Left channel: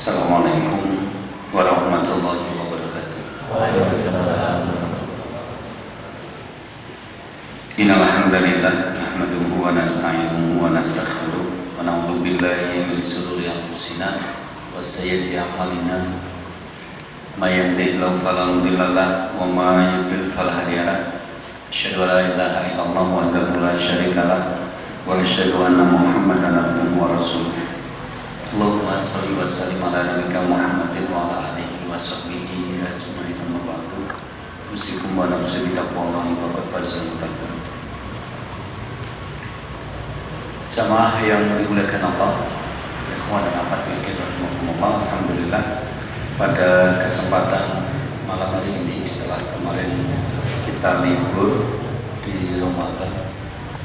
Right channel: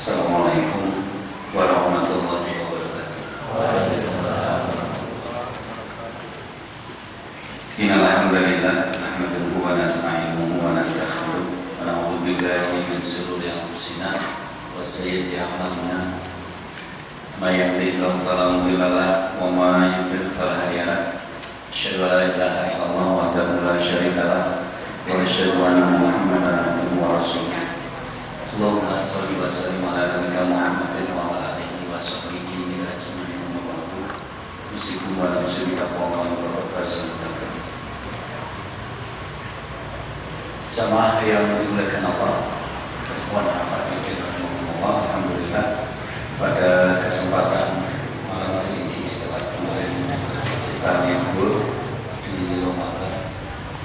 Assalamualaikum warahmatullahi wabarakatuh. Waalaikumsalam. Innal hamdalillah nahmaduhu wa nasta'inuhu wa nastaghfiruh wa na'udzu billahi min shururi anfusina wa sayyiati a'malina. May yahdihillahu fala mudilla lahu wa may yudlil fala hadiya lahu. Asyhadu an la ilaha illallah wahdahu la syarika lahu wa asyhadu anna Muhammadan abduhu wa rasuluh. Allahumma shalli wa sallim ala nabiyyina Muhammadin wa ala alihi wa sahbihi ajma'in wa ba'du. Usikum wa nafsi bi taqwallahi wa qad fazal muttaqin. Jamaah yang dimuliakan Allah, ikhwan dan akhwat fillah, alhamdulillah pada kesempatan malam hari ini setelah kemarin kita libur di Ramadan,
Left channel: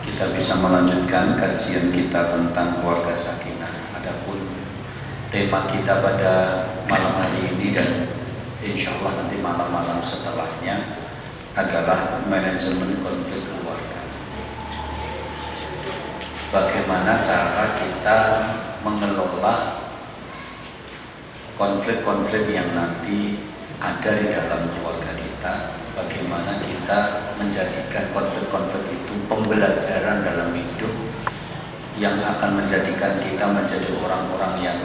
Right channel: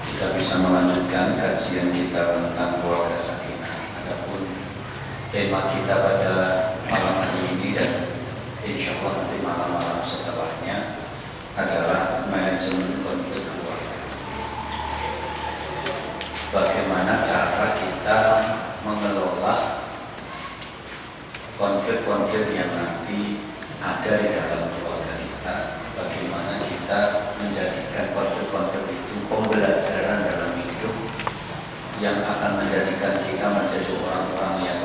kita bisa melanjutkan kajian kita tentang keluarga sakinah. Tema kita pada malam hari ini dan insya Allah nanti malam-malam setelahnya adalah manajemen konflik keluarga. Bagaimana cara kita mengelola konflik-konflik yang nanti ada di dalam keluarga kita. Bagaimana kita menjadikan konflik-konflik itu pembelajaran dalam hidup yang akan menjadikan kita menjadi orang-orang yang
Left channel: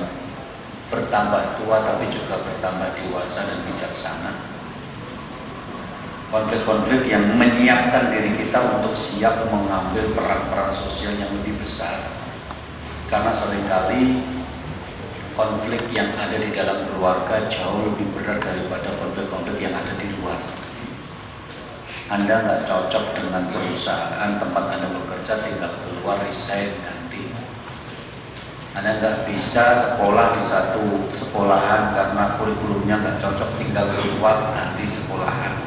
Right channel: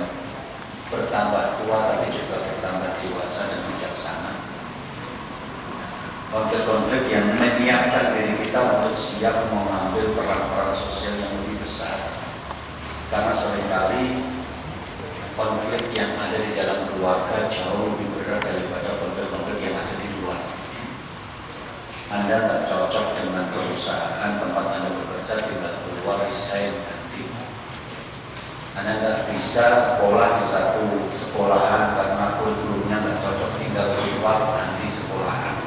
bertambah tua tapi juga bertambah dewasa dan bijaksana. Konflik-konflik yang menyiapkan diri kita untuk siap mengambil peran-peran sosial yang lebih besar. Karena seringkali konflik yang ada di dalam keluarga jauh lebih berat daripada konflik-konflik yang ada di luar. Anda nggak cocok dengan perusahaan tempat Anda bekerja, tinggal keluar resign ganti. Anda nggak bisa sekolah di satu sekolahan karena kurikulumnya nggak cocok, tinggal keluar ganti sekolahan.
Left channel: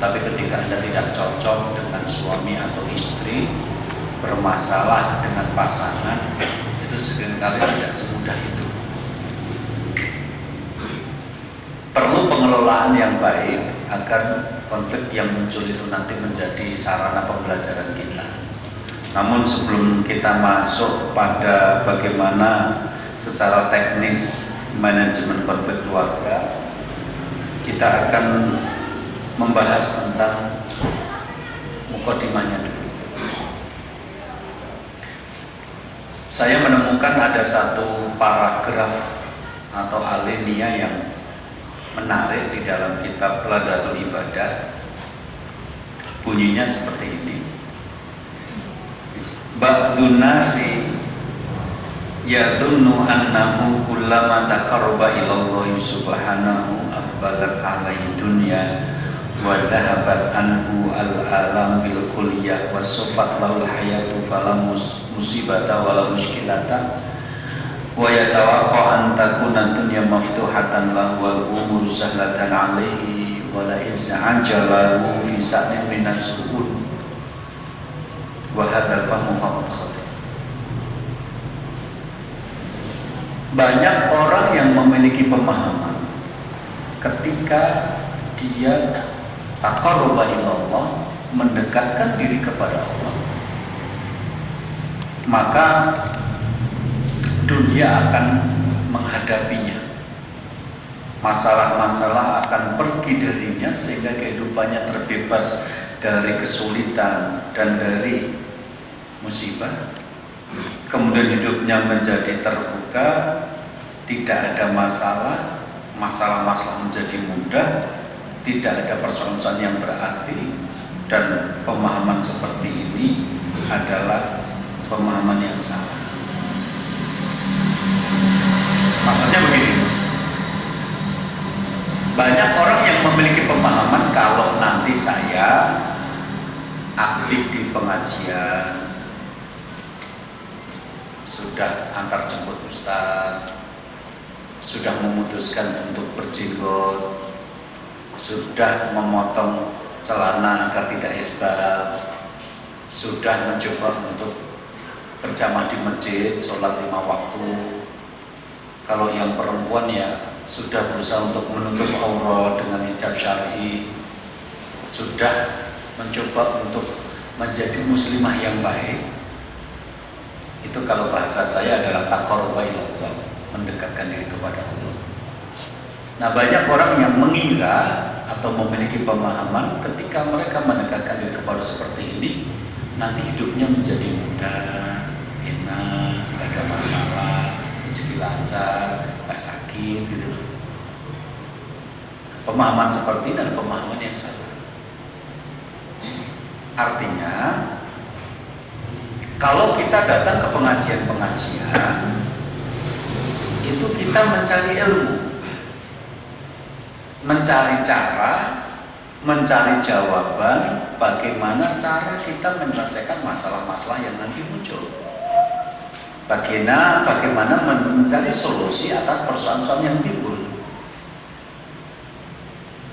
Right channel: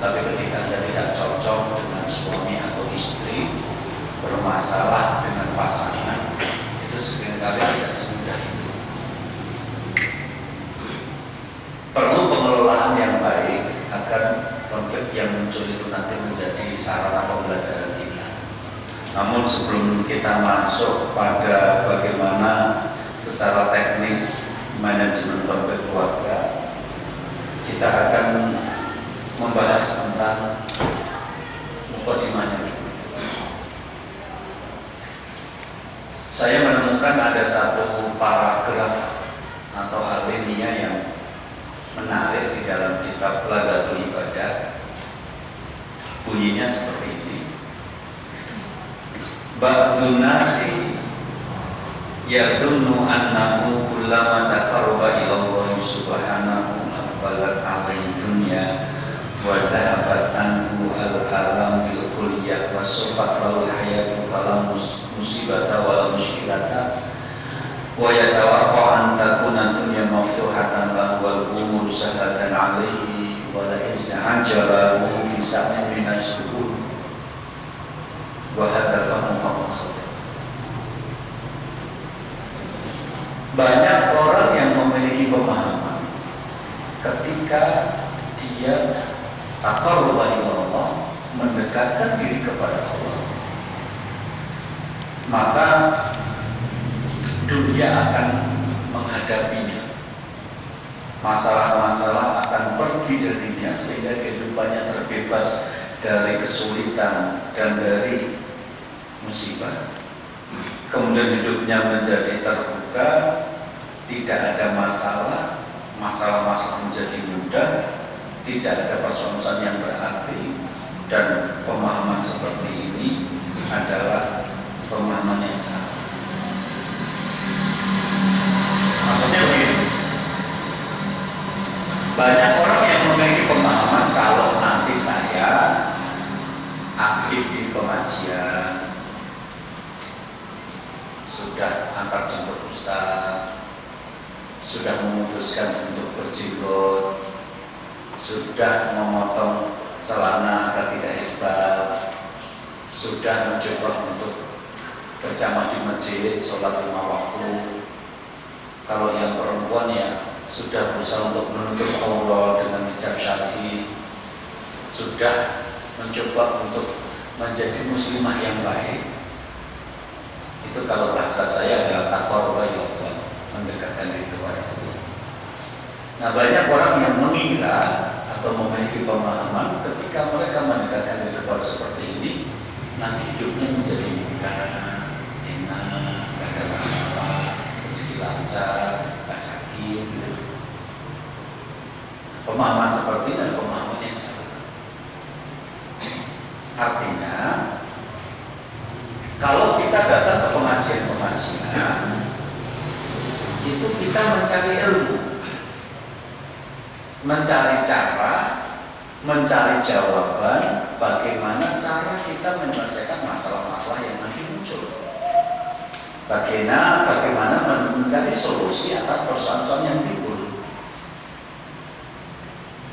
Tapi ketika Anda tidak cocok dengan suami atau istri, bermasalah dengan pasangan, itu seringkali tidak semudah itu. Perlu pengelolaan yang baik agar konflik yang muncul itu nanti menjadi sarana pembelajaran kita. Namun sebelum kita masuk pada bagaimana secara teknis manajemen konflik keluarga, kita akan membahas tentang mukadimahnya dulu. Saya menemukan ada satu paragraf atau alinea yang menarik di dalam kitab Ladatul Ibadah. Bunyinya seperti ini: Ba'dun nasi yadunnu annahu kullama taqarraba ila Allah subhanahu aqbalat alaihi dunya wa dhahabat anhu al-alam bil kulliyah wa sufat lahu al-hayatu fala musibata wa mushkilata wa yatawaqqa an takuna dunya maftuhatan lahu wal umur sahlatan alaihi wa la iz'ajalahu fi sa'in min as-suhur wa hadzal famu famu khatir. Banyak orang yang memiliki pemahaman ketika dia taqarruba ilallah, mendekatkan diri kepada Allah, maka dunia akan menghadapinya, masalah-masalah akan pergi darinya sehingga kehidupannya terbebas dari kesulitan dan dari musibah. Kemudian hidupnya menjadi terbuka, tidak ada masalah, masalah-masalah menjadi mudah, tidak ada persoalan yang berarti. Dan pemahaman seperti ini adalah pemahaman yang salah. Maksudnya begini, banyak orang yang memiliki pemahaman kalau nanti saya aktif di pengajian, sudah antar jemput ustaz, sudah memutuskan untuk berjenggot, sudah memotong celana agar tidak isbal, sudah mencoba untuk berjamaah di masjid, sholat 5 waktu. Kalau yang perempuan ya sudah berusaha untuk menutup aurat dengan hijab syar'i, sudah mencoba untuk menjadi muslimah yang baik. Itu kalau bahasa saya adalah taqarruba ilallah, mendekatkan diri kepada Nah, banyak orang yang mengira atau memiliki pemahaman ketika mereka mendekatkan diri kepada seperti ini, nanti hidupnya menjadi mudah, enak, gak ada masalah, rezeki lancar, gak sakit gitu. Pemahaman seperti ini adalah pemahaman yang salah. Artinya, kalau kita datang ke pengajian-pengajian, itu kita mencari ilmu, mencari cara, mencari jawaban bagaimana cara kita menyelesaikan masalah-masalah yang nanti muncul. Bagaimana mencari solusi atas persoalan-persoalan yang timbul.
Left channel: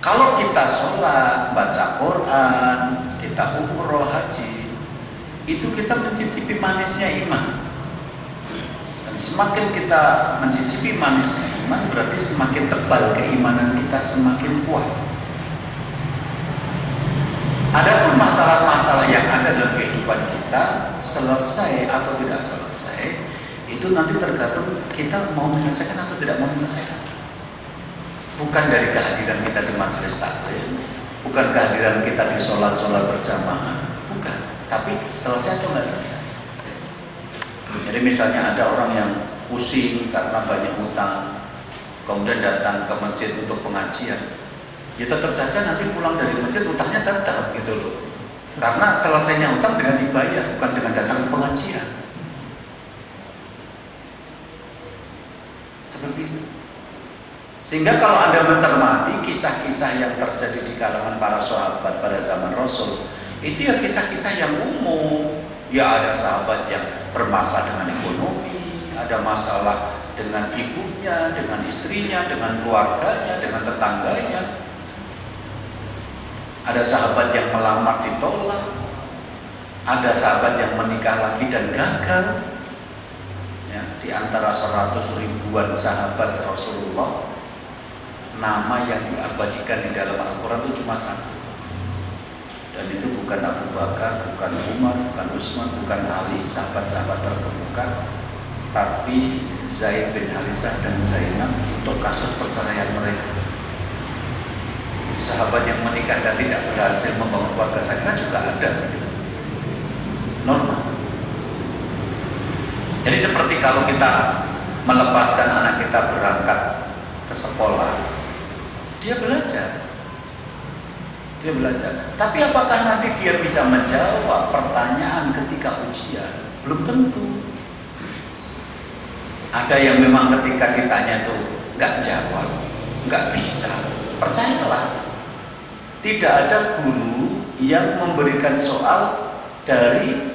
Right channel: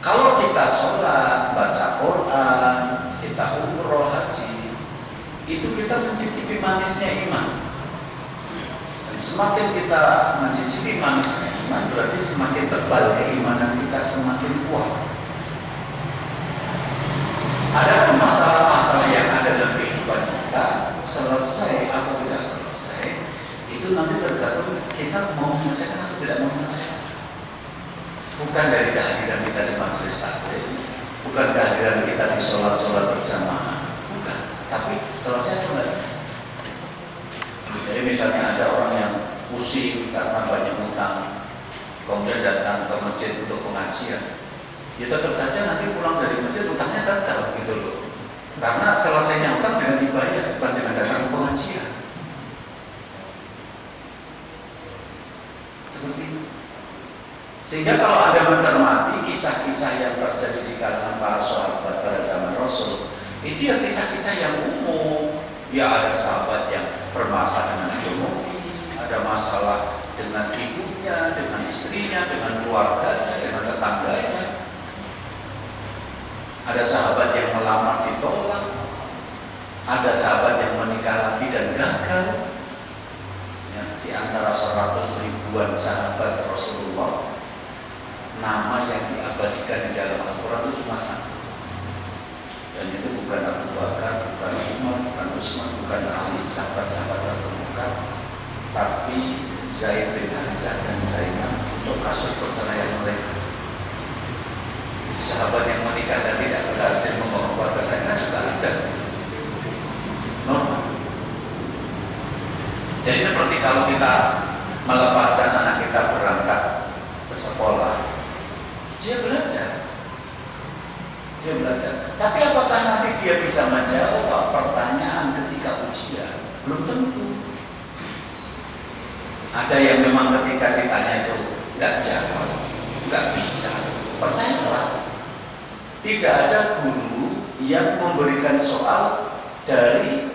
Kalau kita sholat, baca Quran, kita umroh, haji, itu kita mencicipi manisnya iman. Dan semakin kita mencicipi manisnya iman, berarti semakin tebal keimanan kita, semakin kuat. Adapun masalah-masalah yang ada dalam kehidupan kita, selesai atau tidak selesai, itu nanti tergantung kita mau menyelesaikan atau tidak mau menyelesaikan. Bukan dari kehadiran kita di majelis taklim, bukan kehadiran kita di sholat-sholat berjamaah, bukan. Tapi selesai atau tidak selesai. Jadi misalnya ada orang yang pusing karena banyak utang, kemudian datang ke masjid untuk pengajian, ya tetap saja nanti pulang dari masjid utangnya tetap gitu loh. Karena selesainya utang dengan dibayar, bukan dengan datang ke pengajian. Seperti itu. Sehingga kalau Anda mencermati kisah-kisah yang terjadi di kalangan para sahabat pada zaman Rasul, itu ya kisah-kisah yang umum. Ya ada sahabat yang bermasalah dengan ekonomi, ada masalah dengan ibunya, dengan istrinya, dengan keluarganya, dengan tetangganya. Ada sahabat yang melamar ditolak, ada sahabat yang menikah lagi dan gagal. Ya, di antara 100 ribuan sahabat Rasulullah, nama yang diabadikan di dalam Al-Quran itu cuma satu. Dan itu bukan Abu Bakar, bukan Umar, bukan Utsman, bukan Ali, sahabat-sahabat terkemuka, tapi Zaid bin Harithah dan Zainab untuk kasus perceraian mereka. Sahabat yang menikah dan tidak berhasil membangun keluarga Zainab juga ada. Normal. Jadi seperti kalau kita melepaskan anak kita berangkat ke sekolah, dia belajar. Tapi apakah nanti dia bisa menjawab pertanyaan ketika ujian? Belum tentu. Ada yang memang ketika ditanya itu nggak jawab, nggak bisa. Percayalah, tidak ada guru yang memberikan soal dari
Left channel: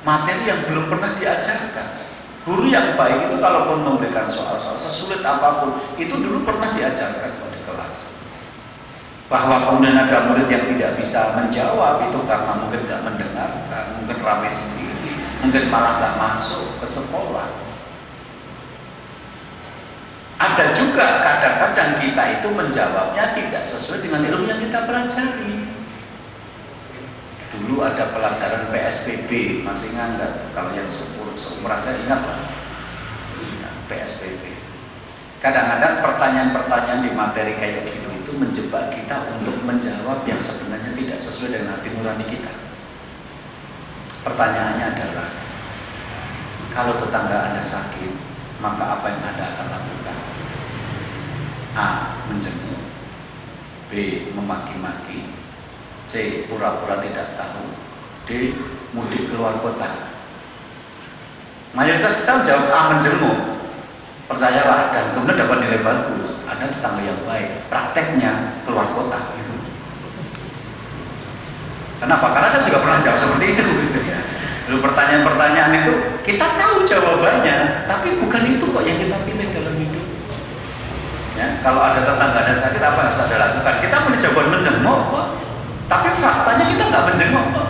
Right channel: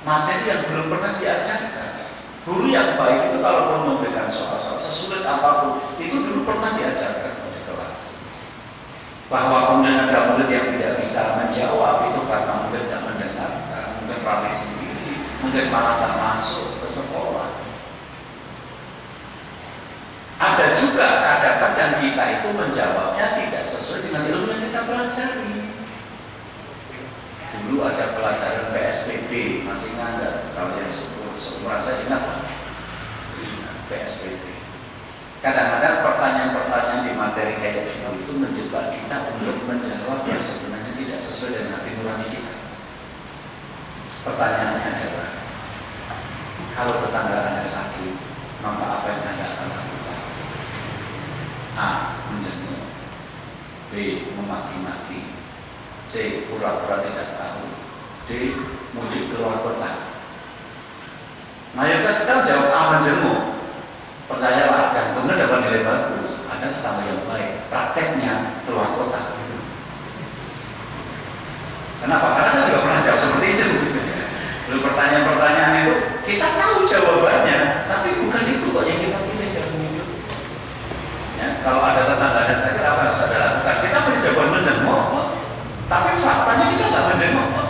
materi yang belum pernah diajarkan. Guru yang baik itu kalaupun memberikan soal-soal sesulit apapun, itu dulu pernah diajarkan di kelas. Bahwa kemudian ada murid yang tidak bisa menjawab itu karena mungkin tidak mendengarkan, mungkin ramai sendiri, mungkin malah tak masuk ke sekolah. Ada juga kadang-kadang kita itu menjawabnya tidak sesuai dengan ilmu yang kita pelajari. Dulu ada pelajaran PSBB, masih ingat nggak? Kalau yang seumuran saya ingat lah, PSBB. Kadang-kadang pertanyaan-pertanyaan di materi kayak gitu itu menjebak kita untuk menjawab yang sebenarnya tidak sesuai dengan hati nurani kita. Pertanyaannya adalah, kalau tetangga Anda sakit, maka apa yang Anda akan lakukan? A. Menjenguk, B. Memaki-maki, C. Pura-pura tidak tahu, D. Mudik keluar kota. Mayoritas kita jawab A. Menjenguk. Percayalah, dan kemudian dapat nilai bagus. Ada tetangga yang baik, prakteknya keluar kota gitu. Kenapa? Karena saya juga pernah jawab seperti itu. Lalu pertanyaan-pertanyaan itu kita tahu jawabannya, tapi bukan itu kok yang kita pilih dalam hidup. Ya, kalau ada tetangga dan sakit, apa yang harus Anda lakukan? Kita pilih jawaban menjenguk kok, tapi faktanya kita nggak menjenguk kok.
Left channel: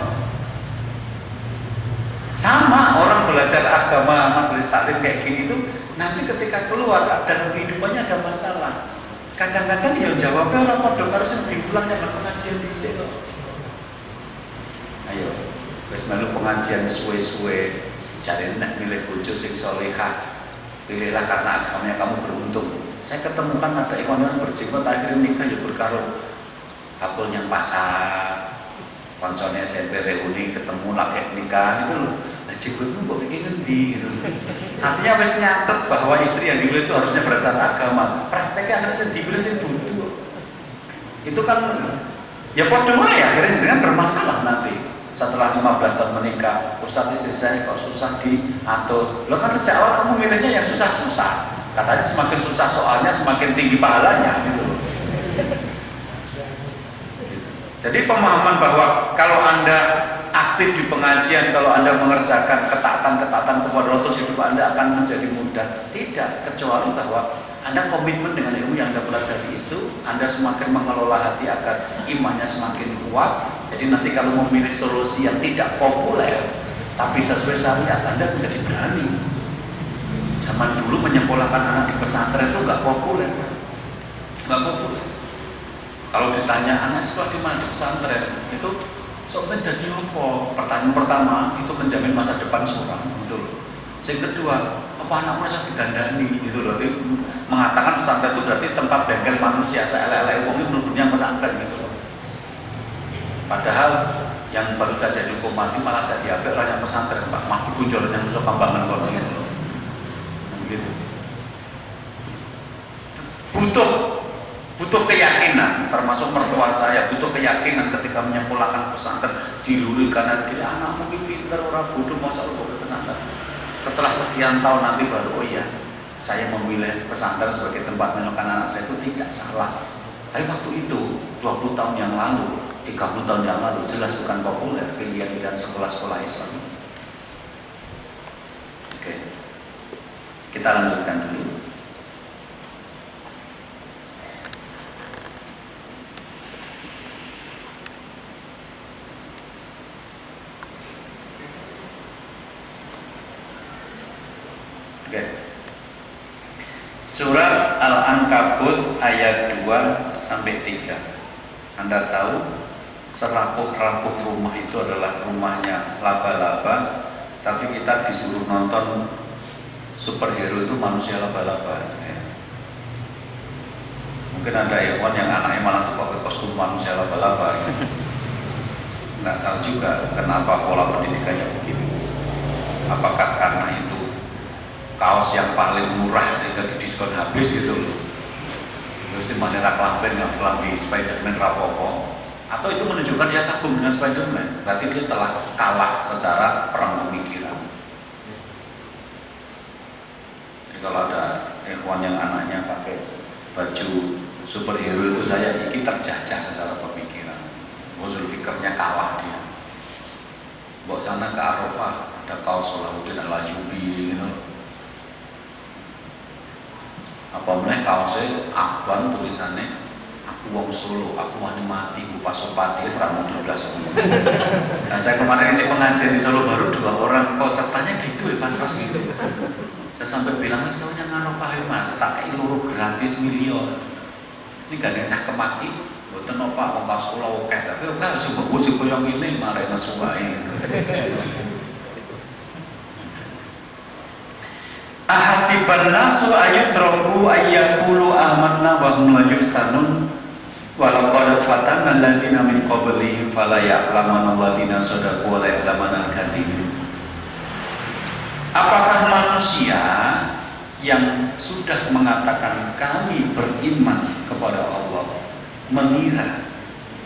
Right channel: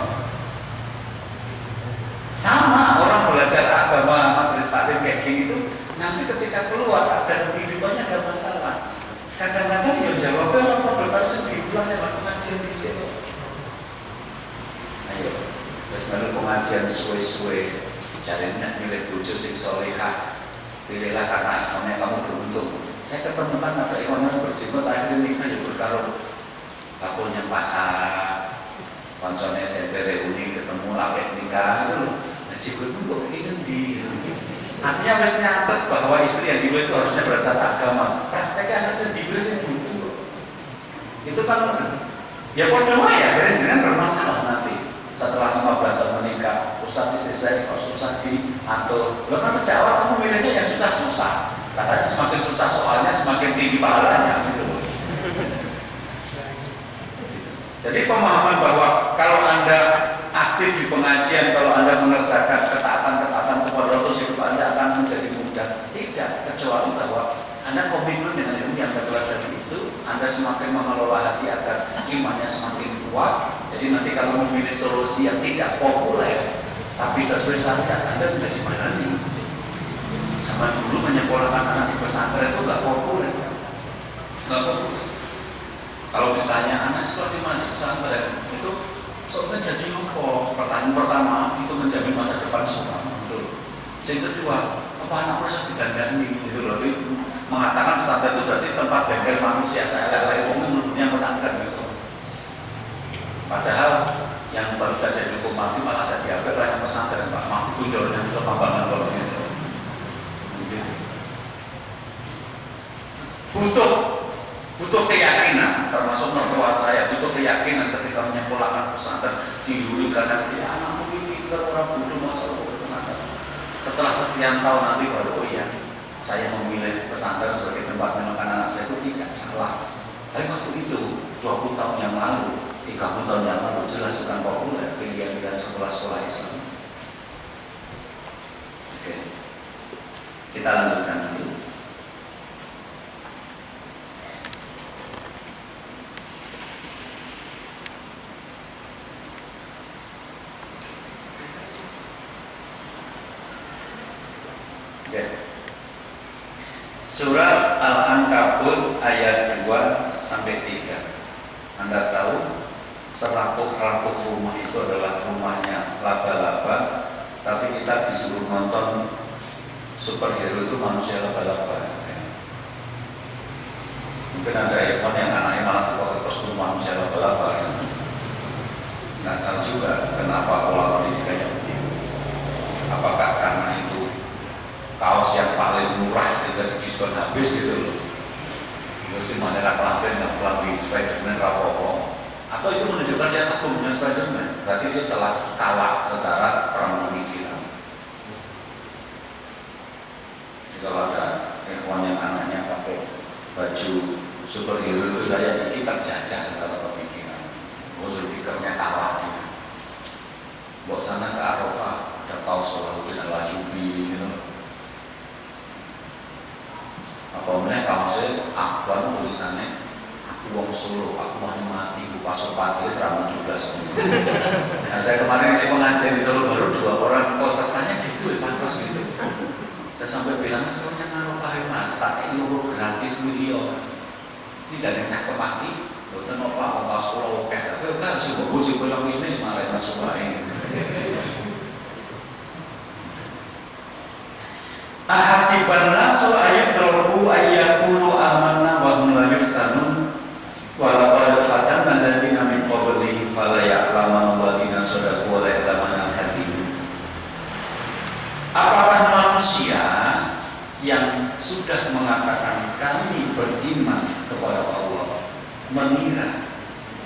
Sama orang belajar agama majelis taklim kayak gini itu, nanti ketika keluar dan kehidupannya ada masalah, kadang-kadang ya jawabnya orang pada harus diulang ya pengajian di sini. Ayo, terus malu pengajian suwe-suwe, cari nak milih bojo sing solehah, pilihlah karena agamanya kamu beruntung. Saya ketemukan ada ikhwan yang berjenggot akhirnya nikah ya berkaro bakulnya pasar, konconnya SMP reuni ketemu lagi nikah itu loh. Nah jenggotmu kok kayak ngendi gitu. Artinya wis nyatet bahwa istri yang dulu itu harusnya berasal agama. Prakteknya harusnya dibeli sih butuh. Itu kan ya podo ya akhirnya dengan bermasalah nanti. Setelah 15 tahun menikah, Ustaz istri saya kok susah diatur. Lo kan sejak awal kamu milihnya yang susah-susah. Katanya semakin susah soalnya semakin tinggi pahalanya gitu. Jadi pemahaman bahwa kalau Anda aktif di pengajian, kalau Anda mengerjakan ketaatan-ketaatan kepada Rasul, hidup Anda akan menjadi mudah. Tidak, kecuali bahwa Anda komitmen dengan ilmu yang Anda pelajari itu, Anda semakin mengelola hati agar imannya semakin kuat. Jadi nanti kalau memilih solusi yang tidak populer, tapi sesuai syariat, Anda menjadi berani. Zaman dulu menyekolahkan anak di pesantren itu nggak populer, Kalau ditanya anak sekolah di mana di pesantren, itu soalnya jadi apa? Pertanyaan pertama itu menjamin masa depan semua, betul. Yang kedua, apa anak merasa didandani, itu berarti mengatakan pesantren itu berarti tempat bengkel manusia. Saya lelai yang pesantren gitu. Padahal yang baru saja dihukum mati malah jadi apa? Yang pesantren, Pak mati kunjolnya susah tambangan kalau gitu. Butuh keyakinan, termasuk mertua saya butuh keyakinan ketika menyekolahkan pesantren diluri karena dia anak mungkin pintar orang bodoh masa lalu pesantren. Setelah sekian tahun nanti baru oh iya saya memilih pesantren sebagai tempat menyekolahkan anak saya itu tidak salah. Tapi waktu itu 20 tahun yang lalu, 30 tahun yang lalu jelas bukan populer pilihan-pilihan sekolah-sekolah Islam. Oke, kita lanjutkan dulu. Surat Al-Ankabut ayat 2 sampai 3. Anda tahu serapuh-rapuh rumah itu adalah rumahnya laba-laba, tapi kita disuruh nonton superhero itu manusia laba-laba. Mungkin ada ikhwan yang anaknya malah pakai kostum manusia laba-laba. Nggak tahu juga kenapa pola pendidikannya begitu. Apakah karena itu kaos yang paling murah sehingga diskon habis gitu loh, terus di mana kelamben yang kelambi Spiderman rapopo, atau itu menunjukkan dia kagum dengan Spiderman, berarti dia telah kalah secara perang pemikiran. Jadi kalau ada ikhwan yang anaknya pakai baju superhero itu saya ini terjajah secara pemikiran, usul fikirnya kalah dia. Bawa sana ke Arafah ada kaos Salahuddin Al-Ayyubi gitu. Apa meneh kaosnya Afwan tulisannya aku wong Solo, aku mau mati, aku Pasopati, serang 12. Nah saya kemarin saya pengajian di Solo baru 2 orang, pesertanya gitu ya Pak Ros gitu. Saya sampai bilang mas kalau yang Arafah mas, pakai luruh gratis miliar. Ini gak ada cakep mati, bukan apa kaos Solo oke, tapi kan sih bagus sih yang ini malah nasuai. Ahasiban nasu ayutraku ayyaqulu amanna wa hum la yuftanun wa laqad fatanna alladziina min qablihim fala ya'lamanna alladziina shadaqu wa la ya'lamanna al-kadhibin. Apakah manusia yang sudah mengatakan kami beriman kepada Allah mengira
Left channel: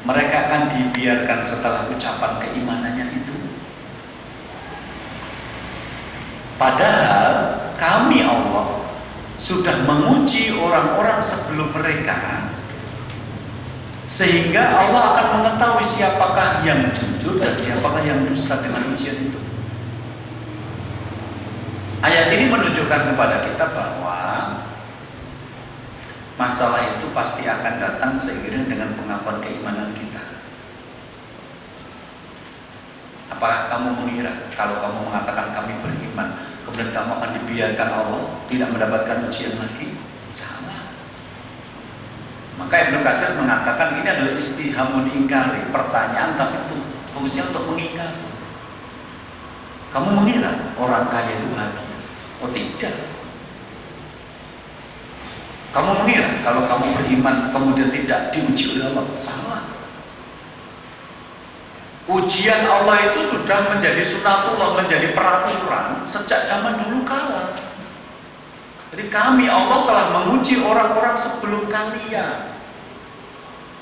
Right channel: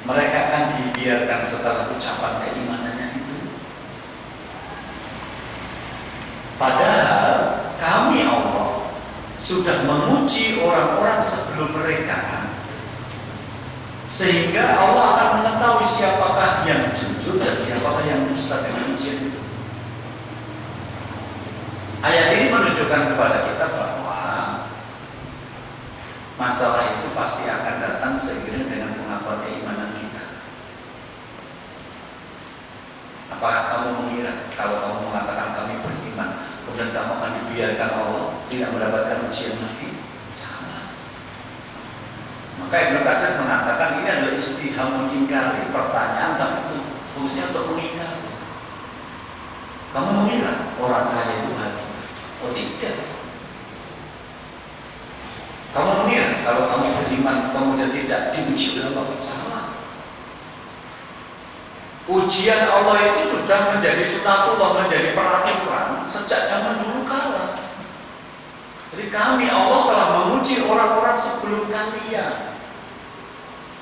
mereka akan dibiarkan setelah ucapan keimanannya itu? Padahal kami Allah sudah menguji orang-orang sebelum mereka, sehingga Allah akan mengetahui siapakah yang jujur dan siapakah yang dusta dengan ujian itu. Ayat ini menunjukkan kepada kita bahwa masalah itu pasti akan datang seiring dengan pengakuan keimanan kita. Apakah kamu mengira kalau kamu mengatakan kami beriman, kemudian kamu akan dibiarkan Allah tidak mendapatkan ujian lagi? Sama. Maka Ibnu Katsir mengatakan ini adalah istihamun ingkari, pertanyaan tapi itu fungsinya untuk mengingkari. Kamu mengira orang kaya itu bahagia? Oh tidak. Kamu kalau kamu beriman kemudian tidak diuji oleh Allah, salah. Ujian Allah itu sudah menjadi sunatullah, menjadi peraturan sejak zaman dulu kala. Jadi kami, Allah telah menguji orang-orang sebelum kalian.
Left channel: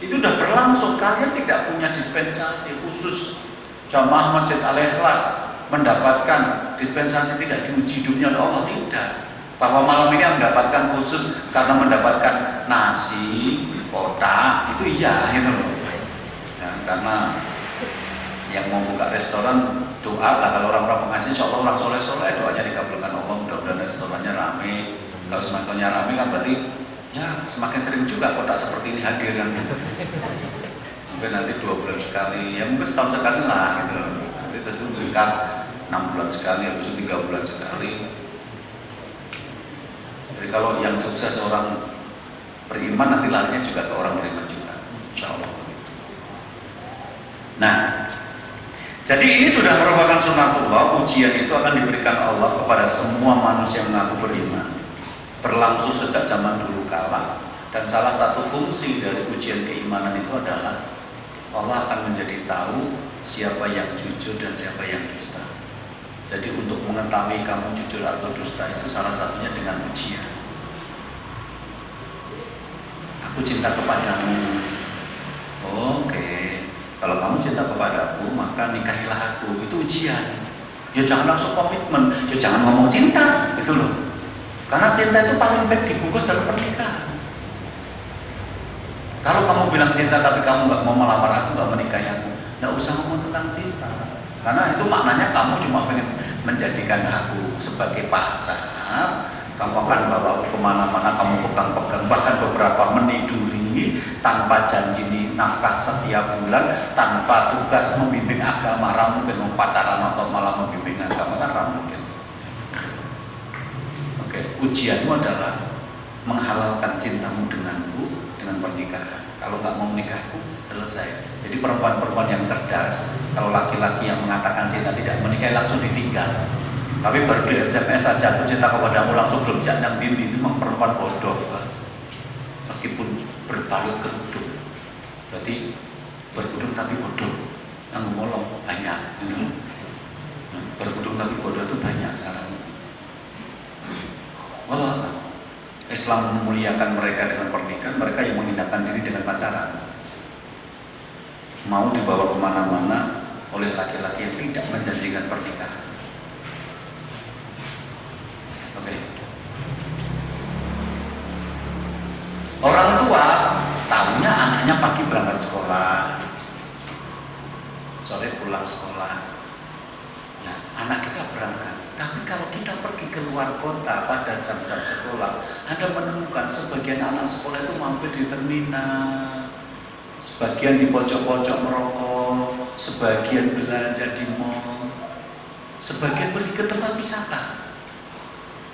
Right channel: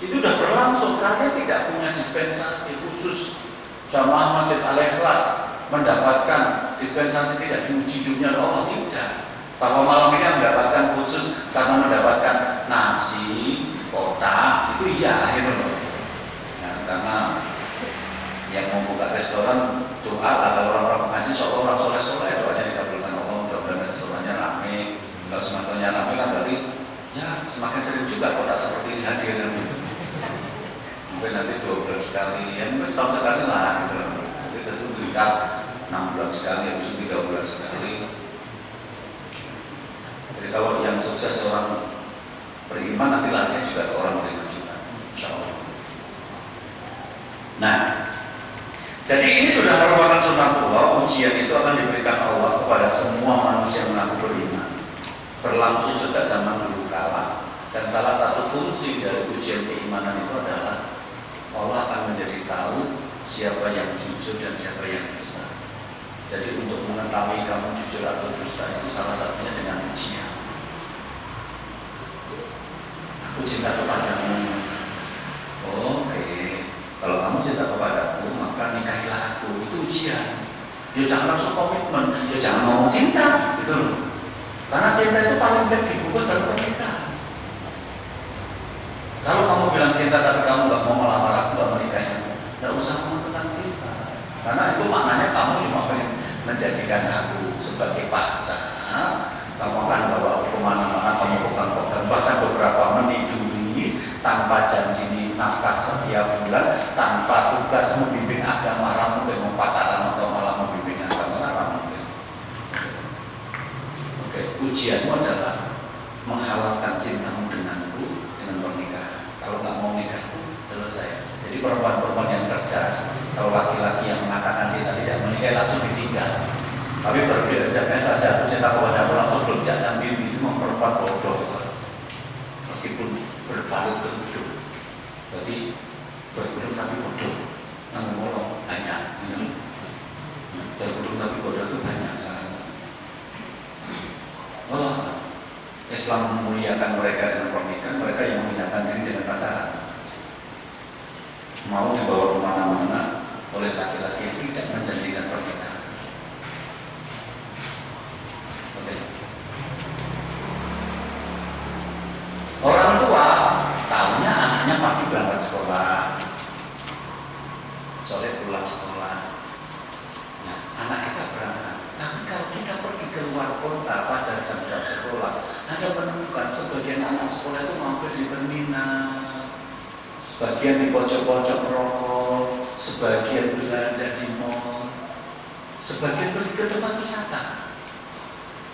Itu sudah berlangsung, kalian tidak punya dispensasi khusus. Jamaah Masjid Al-Ikhlas mendapatkan dispensasi tidak diuji dunia oleh Allah, tidak. Bahwa malam ini mendapatkan khusus karena mendapatkan nasi, kotak, itu iya gitu loh. Ya, karena yang mau buka restoran doa lah, kalau orang-orang pengaji insya Allah orang soleh-soleh doanya dikabulkan Allah, mudah-mudahan restorannya rame. Kalau semakin rame kan berarti ya semakin sering juga kotak seperti ini hadir kan. Mungkin nanti 2 bulan sekali, ya mungkin setahun sekali lah gitu. Nanti terus berikan 6 bulan sekali, habis itu 3 bulan sekali. Jadi kalau yang sukses orang beriman nanti larinya juga ke orang beriman juga, insya Allah. Nah, jadi ini sudah merupakan sunatullah, ujian itu akan diberikan Allah kepada semua manusia yang mengaku beriman. Berlangsung sejak zaman dulu kala. Dan salah satu fungsi dari ujian keimanan itu adalah Allah akan menjadi tahu siapa yang jujur dan siapa yang dusta. Jadi untuk mengetahui kamu jujur atau dusta itu salah satunya dengan ujian. Aku cinta kepadamu. Oke. Kalau kamu cinta kepadaku, maka nikahilah aku. Itu ujian. Ya jangan langsung komitmen. Ya jangan ngomong cinta, gitu loh. Karena cinta itu paling baik dibungkus dalam pernikahan. Kalau kamu bilang cinta tapi kamu nggak mau melamar aku, nggak menikahi aku, nggak usah ngomong tentang cinta. Karena itu maknanya kamu cuma pengen menjadikan aku sebagai pacar. Kamu akan bawa aku kemana-mana, kamu pegang-pegang, bahkan beberapa meniduri tanpa janji nafkah setiap bulan, tanpa tugas membimbing agama, mungkin mau pacaran atau malah membimbing agama, kan mungkin. Oke, ujianmu adalah menghalalkan cintamu denganku dengan pernikahan. Kalau nggak mau nikahku, selesai. Jadi perempuan-perempuan yang cerdas, kalau laki-laki yang mengatakan cinta tidak menikah langsung ditinggal. Tapi baru di SMS saja aku cinta kepadamu langsung belum jangan bimbing, itu memang perempuan bodoh gitu aja. Meskipun berbalut kerudung, jadi berkerudung tapi bodoh, yang ngomong banyak, gitu. Berkerudung tapi bodoh itu banyak sekarang. Oh, Islam memuliakan mereka dengan pernikahan, mereka yang menghinakan diri dengan pacaran. Mau dibawa kemana-mana oleh laki-laki yang tidak menjanjikan pernikahan. Orang tua tahunya anaknya pagi berangkat sekolah, sore pulang sekolah. Nah, anak kita berangkat. Tapi kalau kita pergi ke luar kota pada jam-jam sekolah, Anda menemukan sebagian anak sekolah itu mampir di terminal, sebagian di pojok-pojok merokok, sebagian belanja di mall, sebagian pergi ke tempat wisata.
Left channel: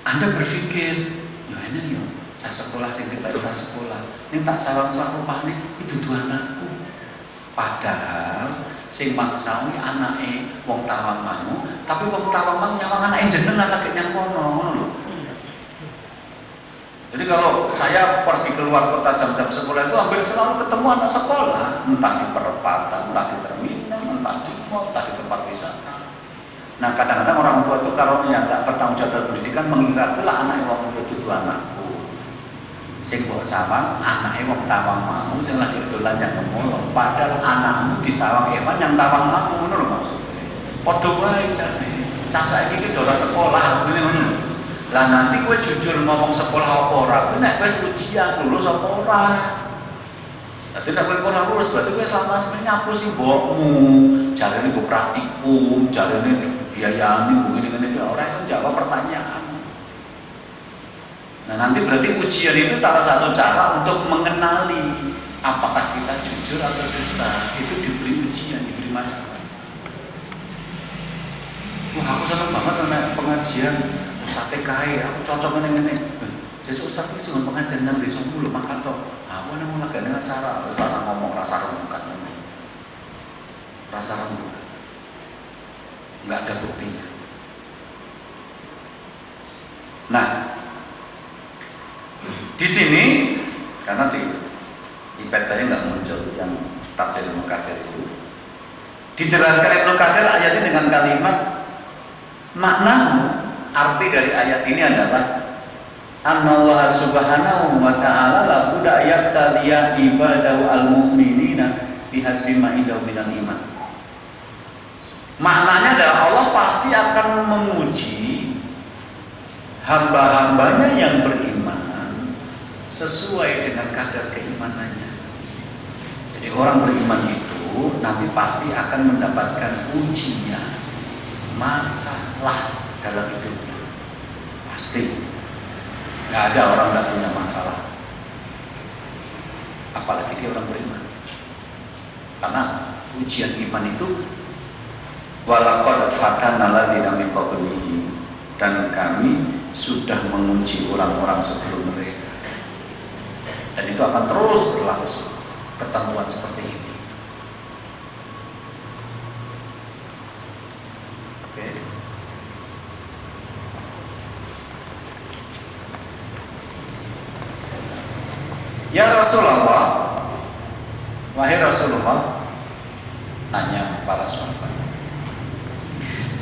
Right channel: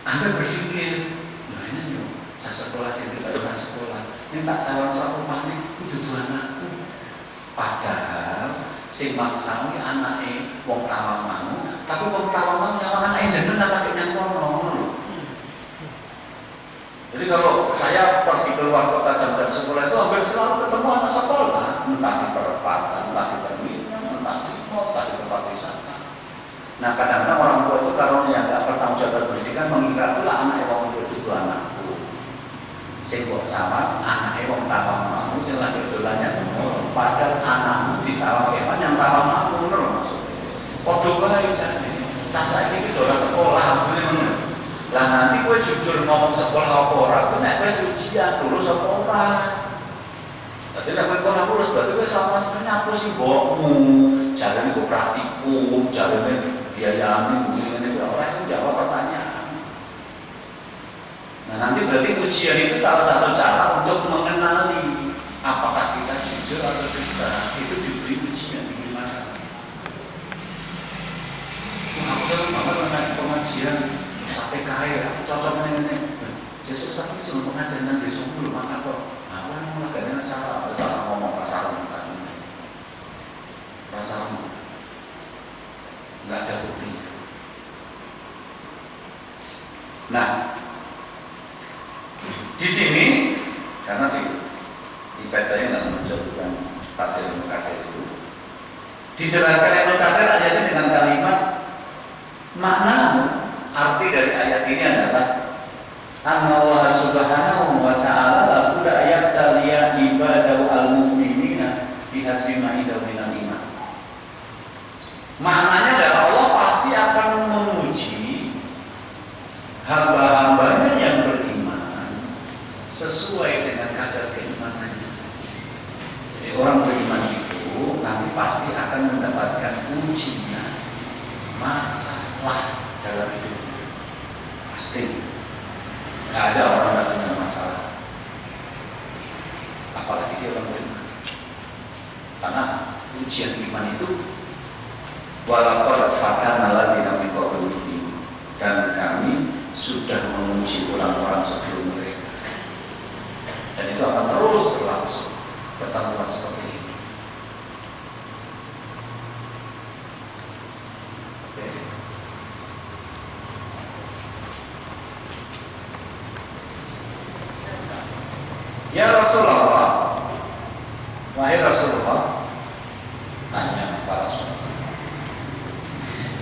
Anda berpikir, ya ini yuk. Sekolah sih kita pernah sekolah. Ini tak salah-salah upahnya itu dua anakku. Padahal sing mangsani anake wong tawang mau, tapi wong tawang mau nyawang anake jeneng anake nyang kono. Jadi kalau saya pergi keluar kota jam-jam sekolah itu hampir selalu ketemu anak sekolah, entah di perempatan, entah di terminal, entah di mall, entah di tempat wisata. Nah kadang-kadang orang tua itu kalau yang nggak bertanggung jawab pendidikan mengira pula anak wong itu dua anakku. Sing kok sama anake wong tawang mau sing lahir dolan yang ngono, padahal anakmu di sawang eman yang tawang mau ngono maksud. Padha wae jane. Cah saiki ki ora sekolah asline ngono. Lah nanti kowe jujur ngomong sekolah apa ora, ku nek wis ujian lulus apa ora. Tapi nek kowe ora lulus berarti kowe selama semene nyapu sing mbokmu. Jarene go praktikum, jarene biayane ngene-ngene ora iso jawab pertanyaan. Nah nanti berarti ujian itu salah satu cara untuk mengenali apakah kita jujur atau dusta. Itu diberi ujian, diberi masalah. Wah aku senang banget dengan pengajian sampai kaya, aku cocok ini. Jadi Ustaz itu sebelum pengajian nanti sebelum makan toh. Aku ini mau ngadain acara, rasa ngomong rasa rembukan, rasa rembukan, nggak ada buktinya. Nah. Di sini Karena di iPad saya nggak muncul yang tafsir Ibnu Katsir itu. Dijelaskan Ibnu Katsir ayatnya dengan kalimat makna, arti dari ayat ini adalah Allah subhanahu wa ta'ala la budda yaqtaliya ibadahu al-mu'minina bihasbi ma'idaw minal iman. Maknanya adalah Allah pasti akan menguji hamba-hambanya yang beriman sesuai dengan kadar keimanannya. Jadi orang beriman itu nanti pasti akan mendapatkan ujian masalah dalam hidupnya. Pasti. Gak ada orang yang punya masalah, apalagi dia orang beriman. Karena ujian iman itu walaqad fatana alladziina min qablihim, dan kami sudah menguji orang-orang sebelum mereka, dan itu akan terus berlangsung pertemuan seperti ini. Ya Rasulullah, wahai Rasulullah, tanya para sahabat,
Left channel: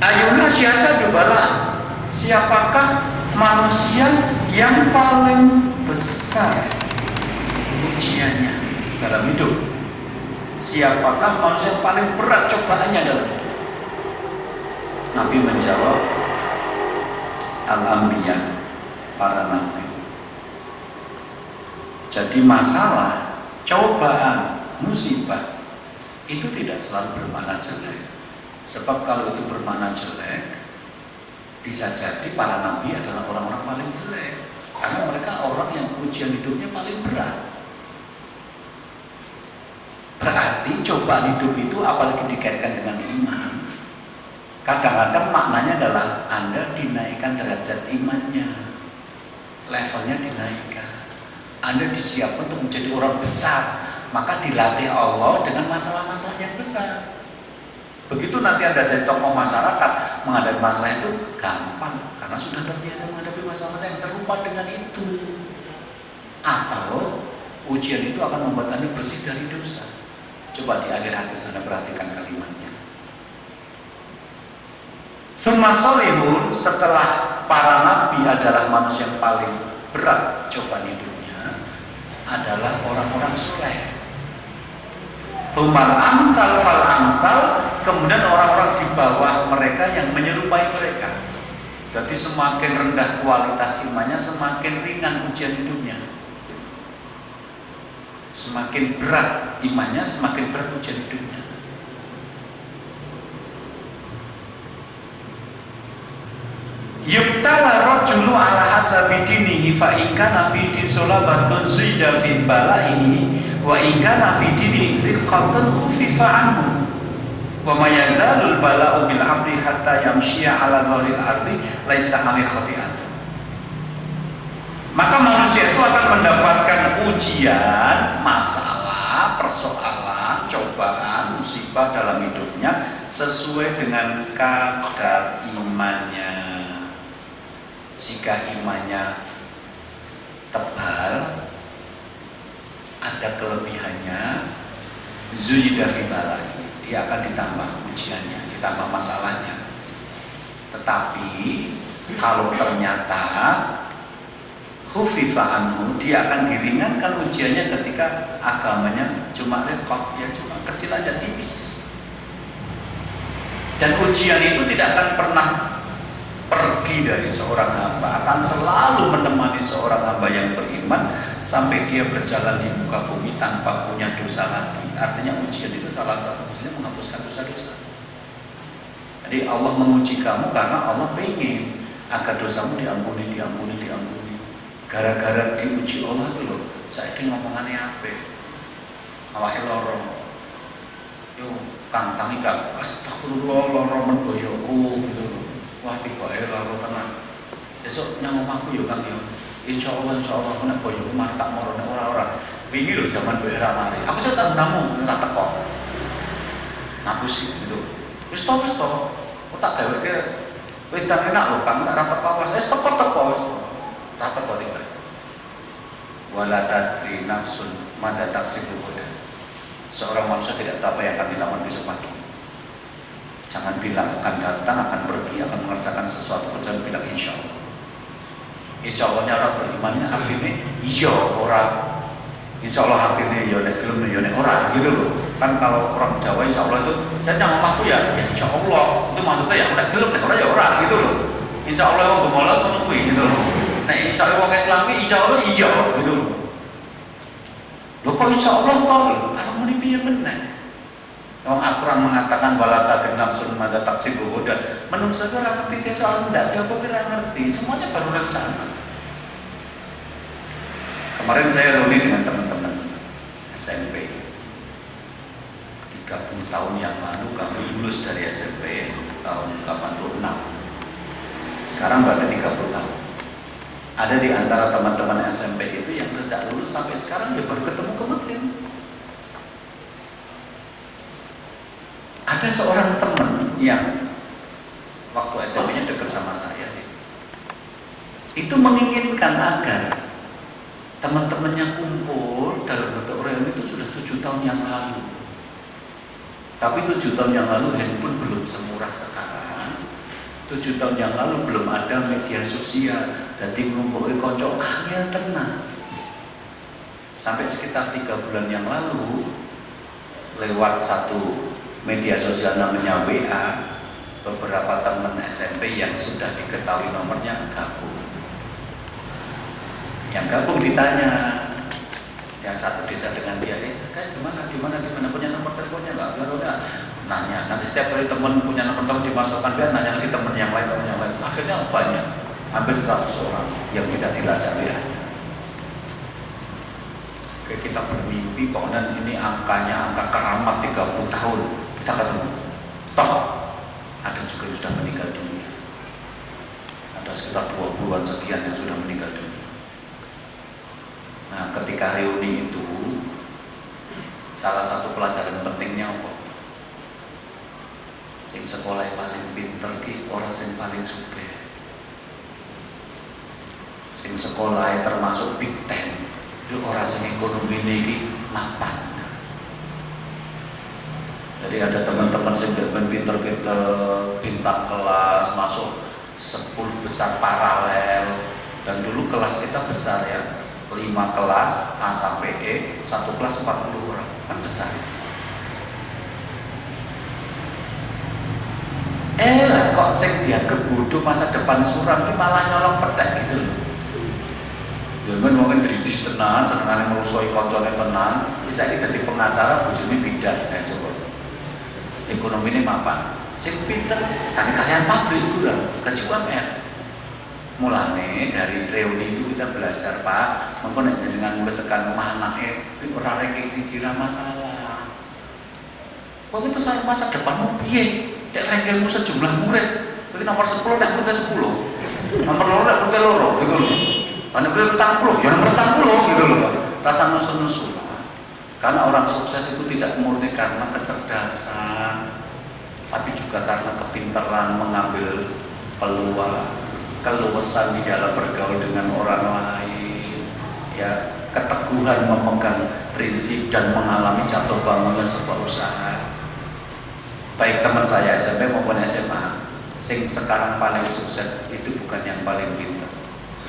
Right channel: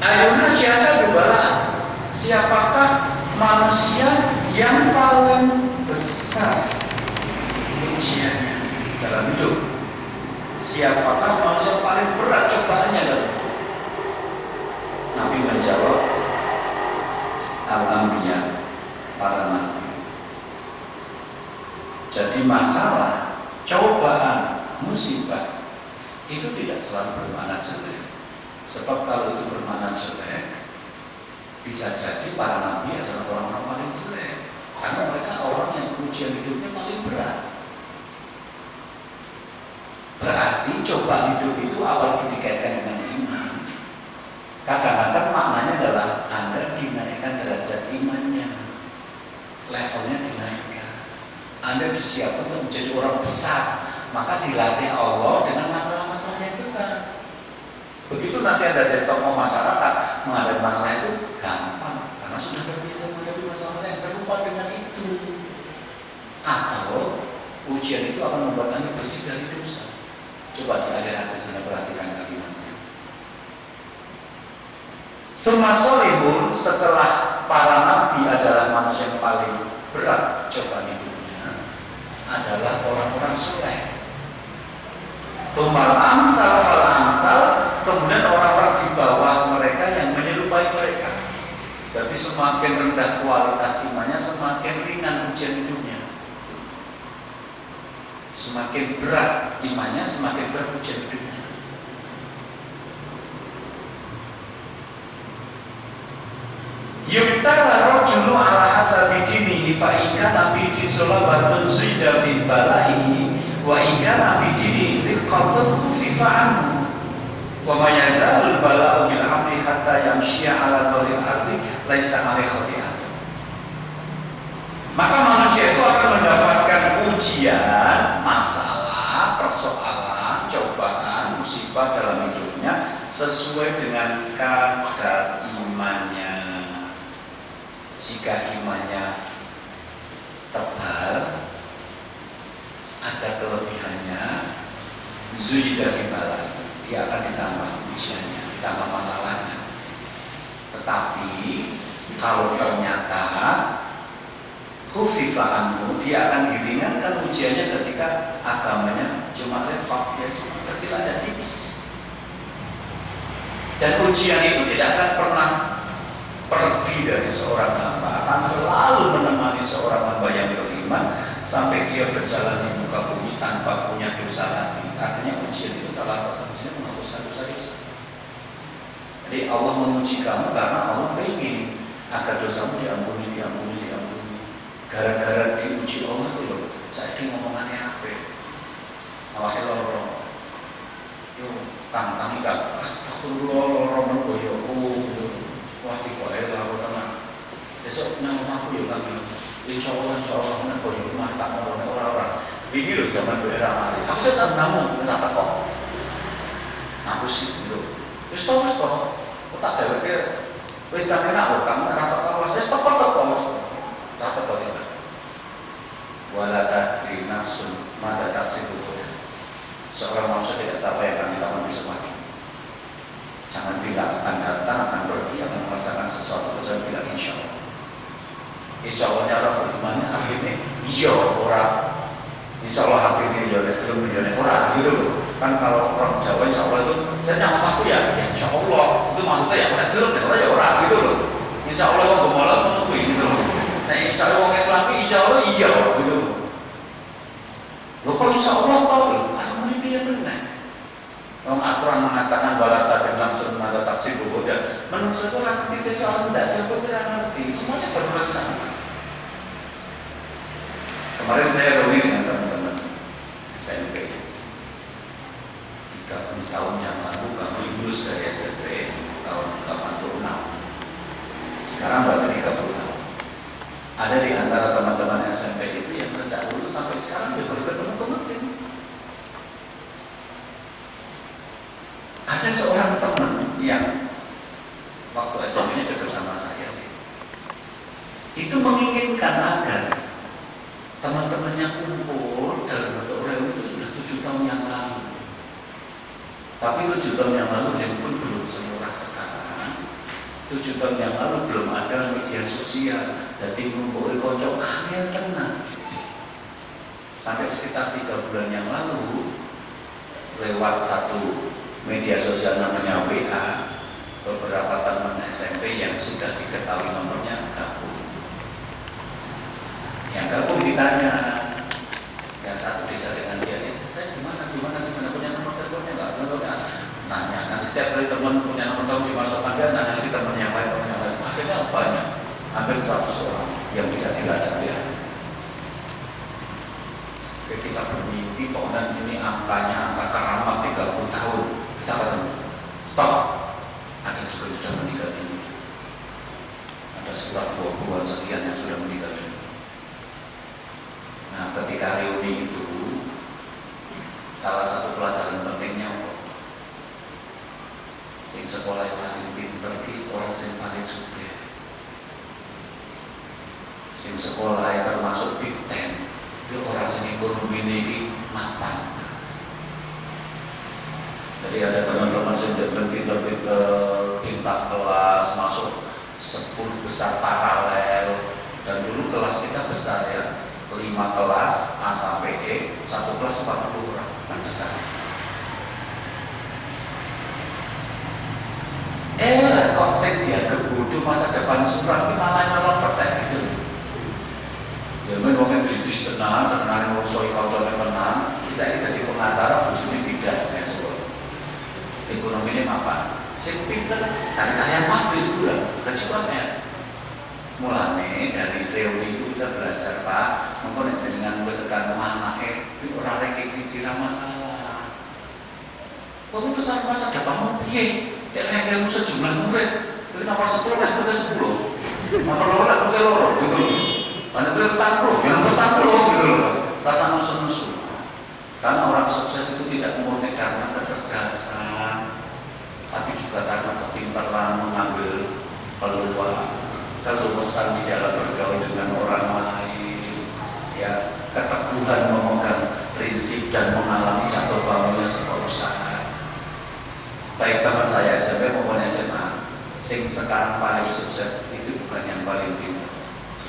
ayuna syahsadu bala, siapakah manusia yang paling besar ujiannya dalam hidup? Siapakah manusia yang paling berat cobaannya dalam hidup? Nabi menjawab, al-anbiya, para nabi. Jadi masalah, cobaan, musibah itu tidak selalu bermakna jelek. Sebab kalau itu bermakna jelek, bisa jadi para nabi adalah orang-orang paling jelek, karena mereka orang yang ujian hidupnya paling berat. Berarti cobaan hidup itu apalagi dikaitkan dengan iman, kadang-kadang maknanya adalah Anda dinaikkan derajat imannya, levelnya dinaikkan. Anda disiapkan untuk menjadi orang besar, maka dilatih Allah dengan masalah-masalah yang besar. Begitu nanti Anda jadi tokoh masyarakat, menghadapi masalah itu gampang, karena sudah terbiasa menghadapi masalah yang serupa dengan itu. Atau ujian itu akan membuat Anda bersih dari dosa. Coba di akhir hadis Anda perhatikan kalimatnya. Tsumma sholihun, setelah para nabi adalah manusia yang paling berat cobaan hidupnya, adalah orang-orang soleh. Tsummal amsal fal amsal, kemudian orang-orang di bawah mereka yang menyerupai mereka. Jadi semakin rendah kualitas imannya, semakin ringan ujian hidupnya. Semakin berat imannya, semakin berat ujian hidupnya. Yubtala rajulu ala hasabi dinihi fa in kana fi disolabatun zuida fi balaihi wa in kana fi dinihi riqatun khufifa anhu wa ma yazalul bala'u bil amri hatta yamshiya ala dhuril ardi laisa alaihi khati'atun. Maka manusia itu akan mendapatkan ujian, masalah, persoalan, cobaan, musibah dalam hidupnya sesuai dengan kadar imannya. Jika imannya tebal, ada kelebihannya, zuida fi balai, dia akan ditambah ujiannya, ditambah masalahnya. Tetapi kalau ternyata khufifa anhu, dia akan diringankan ujiannya ketika agamanya cuma repot, ya cuma kecil aja, tipis. Dan ujian itu tidak akan pernah pergi dari seorang hamba, akan selalu menemani seorang hamba yang beriman sampai dia berjalan di muka bumi tanpa punya dosa lagi. Artinya ujian itu salah satu ujian menghapuskan dosa-dosa. Jadi Allah menguji kamu karena Allah ingin agar dosamu diampuni. Gara-gara diuji Allah itu loh, saya ini ngomongannya apa? Awake loro. Yo kang-kangi kang astagfirullah loro menboyoku gitu. Wah, tiba loro tenan. Sesuk nang omahku yo Kang yo. Insyaallah nek boyo omah tak morone ora-ora. Wingi lho jaman daerah mari. Aku sik tak namu ora teko. Aku sih gitu. Wis to. Kok tak gaweke kowe tak enak lho Kang ora teko wis teko wis. Tak teko tiba. wala tadri nafsun mada taksibu ghadan. Seorang manusia tidak tahu apa yang akan dilakukan besok pagi. Jangan bilang akan datang, akan pergi, akan mengerjakan sesuatu, jangan bilang insya Allah. Insya Allahnya orang berimannya akhirnya iya orang. Insya Allah akhirnya ya nek gelem ya nek ora gitu loh. Kan kalau orang Jawa insya Allah itu saya nang omahku ya insya Allah. Itu maksudnya ya nek gelem nek ora ya ora gitu loh. Insya Allah wong gemola ngono kuwi gitu loh. Nek insya Allah wong Islami insya Allah iya gitu loh. Lho kok insya Allah toh lho, aku muni piye meneh. Wong Al-Quran mengatakan balata dan nafsun mada taksibu ghadan. Menungso itu ora ngerti sesuatu ndak apa ora ngerti, semuanya baru rencana. Kemarin saya reuni dengan teman-teman SMP. 30 tahun yang lalu kami lulus dari SMP tahun 86. Sekarang berarti 30 tahun. Ada di antara teman-teman SMP itu yang sejak lulus sampai sekarang dia baru ketemu kemarin. Ada seorang teman yang waktu SMP-nya dekat sama saya sih. Itu menginginkan agar teman-temannya kumpul dalam bentuk reuni itu sudah 7 tahun yang lalu. Tapi 7 tahun yang lalu handphone belum semurah sekarang. 7 tahun yang lalu belum ada media sosial. Jadi ngumpulin kocok kalian tenang. Sampai sekitar 3 bulan yang lalu lewat satu media sosial namanya WA, beberapa teman SMP yang sudah diketahui nomornya gabung. Yang gabung ditanya, yang satu desa dengan dia, gimana punya nomor teleponnya nggak? Nanya, nanti setiap kali teman punya nomor telepon dimasukkan dia, nanya lagi teman yang lain. Akhirnya banyak, hampir 100 orang yang bisa dilacak dia. Kita bermimpi, pokoknya ini angkanya angka keramat 30 tahun. Kita ketemu, toh ada juga yang sudah meninggal dunia. Ada sekitar 20-an sekian yang sudah meninggal dunia. Nah, ketika reuni itu, salah satu pelajaran pentingnya apa? Sing sekolah yang paling pinter ki orang sing paling sugih. Sing sekolah termasuk Big Ten, itu orang sing ekonomi ini mapan. Jadi ada teman-teman sing pinter-pinter bintang kelas masuk 10 besar paralel, dan dulu kelas kita besar ya. 5 kelas A sampai E, 1 kelas 40 orang, kan besar. Kok sing dia kebodoh masa depan suram ini malah nyolong petek gitu. Ya mungkin dridis tenan, senengane ngrusoi kancane tenan, bisa dadi pengacara bojone tidak coba. Ekonomi ini mapan. Sing pinter kan kalian pabrik kurang, kecuali mulane dari reuni itu kita belajar Pak, mengko nek jenengan mulai tekan anake iki ora rek cicilan masalah. Kok itu masa depanmu piye? Nek rengkelmu sejumlah murid, iki nomor 10 nek murid 10. Nomor 2 nek murid 2 gitu loh. Ana murid 40, ya nomor 40 gitu loh. Rasa nusu-nusu. Karena orang sukses itu tidak murni karena kecerdasan, tapi juga karena kepintaran mengambil peluang, keluasan di dalam bergaul dengan orang lain, ya, keteguhan memegang prinsip dan mengalami jatuh bangunnya sebuah usaha. Baik teman saya SMP maupun SMA, sing sekarang paling sukses itu bukan yang paling pintar.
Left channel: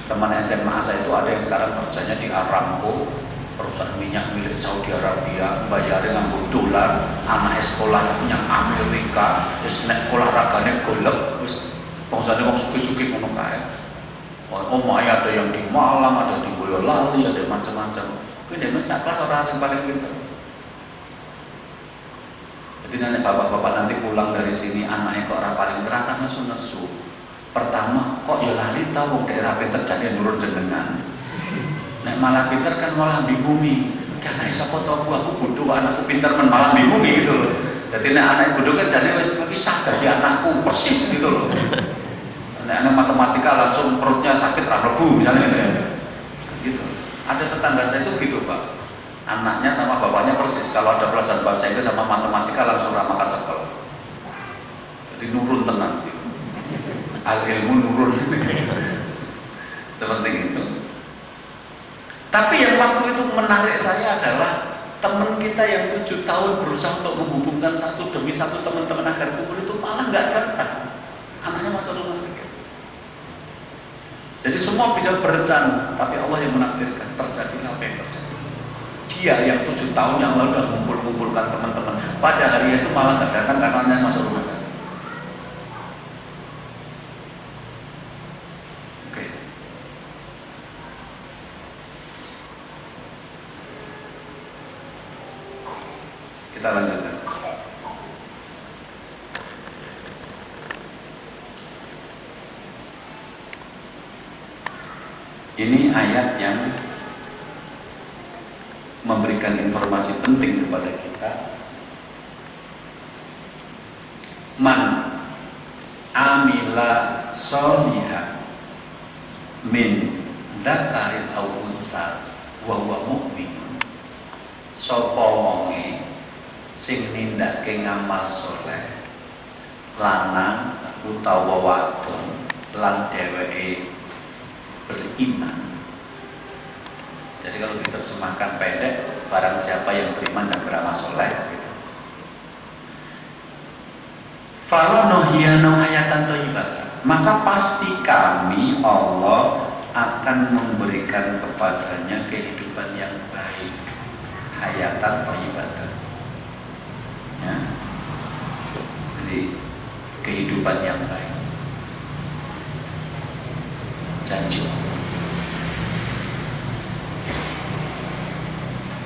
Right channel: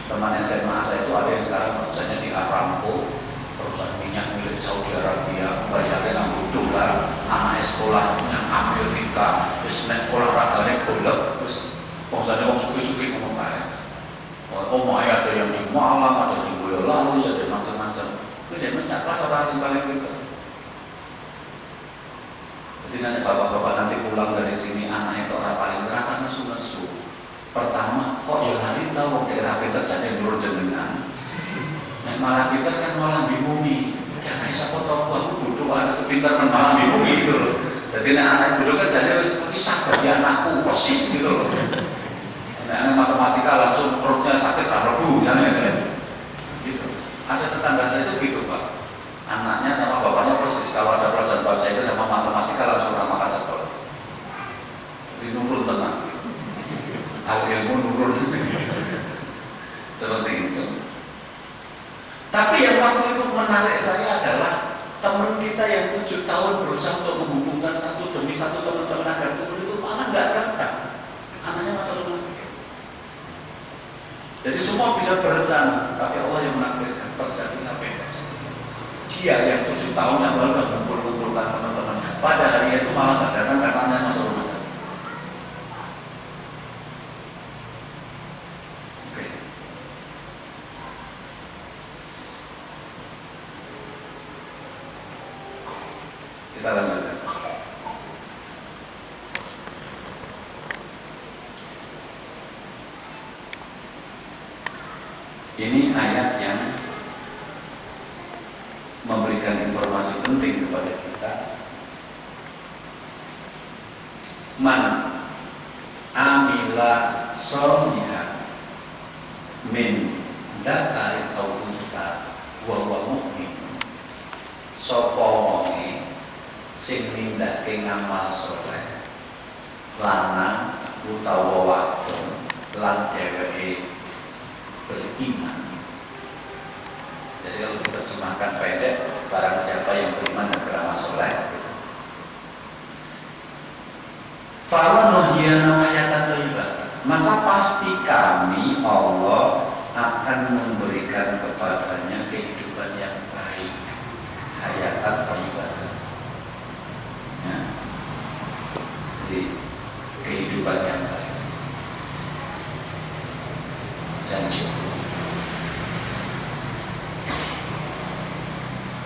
Teman SMA saya itu ada yang sekarang kerjanya di Aramco, perusahaan minyak milik Saudi Arabia, bayarin nanggo dolar, anak sekolah yang Amerika, terus nek olahragane golek, terus bangsane wong suki-suki ngomong kae. Omahnya ada yang di Malang, ada di Boyolali, ada macam-macam. Kuwi dhewe sak kelas orang yang paling pintar. Jadi nek bapak-bapak nanti pulang dari sini anaknya kok orang paling merasa nesu-nesu. Pertama, kok ya lali tahu daerah pintar jadi nurun jenengan. Nek malah pintar kan malah bingumi. Karena siapa tahu aku bodoh anakku pintar kan malah bingumi gitu loh. Jadi nek anak bodoh kan jadi wis kisah dari anakku persis gitu loh. Nek anak matematika langsung perutnya sakit rabu misalnya gitu. Ada tetangga saya itu gitu Pak. Anaknya sama bapaknya persis. Kalau ada pelajaran bahasa Inggris sama matematika langsung ramah cekel. Jadi nurun tenang. Gitu. Al ilmu nurun. Seperti itu. Tapi yang menarik saya adalah teman kita yang 7 tahun berusaha untuk menghubungkan satu demi satu teman-teman agar kumpul itu malah nggak datang. Anaknya masuk rumah sakit. Jadi semua bisa berencana, tapi Allah yang menakdirkan terjadi apa yang terjadi. Dia yang 7 tahun yang lalu sudah mengumpulkan teman-teman, pada hari itu malah nggak datang karena anaknya masuk rumah sakit. Oke. Kita lanjutkan. Ini ayat yang memberikan informasi penting kepada kita. Man amila sholihan min dzakarin aw untha wa huwa mu'min. Sapa wonge sing nindakake ngamal saleh lanang utawa wadon lan dheweke beriman. Jadi kalau diterjemahkan pendek, barang siapa yang beriman dan beramal soleh, gitu. Fala nuhyiyana hayatan thayyibah, maka pasti kami Allah akan memberikan kepadanya kehidupan yang baik, hayatan thayyibah. Ya. Jadi kehidupan yang baik. Janji Allah.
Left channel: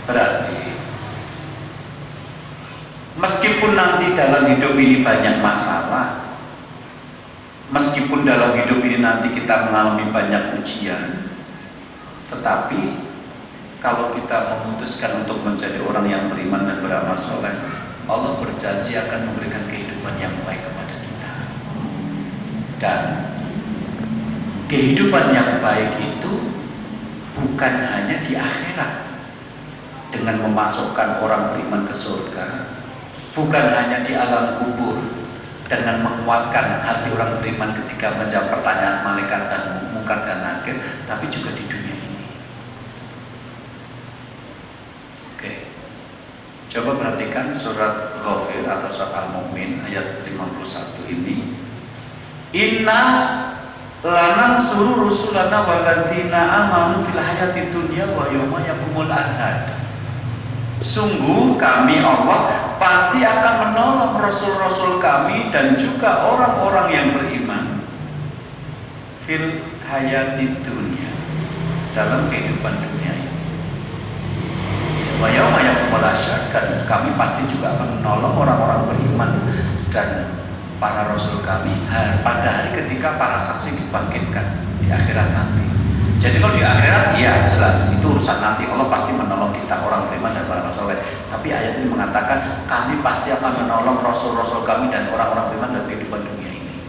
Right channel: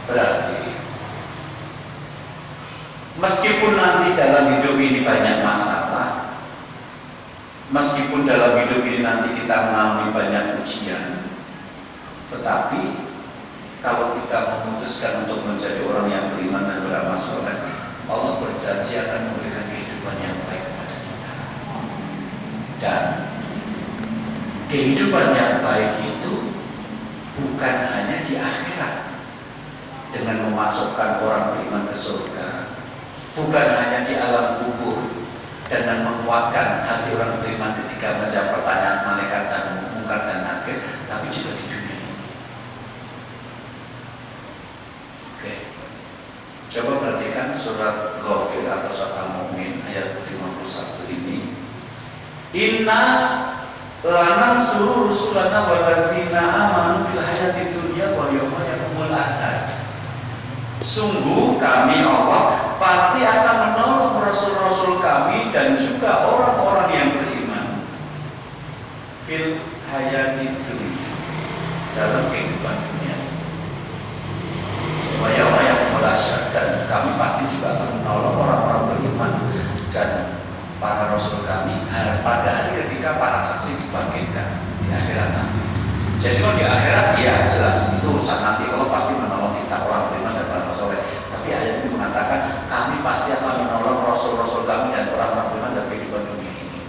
Berarti meskipun nanti dalam hidup ini banyak masalah, meskipun dalam hidup ini nanti kita mengalami banyak ujian, tetapi kalau kita memutuskan untuk menjadi orang yang beriman dan beramal soleh, Allah berjanji akan memberikan kehidupan yang baik kepada kita. Dan kehidupan yang baik itu bukan hanya di akhirat dengan memasukkan orang beriman ke surga, bukan hanya di alam kubur dengan menguatkan hati orang beriman ketika menjawab pertanyaan malaikat dan mungkar dan nakir, tapi juga di dunia ini. Oke, coba perhatikan surat Ghafir atau surat Al-Mu'min ayat 51 ini. Inna lanang suruh rusulana walladzina amanu fil hayatid dunya wa yauma yaqumul ashad. Sungguh kami Allah pasti akan menolong rasul-rasul kami dan juga orang-orang yang beriman fil hayatid dunya, dalam kehidupan dunia. Wa yauma yaqumul ashad, dan kami pasti juga akan menolong orang-orang beriman dan para rasul kami pada hari ketika para saksi dibangkitkan di akhirat nanti. Jadi kalau di akhirat ya jelas itu urusan nanti, Allah pasti menolong kita orang beriman dan beramal soleh. Tapi ayat ini mengatakan kami pasti akan menolong rasul-rasul kami dan orang-orang beriman dalam kehidupan dunia ini.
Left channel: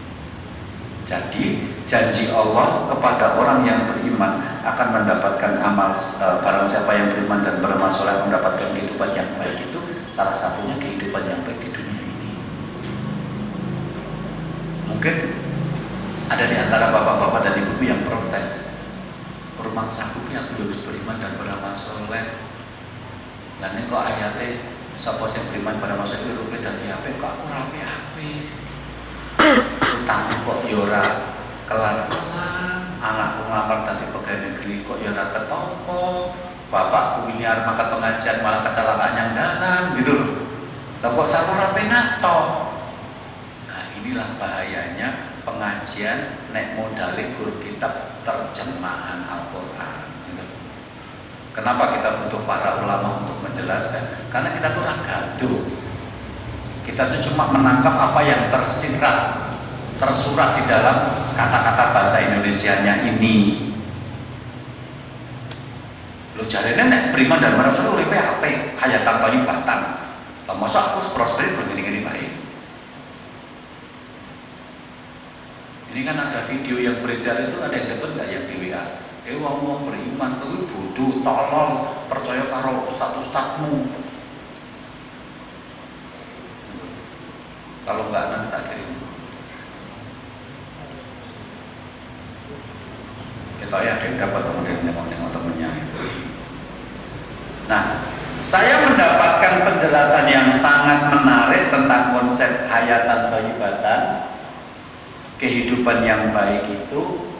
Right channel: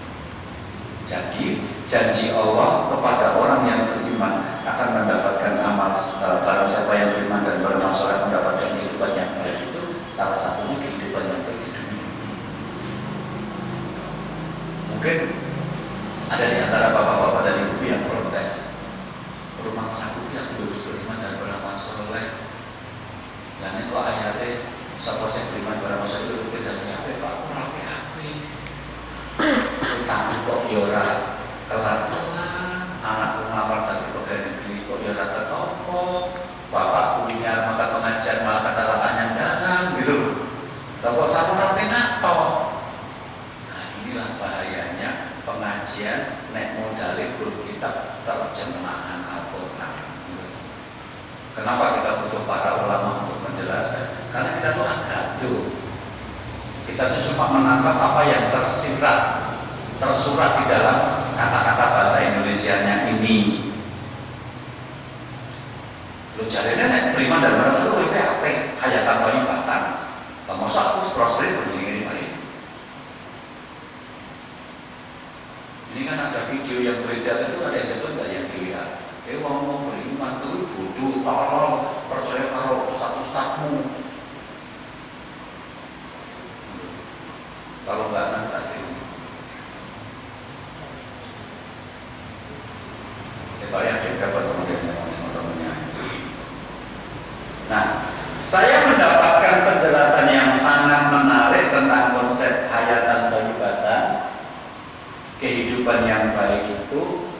Jadi janji Allah kepada orang yang beriman akan mendapatkan amal, barang siapa yang beriman dan beramal soleh mendapatkan kehidupan yang baik, itu salah satunya kehidupan yang baik di dunia ini. Mungkin ada di antara bapak-bapak dan ibu yang protes, rumah sakit yang harus beriman dan beramal soleh. Dan ini kok ayatnya sapa sing beriman beramal soleh itu beda apa? Kok aku rapi api? Utang kok yora kelar-kelar, anakku ngamar tadi pegawai negeri kok yora ketopo, bapakku ini armaka pengajian malah kecelakaan yang dalam gitu loh. Lah kok sama rapi nato? Inilah bahayanya pengajian nek modale guru kitab terjemahan Al-Quran. Kenapa kita butuh para ulama untuk menjelaskan? Karena kita tuh orang gaduh. Kita tuh cuma menangkap apa yang tersurat di dalam kata-kata bahasa Indonesianya ini. Lo jarene nek beriman dan beramal uripe ape hayatan thayyibatan. Lah masa aku prosper begini-gini baik. Ini kan ada video yang beredar itu, ada yang dapat nggak yang di WA? Wong beriman itu bodoh, tolong percaya karo ustadz-ustadzmu. Kalau nggak nanti tak kirim. Kita ya ada yang dapat teman-temannya. Nah, saya mendapatkan penjelasan yang sangat menarik tentang konsep hayatan thayyibatan, kehidupan yang baik itu,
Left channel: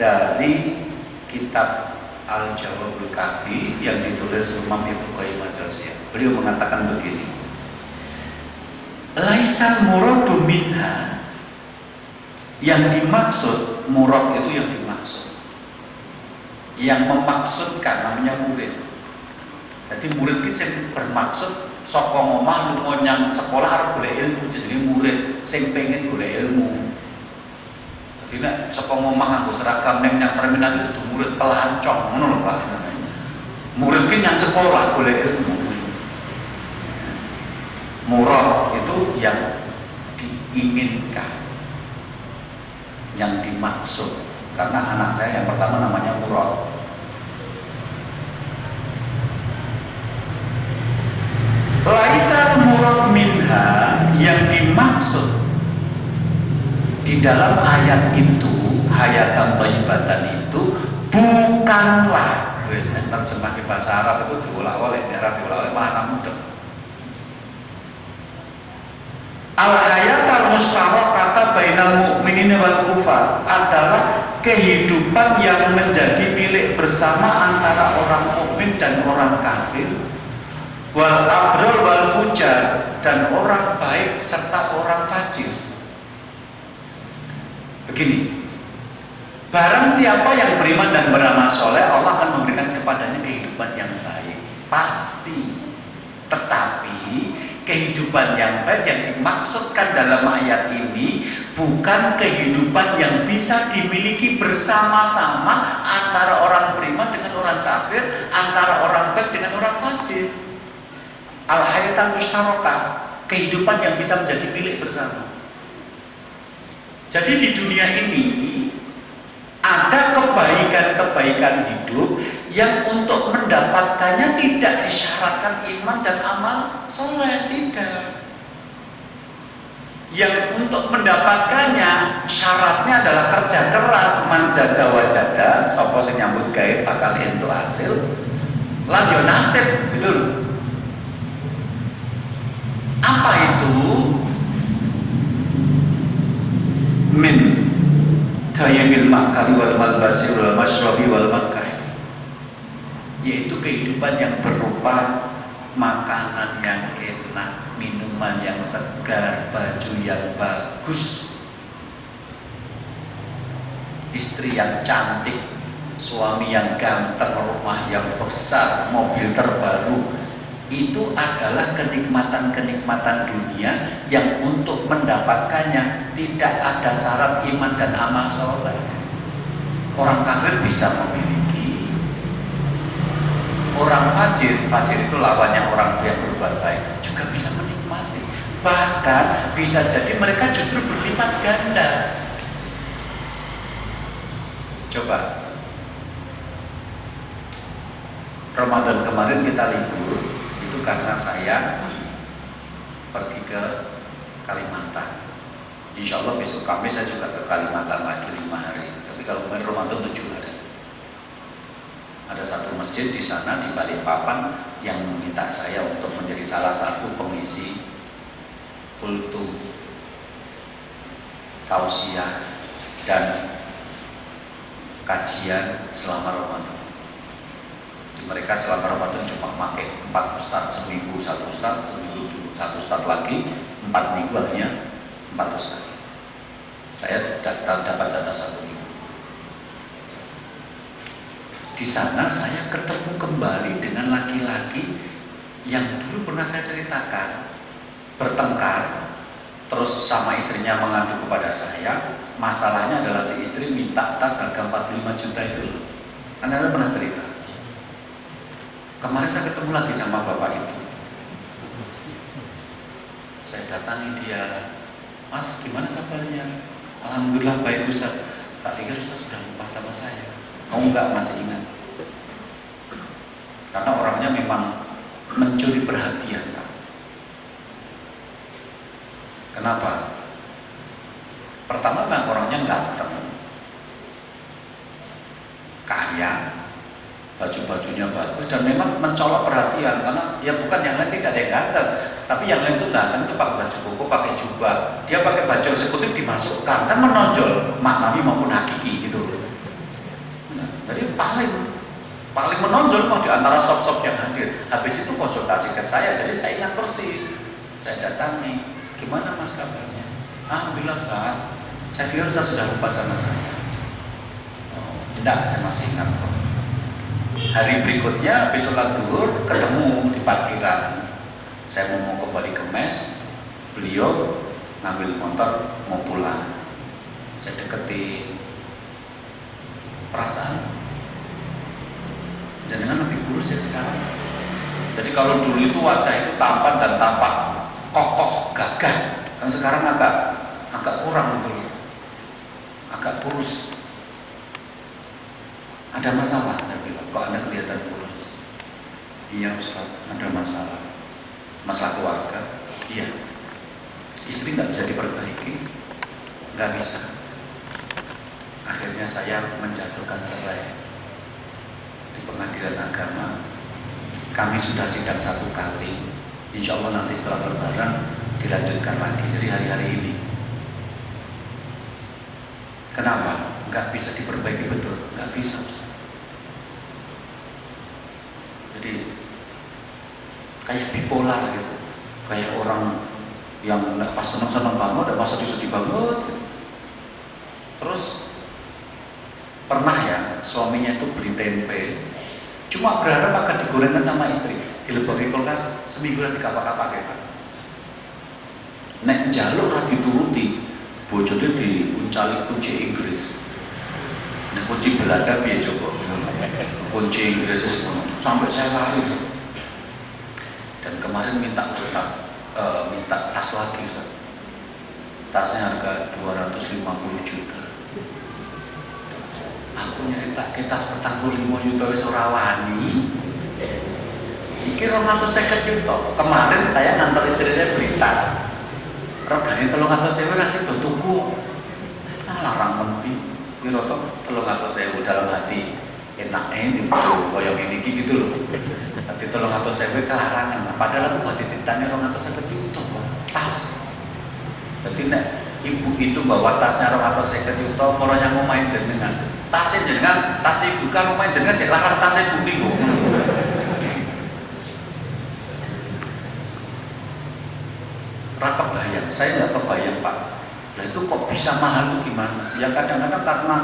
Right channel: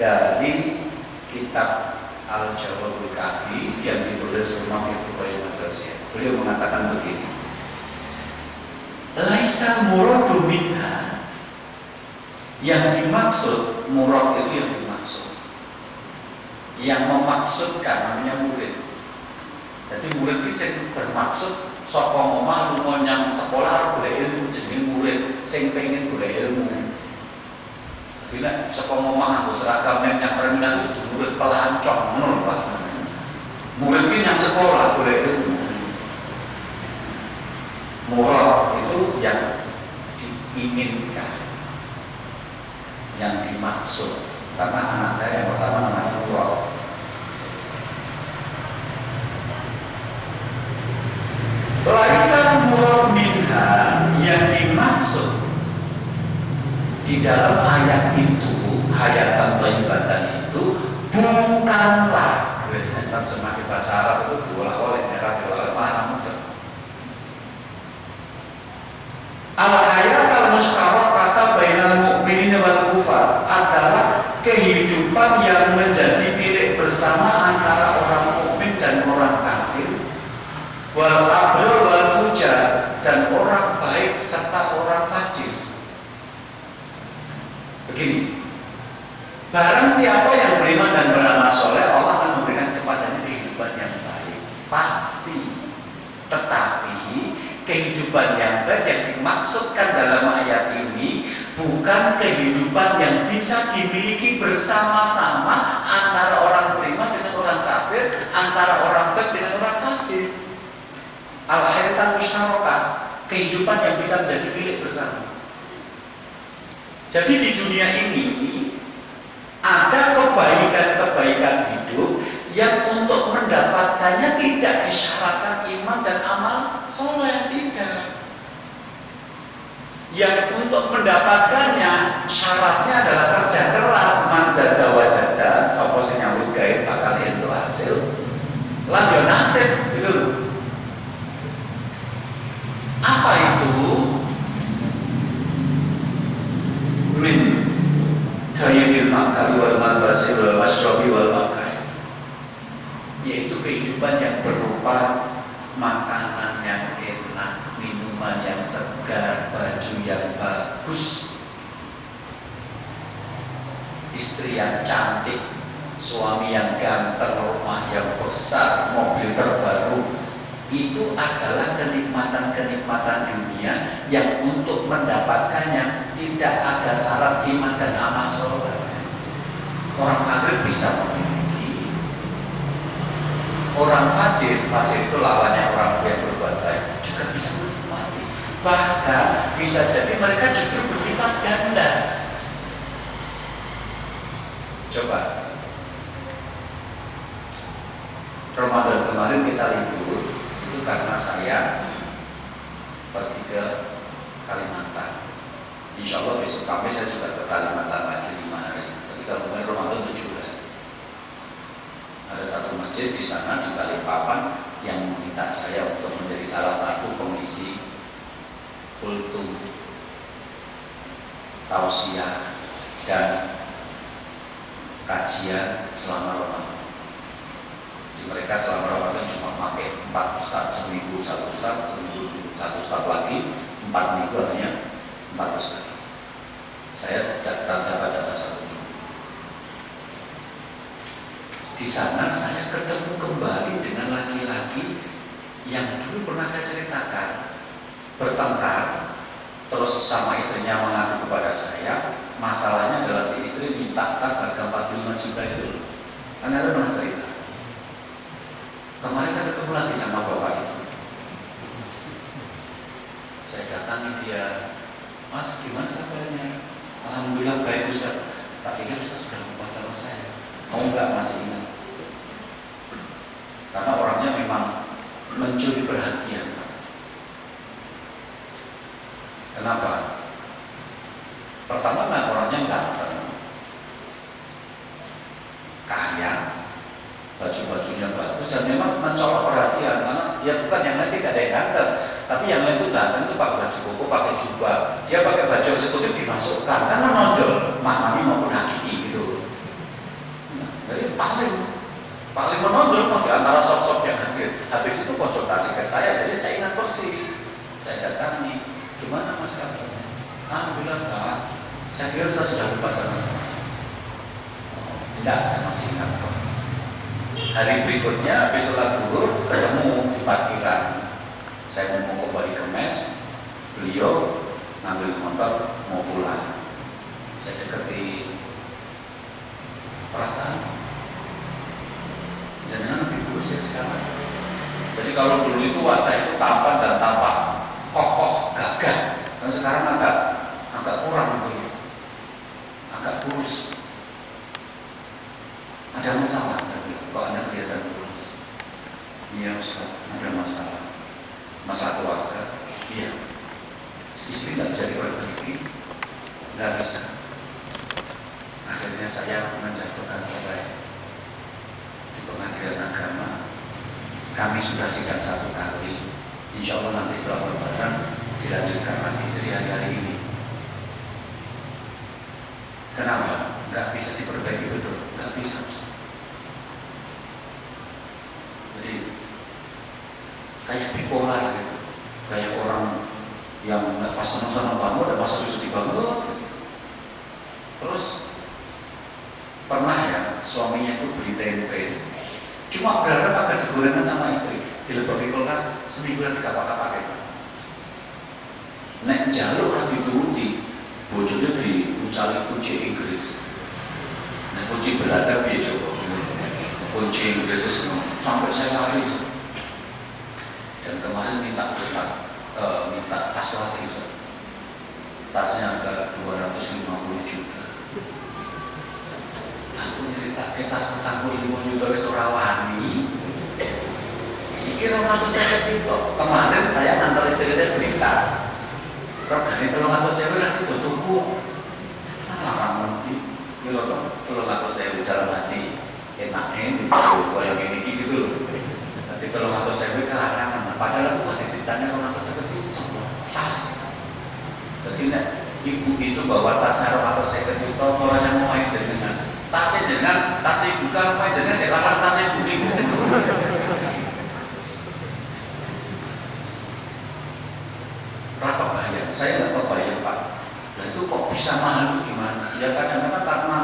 dari kitab Al-Jawabul Kafi yang ditulis Imam Ibnu Qayyim al-Jauziyah. Beliau mengatakan begini, laisal muradu minha, yang dimaksud, murad itu yang dimaksud, yang memaksudkan namanya murid. Jadi murid itu yang bermaksud saka omah lunga nyang sekolah arep golek ilmu, jenenge murid sing pengen golek ilmu. Jadi nek saka omah nganggo seragam ning nang terminal itu murid pelancong ngono lho Pak. Murid ki nyang sekolah golek ilmu. Murad itu yang diinginkan, yang dimaksud. Karena anak saya yang pertama namanya Murad. Laisa murad minha, yang dimaksud di dalam ayat itu, hayatan thayyibatan itu bukanlah, terjemah ke bahasa Arab itu diolah-oleh, malah mudah. Al-hayat al-musyarakah bainal mu'minin wal kufar adalah kehidupan yang menjadi milik bersama antara orang mukmin dan orang kafir, wal abrar wal fujar, dan orang baik serta orang fajir. Begini, barang siapa yang beriman dan beramal soleh, Allah akan memberikan kepadanya kehidupan yang baik, pasti. Tetapi kehidupan yang baik yang dimaksudkan dalam ayat ini bukan kehidupan yang bisa dimiliki bersama-sama antara orang beriman dengan orang kafir, antara orang baik dengan orang fajir. Al-hayatan musyarakah, kehidupan yang bisa menjadi milik bersama. Jadi di dunia ini ada kebaikan-kebaikan hidup yang untuk mendapatkannya tidak disyaratkan iman dan amal soleh, tidak. Yang untuk mendapatkannya syaratnya adalah kerja keras, manjada wajada, sapa sing nyambut gawe bakal entuk hasil, lan yo nasib, gitu loh. Apa itu? Min tayyibul ma'kal wal malbasi wal masyrabi wal makan, yaitu kehidupan yang berupa makanan yang enak, minuman yang segar, baju yang bagus, istri yang cantik, suami yang ganteng, rumah yang besar, mobil terbaru. Itu adalah kenikmatan-kenikmatan dunia yang untuk mendapatkannya tidak ada syarat iman dan amal soleh. Orang kafir bisa memiliki, orang fajir itu lawannya orang yang berbuat baik, juga bisa menikmati. Bahkan bisa jadi mereka justru berlipat ganda. Coba Ramadan kemarin kita libur itu karena saya pergi ke Kalimantan. Insya Allah besok Kamis saya juga ke Kalimantan lagi 5 hari. Tapi kalau kemarin Ramadan 7 hari. Ada satu masjid di sana di Balikpapan yang meminta saya untuk menjadi salah satu pengisi kultum, tausiah dan kajian selama Ramadan. Mereka selama Ramadan cuma pakai 4 ustadz seminggu, 1 ustadz seminggu, 1 ustadz lagi, 4 minggu hanya 4 ustadz. Saya dapat jatah 1 minggu. Di sana saya ketemu kembali dengan laki-laki yang dulu pernah saya ceritakan bertengkar, terus sama istrinya mengadu kepada saya. Masalahnya adalah si istri minta tas harga 45 juta itu. Anda pernah cerita? Kemarin saya ketemu lagi sama bapak itu. Saya datangi dia, Mas gimana kabarnya? Alhamdulillah baik Ustaz. Tak pikir Ustaz sudah lupa sama saya. Oh enggak, masih ingat. Karena orangnya memang mencuri perhatian Pak. Kenapa? Pertama memang orangnya ganteng, kaya, baju-bajunya bagus dan memang mencolok perhatian karena ya bukan yang lain tidak ada yang ganteng, tapi yang lain itu datang itu pakai baju koko, pakai jubah, dia pakai baju eksekutif dimasukkan kan menonjol maknami maupun hakiki gitu. Nah, jadi paling menonjol mau di antara sop-sop yang hadir. Habis itu konsultasi ke saya, jadi saya ingat persis. Saya datangi, gimana mas kabarnya? Alhamdulillah saya kira sudah lupa sama saya. Oh, enggak, saya masih ingat kok. Hari berikutnya habis sholat zuhur ketemu di parkiran. Saya mau kembali ke mes, beliau ngambil motor mau pulang. Saya deketi, perasaan jangan lebih kurus ya sekarang. Jadi kalau dulu itu wajah itu tampan dan tampak kokoh, gagah. Kan sekarang agak kurang itu ya. Agak kurus. Ada masalah, saya bilang, kok Anda kelihatan kurus? Iya Ustaz, ada masalah. Masalah keluarga? Iya. Istri nggak bisa diperbaiki? Nggak bisa. Akhirnya saya menjatuhkan cerai di pengadilan agama. Kami sudah sidang 1 kali. Insya Allah nanti setelah Lebaran dilanjutkan lagi dari hari-hari ini. Kenapa? Nggak bisa diperbaiki betul? Nggak bisa. Jadi kayak bipolar gitu, kayak orang yang nggak pas senang sama kamu, ada pas sedih banget gitu. Terus pernah ya suaminya itu beli tempe, cuma berharap akan digorengkan sama istri, dilebaki kulkas seminggu nanti kapak-kapak gitu. Nek jalur lah dituruti, bojone diuncali kunci Inggris. Nek kunci Belanda piye coba? Kunci Inggris semua sampai saya lari. Dan kemarin minta Ustaz, minta tas lagi Ustaz. Tasnya harga 250 juta. Aku cerita ke tas 45 juta wis ora wani. Iki 250 juta. Kemarin saya ngantar istri saya beli tas. Regane 300.000 kasih tutuku. Alah ramen iki rata 300.000 dalam hati. Enak gitu, kayak gini gitu loh. Nanti 300.000 karangan. Padahal aku buat ceritanya 250 juta tas. Jadi nek ibu itu bawa tasnya 250 juta, orangnya mau main jenengan. Tasnya jenengan, tas ibu kan main jenengan cek lakar tasnya ibu. Rata bayang, saya nggak kebayang Pak. Nah itu kok bisa mahal itu gimana? Ya kadang-kadang karena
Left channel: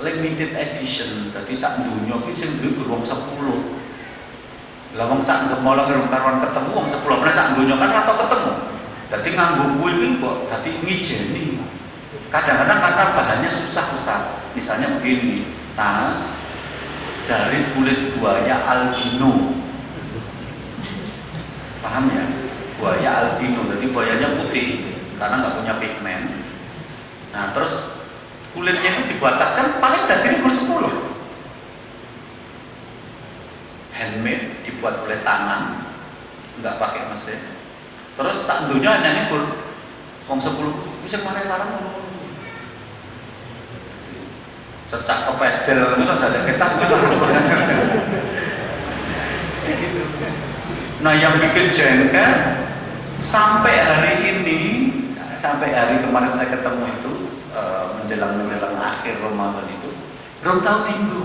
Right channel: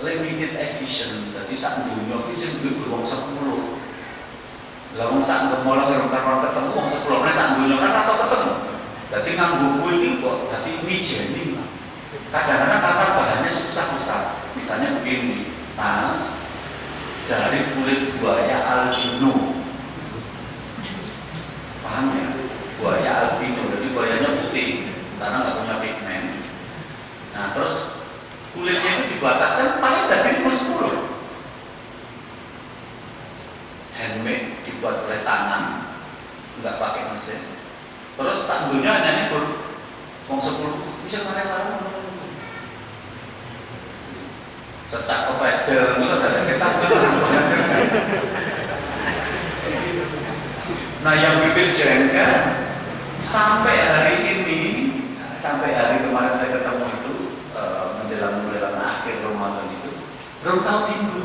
limited edition, jadi sak dunia ini sing duwe wong 10. Lah wong sak gemolong karon ketemu wong 10, meneh sak dunia kan atau ketemu. Dadi nganggo kuwi iki kok dadi ngijeni. Kadang-kadang karena bahannya susah Ustaz. Misalnya begini, tas dari kulit buaya albino. Paham ya? Buaya albino, jadi buayanya putih karena nggak punya pigmen. Nah, terus kulitnya itu dibataskan paling dari umur 10. Handmade, dibuat oleh tangan, nggak pakai mesin. Terus sak dunia hanya nyebur wong 10 bisa kemarin-kemarin cecak ke pedel itu kan ada kita. Nah yang bikin jengkel sampai hari ini, sampai hari kemarin saya ketemu itu menjelang akhir Ramadan itu belum tahu tinggu.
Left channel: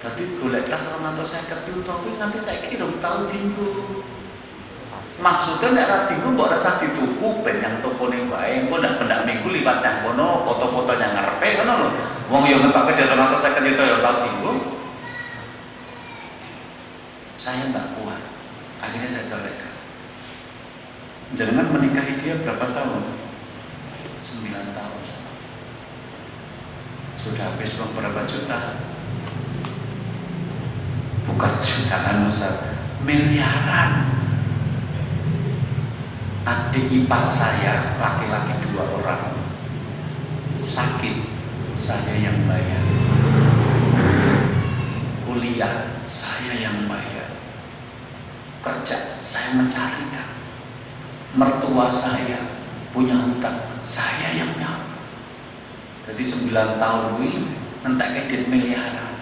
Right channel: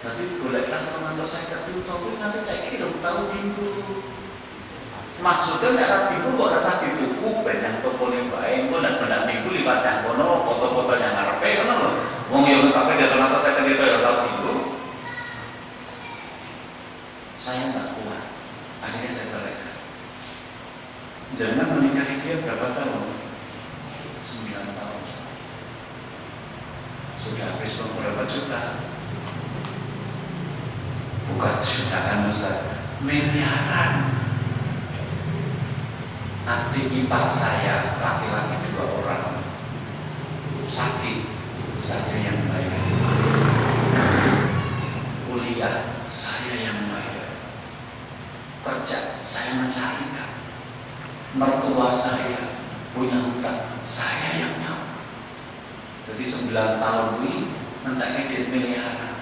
Tadi golek kelas Ramadan saya ketemu tapi nanti saya kira belum tahu tinggu. Maksudnya nek tinggu mbok rasa dituku ben yang tokone wae engko ndak pendak minggu liwat nang kono foto-foto nang ngarepe ngono lho. Wong yo ngetake dari Ramadan saya ketemu yo tahu tinggu. Saya enggak kuat. Akhirnya saya ceraikan. Jangan menikahi dia berapa tahun? 9 tahun. Sudah habis beberapa juta. Bukan jutaan Ustaz, miliaran. Adik ipar saya laki-laki 2 orang sakit, saya yang bayar. Kuliah, saya yang bayar. Kerja, saya mencarikan. Mertua saya punya hutang, saya yang nyawa. Jadi 9 tahun ini entek duit miliaran.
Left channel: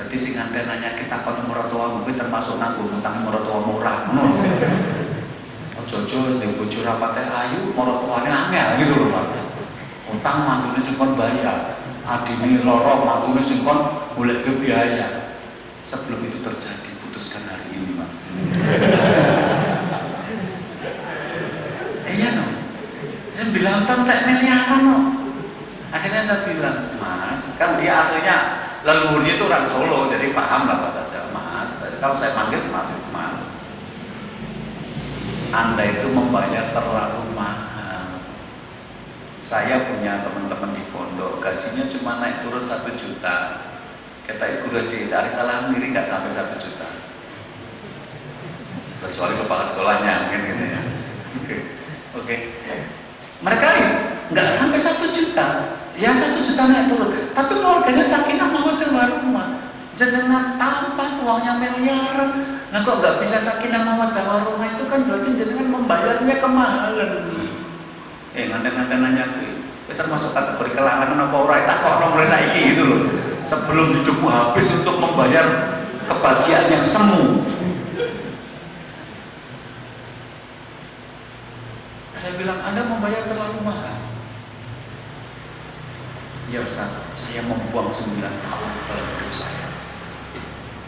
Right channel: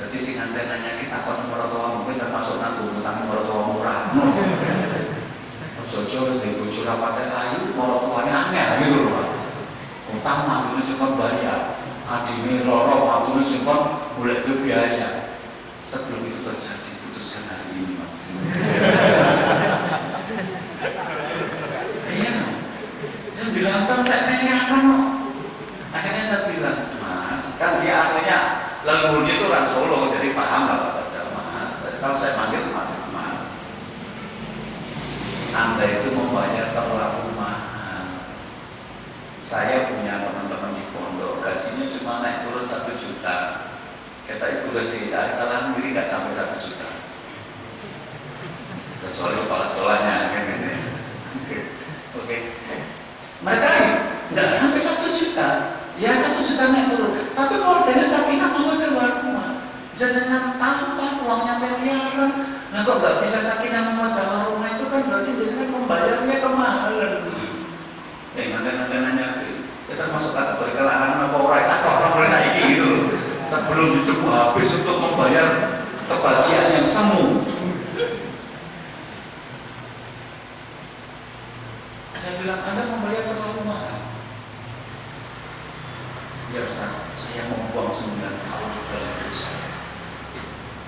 Jadi sing antenanya kita kon mertua mungkin termasuk nanggung utang mertua murah. Ojo-ojo di bojo rapate ayu mertuane angel gitu loh Pak. Utang mantune sing kon bayar. Adine loro mantune sing kon golek biaya. Sebelum itu terjadi putuskan hari ini Mas. Iya no. Saya bilang kan tak miliaran no. Akhirnya saya bilang, Mas, kan dia aslinya leluhurnya itu orang Solo, jadi paham lah bahasa Jawa, Mas. Jadi kalau saya panggil Mas, Mas, Anda itu membayar terlalu mahal. Saya punya teman-teman di pondok, gajinya cuma naik turun 1 juta. Kata guru SD, salah miri nggak sampai 1 juta. Kecuali kepala sekolahnya, gitu ya. Oke. Mereka nggak sampai 1 juta. Ya 1 jutanya turun, tapi keluarganya sakinah mawaddah warahmah. Jangan tampak uangnya miliaran. Nah kok nggak bisa sakinah mawaddah warahmah itu kan berarti jangan membayarnya kemahalan. Nanti nanya kita termasuk kategori kelangan apa orang tak kok orang saiki gitu loh. Sebelum hidupmu habis untuk membayar kebahagiaan yang semu. Saya bilang Anda membayar terlalu mahal. Ya Ustaz, saya membuang 9 tahun dalam hidup saya.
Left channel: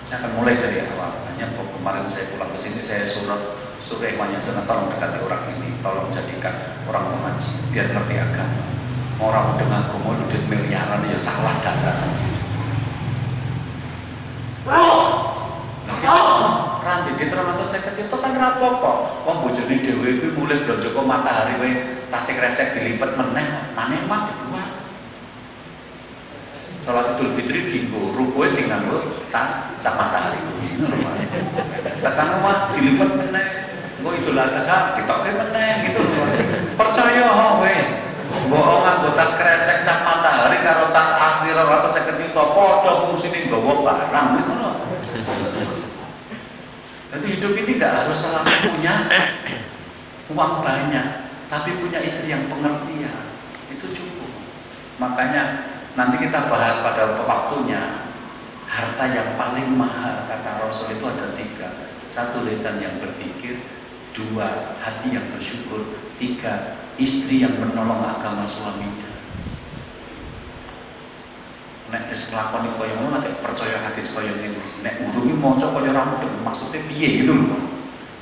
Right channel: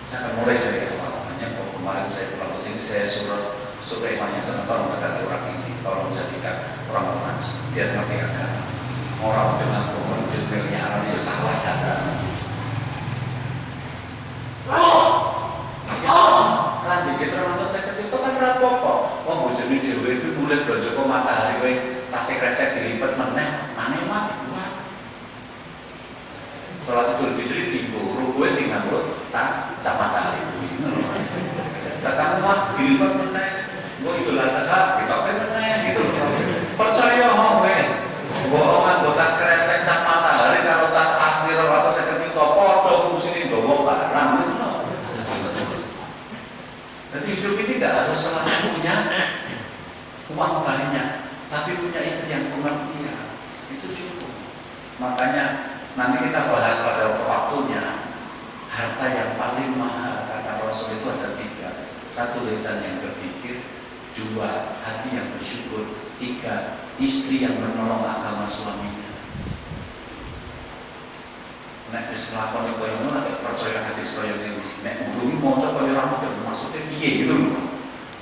Saya akan mulai dari awal. Hanya kemarin saya pulang ke sini, saya suruh imannya sana, tolong dekati orang ini, tolong jadikan orang mengaji, biar ngerti agama. Orang dengan komodit miliaran ya salah data. Ranti di termasuk seket itu kan rapopo. Wong bojone dhewe iki mulai blonjo kok matahari wae tasik resek dilipat meneh, maneh mati kuat. Sholat Idul Fitri tinggu, rukunya tinggal tas cap matahari. Datang rumah dilipat meneh, gue Idul Adha ditoknya meneh gitu. Percaya wes, gue orang tas kresek cap matahari kalau tas asli atau seket itu podo fungsinya gue barang misalnya. Jadi hidup ini tidak harus selalu punya uang banyak, tapi punya istri yang pengertian itu cukup. Makanya nanti kita bahas pada waktunya. Harta yang paling mahal kata Rasul itu ada 3. 1 lisan yang berpikir, 2 hati yang bersyukur, 3 istri yang menolong agama suaminya. Nek wis nglakoni koyo ngono nek percaya hadis koyo niku. Nek urungi maca koyo rambut maksudnya piye gitu loh.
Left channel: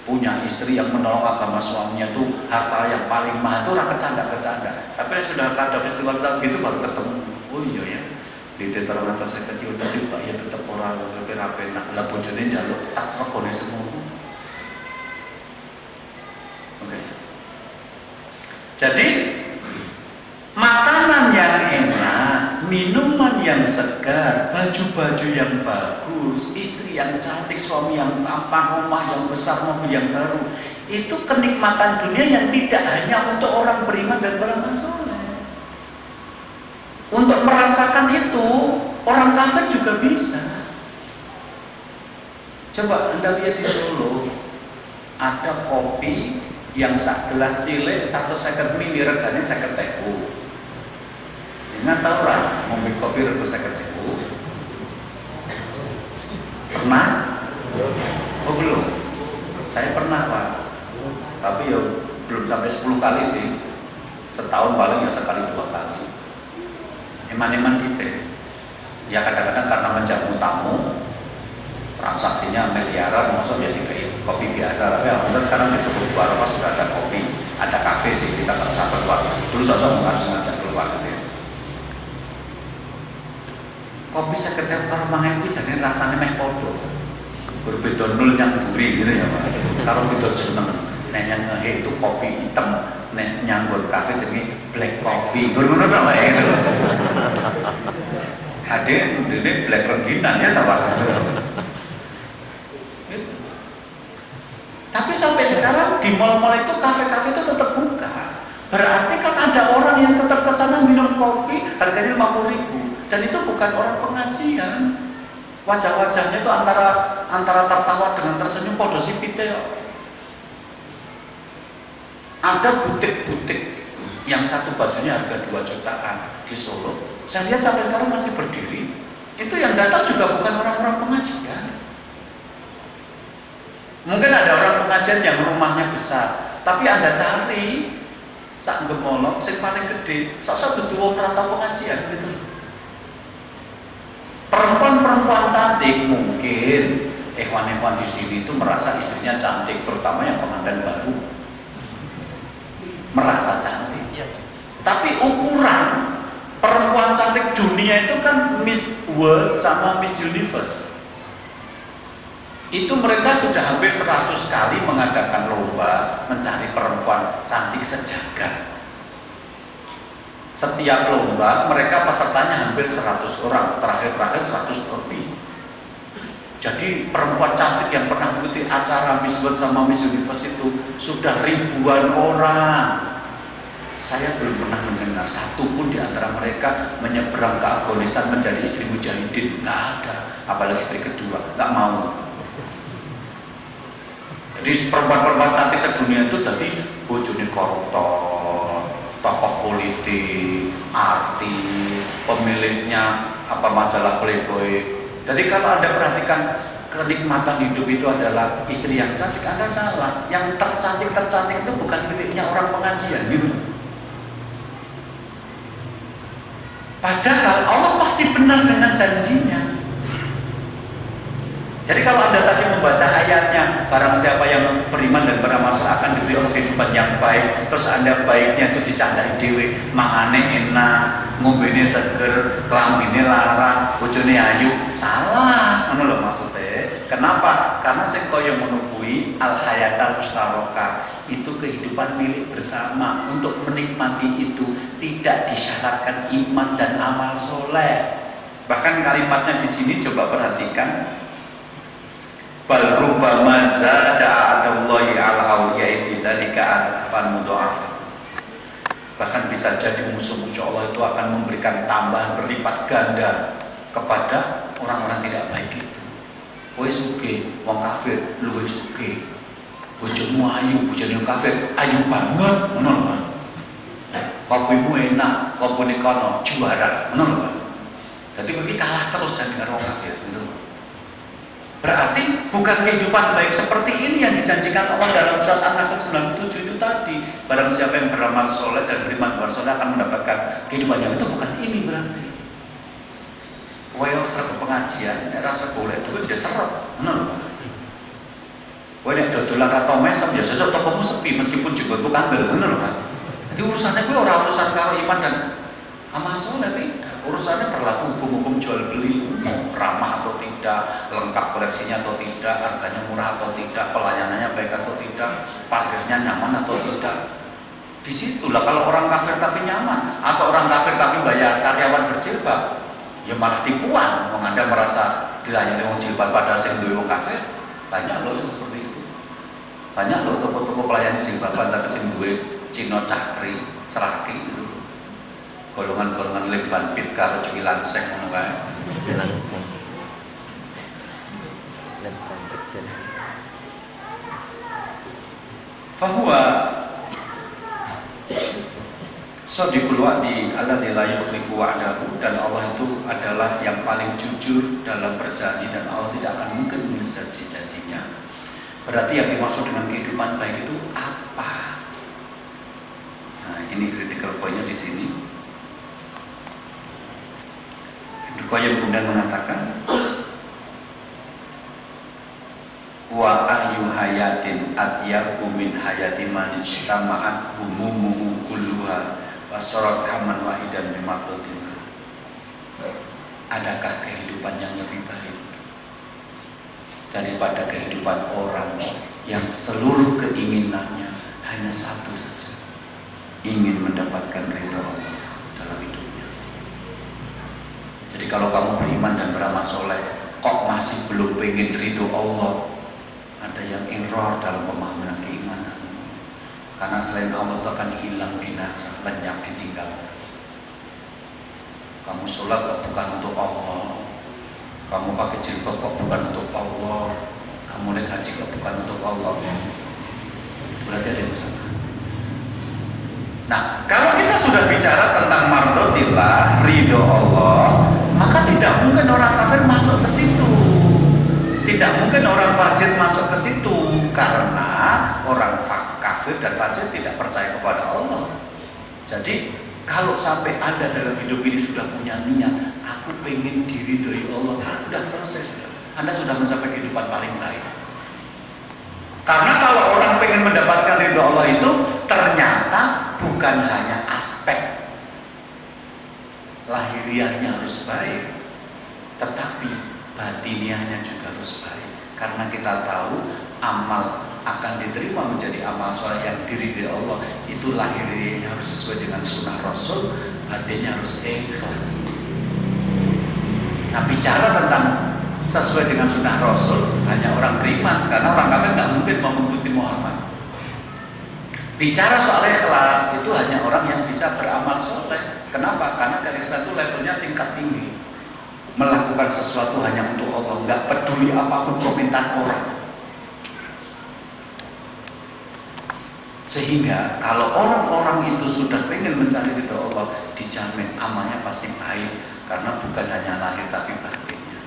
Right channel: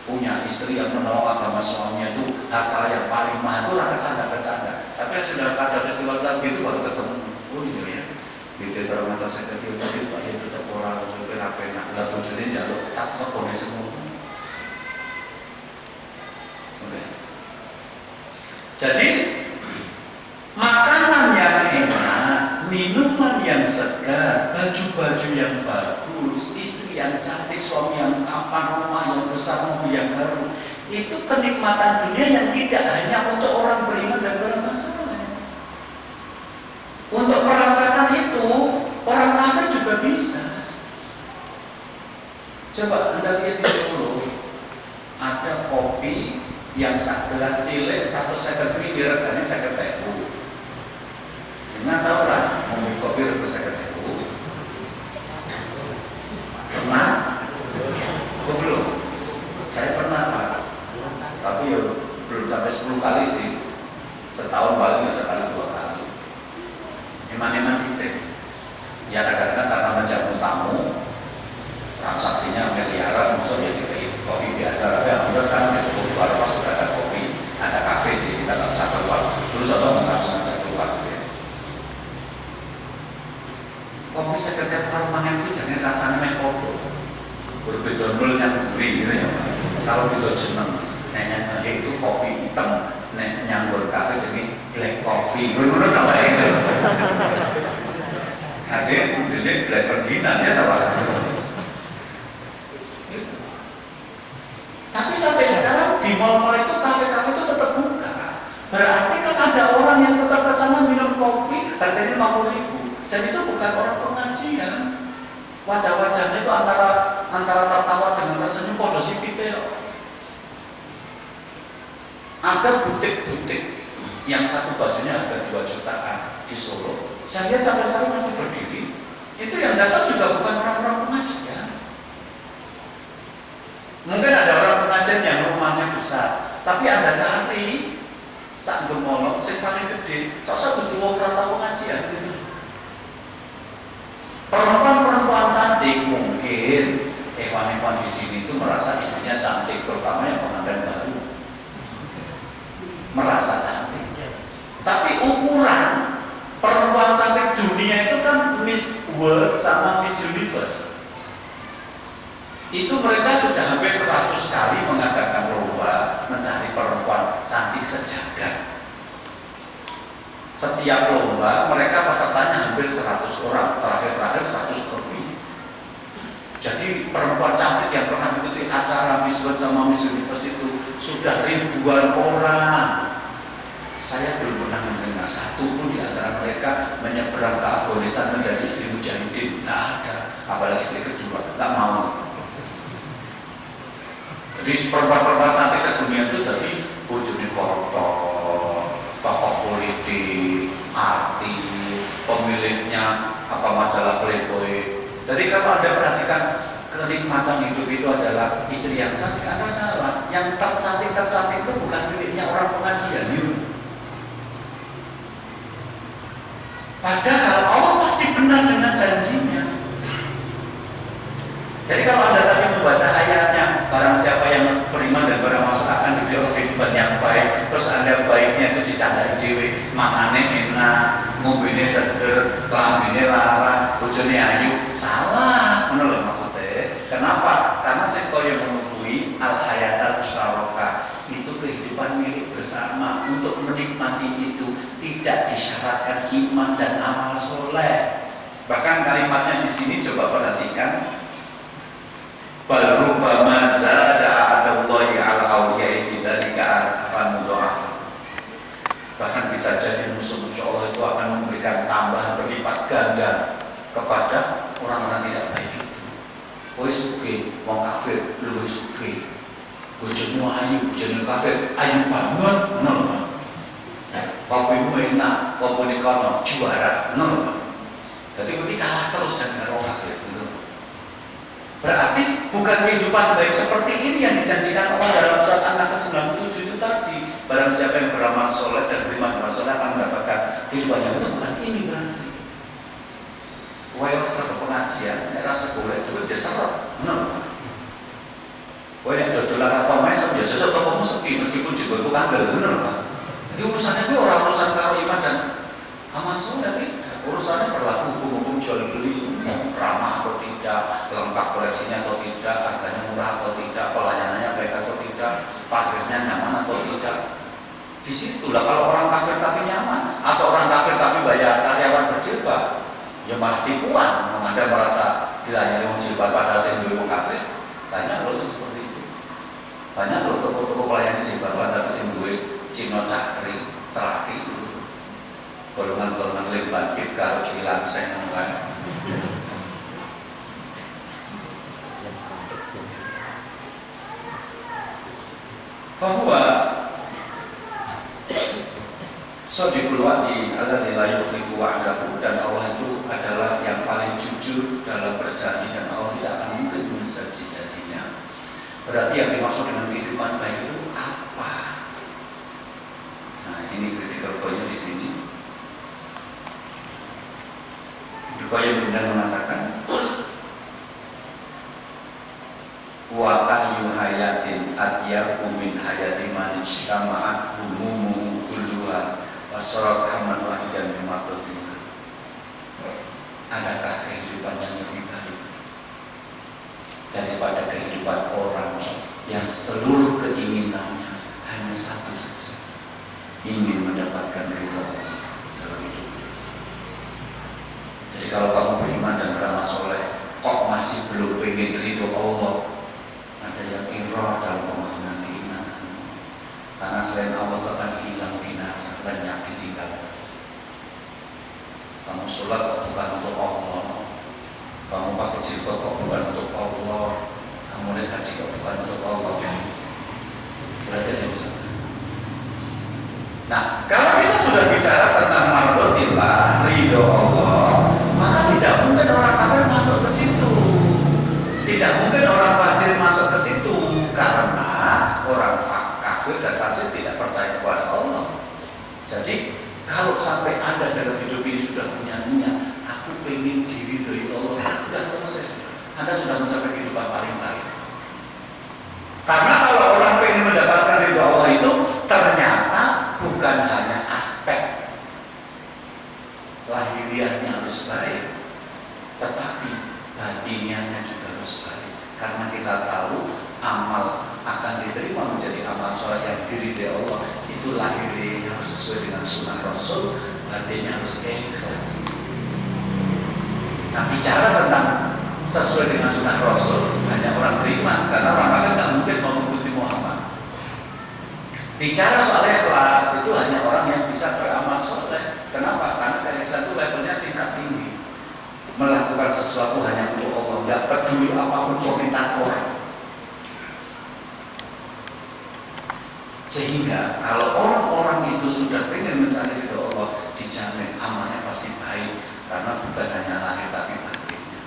Punya istri yang menolong agama suaminya itu harta yang paling mahal itu ora kecanda-kecanda. Tapi sudah ada festival gitu baru ketemu. Oh iya ya. Di teater atas saya kecil tapi Pak ya tetap orang lebih rapi nak lah bojone njaluk tas regone semua. Oke. Jadi makanan yang enak, minuman yang segar, baju-baju yang bagus, istri yang cantik, suami yang tampan, rumah yang besar, mobil yang baru, itu kenikmatan dunia yang tidak hanya untuk orang beriman dan beramal soleh. Untuk merasakan itu, orang kafir juga bisa. Coba Anda lihat di Solo, ada kopi yang sak gelas cilik 150 ml regane 50.000. Ingat tahu lah, ngombe kopi rego 50.000. Pernah? Oh belum? Saya pernah Pak. Tapi ya belum sampai 10 kali sih. Setahun paling ya sekali 2 kali. Eman-eman kita. Ya kadang-kadang karena menjamu tamu, transaksinya miliaran, maksudnya jadi kopi biasa. Tapi alhamdulillah sekarang di keluar pas sudah ada kopi, ada kafe sih, kita tak usah keluar. Dulu saya langsung ngajak keluar. Kopi sekedar parmangan itu jangan rasanya meh podo. Berbeda nol yang duri gitu ya Pak. Kalau beda jeneng, nenek itu kopi hitam, nek nyambur kafe jadi black coffee. Bener apa ya itu? Ada ini black perginan ya Pak. Tapi sampai sekarang di mal-mal itu kafe-kafe itu tetap buka. Berarti kan ada orang yang tetap ke sana minum kopi harganya 50.000. Dan itu bukan orang pengajian. Wajah-wajahnya itu antara tertawa dengan tersenyum podo sipite. Ada butik-butik yang satu bajunya harga 2 jutaan di Solo. Saya lihat sampai sekarang masih berdiri. Itu yang datang juga bukan orang-orang pengajian. Mungkin ada orang pengajian yang rumahnya besar, tapi Anda cari sak gemolok sing paling gede, sok-sok dudu wong rantau pengajian gitu. Perempuan-perempuan cantik mungkin ikhwan-ikhwan di sini itu merasa istrinya cantik, terutama yang pengantin baru. Merasa cantik. Tapi ukuran perempuan cantik dunia itu kan Miss World sama Miss Universe. Itu mereka sudah hampir 100 kali mengadakan lomba mencari perempuan cantik sejagat. Setiap lomba mereka pesertanya hampir 100 orang, terakhir 100 lebih. Jadi perempuan cantik yang pernah mengikuti acara Miss World sama Miss Universe itu sudah ribuan orang. Saya belum pernah mendengar satu pun di antara mereka menyeberang ke Afghanistan menjadi istri mujahidin. Nggak ada, apalagi istri kedua, nggak mau. Jadi perempuan-perempuan cantik sedunia itu tadi bojone koruptor, tokoh politik, artis, pemiliknya majalah Playboy. Jadi kalau Anda perhatikan kenikmatan hidup itu adalah istri yang cantik, Anda salah. Yang tercantik itu bukan miliknya orang pengajian gitu. Padahal Allah pasti benar dengan janjinya. Jadi kalau Anda tadi membaca ayatnya, barang siapa yang beriman dan beramal soleh akan diberi kehidupan yang baik, terus Anda baiknya itu dicandai dewe, makane enak, ngombene seger, lambene larang, bojone ayu, salah, ngono lho maksudnya. Kenapa? Karena sing kaya menungui al-hayatal musyarakah, itu kehidupan milik bersama. Untuk menikmati itu tidak disyaratkan iman dan amal soleh. Bahkan kalimatnya di sini coba perhatikan. Bal rubbama zada adallahi ala awliyai bidzalika arfan mudha'af. Bahkan bisa jadi musuh-musuh Allah itu akan memberikan tambahan berlipat ganda kepada orang-orang tidak baik itu. Kowe sugih, wong kafir luwih sugih. Bojomu ayu, bojone kafir ayu banget, ngono lho Pak. Papimu enak, papune kono juara, ngono lho Pak. Jadi kowe kalah terus jadi karo kafir gitu. Berarti bukan kehidupan baik seperti ini yang dijanjikan Allah dalam surat An-Nahl 97 itu tadi. Barang siapa yang beramal soleh dan beriman soleh akan mendapatkan kehidupan yang itu, bukan ini berarti. Wah yang serta pengajian, rasa boleh duit dia seret, benar. Wah yang dodolan atau mesem ya sesuk tokomu sepi meskipun juga bukan bener, benar. Jadi urusannya gue orang urusan kalau iman dan amal soleh tidak. Urusannya berlaku hukum-hukum jual beli, ramah atau tidak, lengkap koleksinya atau tidak, harganya murah atau tidak, pelayanannya baik atau tidak, parkirnya nyaman atau tidak. Disitulah kalau orang kafir tapi nyaman, atau orang kafir tapi bayar karyawan berjilbab, ya malah tipuan. Anda merasa dilayani orang jilbab padahal saya duwe wong kafir. Banyak loh yang seperti itu. Banyak loh toko-toko pelayan jilbaban tapi saya duwe Cino Cakri, Ceraki itu. Golongan-golongan lemban pit karo cilan seng ngono kae. Fahuwa shadiqul wa'di alladzi la yukhlifu wa'dahu, dan Allah itu adalah yang paling jujur dalam berjanji dan Allah tidak akan mungkin menyelesaikan janjinya. Berarti yang dimaksud dengan kehidupan baik itu apa? Nah, ini critical point-nya di sini. Kaya kemudian mengatakan wa ahyu hayatin atyaku min hayati man ijtama'at humumu kulluha wa sarat hamman wahidan mimatatin. Adakah kehidupan yang lebih baik daripada kehidupan orang yang seluruh keinginannya hanya satu saja, ingin mendapatkan ridha Allah dalam hidup. Jadi kalau kamu beriman dan beramal soleh, kok masih belum pengen ridho Allah, ada yang error dalam pemahaman keimanan. Karena selain Allah itu akan hilang binasa, lenyap ditinggalkan. Kamu sholat kok bukan untuk Allah, kamu pakai jilbab kok bukan untuk Allah, kamu naik haji kok bukan untuk Allah. Berarti ada yang salah. Nah, kalau kita sudah bicara tentang mardotillah, ridho Allah, maka tidak mungkin orang situ. Tidak mungkin orang fajir masuk ke situ karena orang kafir dan fajir tidak percaya kepada Allah. Jadi kalau sampai Anda dalam hidup ini sudah punya niat, aku pengen diridhoi Allah, sudah selesai. Anda sudah mencapai kehidupan paling baik. Karena kalau orang pengen mendapatkan ridho Allah itu ternyata bukan hanya aspek lahiriahnya harus baik, tetapi batiniahnya juga harus baik. Karena kita tahu amal akan diterima menjadi amal soleh yang diridhoi Allah itu lahiriahnya harus sesuai dengan sunnah Rasul, batinnya harus ikhlas. Nah, bicara tentang sesuai dengan sunnah Rasul hanya orang beriman, karena orang kafir nggak mungkin mau mengikuti Muhammad. Bicara soal ikhlas itu hanya orang yang bisa beramal soleh. Kenapa? Karena keikhlasan itu levelnya tingkat tinggi. Melakukan sesuatu hanya untuk Allah, nggak peduli apapun komentar orang. Sehingga kalau orang-orang itu sudah ingin mencari ridho Allah, dijamin amalnya pasti baik, karena bukan hanya lahir tapi batinnya.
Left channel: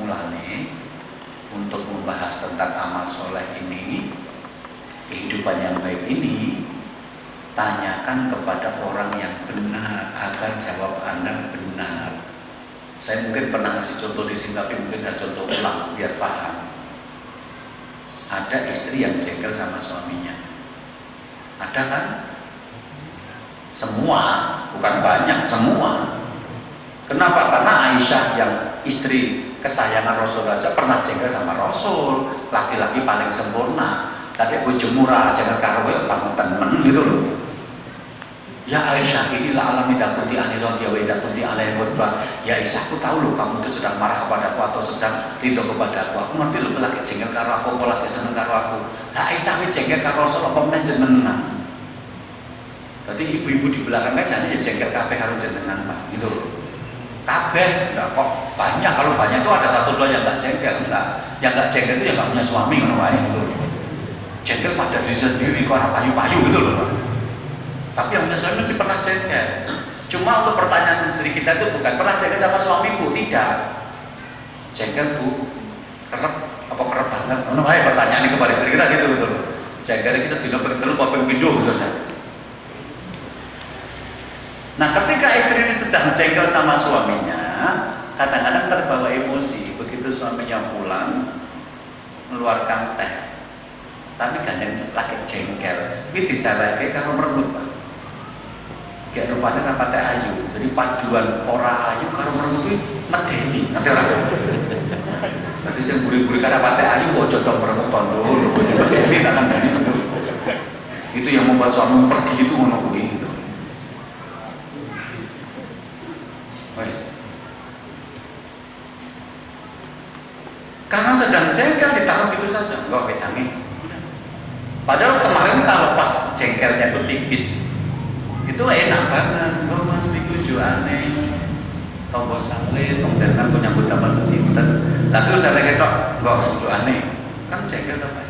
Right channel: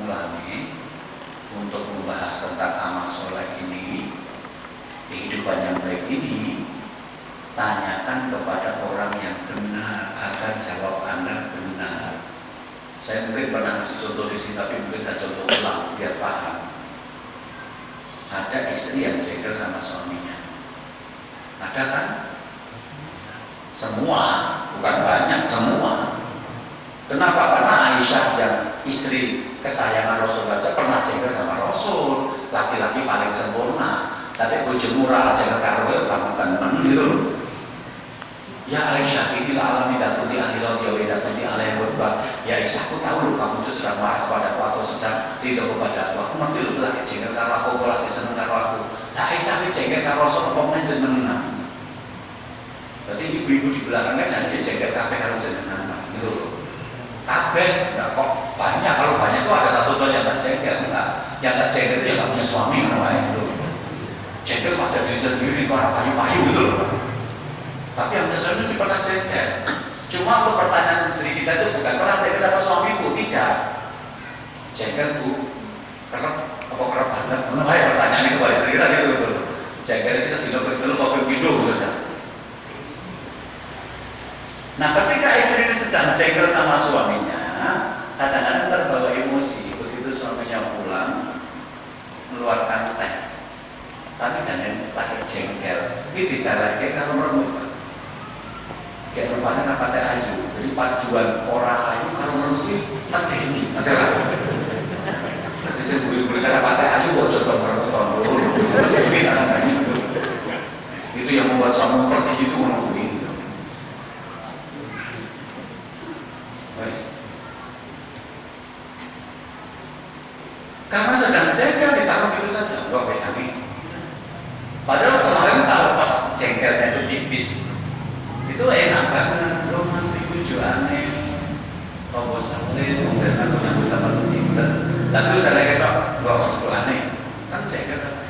Mulanya untuk membahas tentang amal soleh ini, kehidupan yang baik ini, tanyakan kepada orang yang benar agar jawab Anda benar. Saya mungkin pernah kasih contoh di sini, tapi mungkin saya contoh ulang biar paham. Ada istri yang jengkel sama suaminya. Ada kan? Semua, bukan banyak, semua. Kenapa? Karena Aisyah yang istri kesayangan Rasul aja pernah jengkel sama Rasul. Laki-laki paling sempurna. Tapi bojo murah jangan karo banget temen gitu loh. Ya Aisyah, inilah alam tidak kunti anilon ya weda kunti alaih khutbah. Ya Aisyah, aku tahu loh kamu itu sedang marah kepada aku atau sedang ridho kepada aku. Aku ngerti loh lagi jengkel karo aku, aku lagi seneng karo aku. Nah Aisyah ini jengkel karo Rasul apa meneh jenengan. Berarti ibu-ibu di belakang kan jangan jengkel kabeh karo jenengan gitu loh. Kabeh enggak kok banyak, kalau banyak itu ada satu dua yang enggak jengkel, enggak. Yang enggak jengkel itu yang enggak punya suami ngono wae gitu. Jengkel pada diri sendiri kok orang payu-payu gitu loh. Tapi yang punya mesti pernah jengkel. Cuma untuk pertanyaan istri kita itu bukan pernah jengkel sama suamiku, tidak. Jengkel bu, kerep apa kerep banget? Mana baik pertanyaan ini kembali istri kita gitu betul. Jengkel itu sedino bertelur apa pindah saja. Nah, ketika istri ini sedang jengkel sama suaminya, kadang-kadang terbawa emosi. Begitu suaminya pulang, mengeluarkan teh. Tapi kan yang lagi jengkel, ini bisa lagi kalau merebut. Kayak rupanya kan pada ayu, jadi paduan orang ayu kalau merebut medeni, ada lah. Jadi saya buri-buri karena pada ayu, bocor dong merebut tondo, medeni akan itu. Itu yang membuat suami pergi itu menunggu itu. Karena sedang jengkel ditaruh gitu saja, enggak kayak kami. Padahal kemarin kalau pas jengkelnya itu tipis, itu enak banget. Lo mas itu aneh, tombol saleh, dan kan punya buta pas sedikit. Lalu saya lagi kok, enggak itu aneh, kan jengkel apa?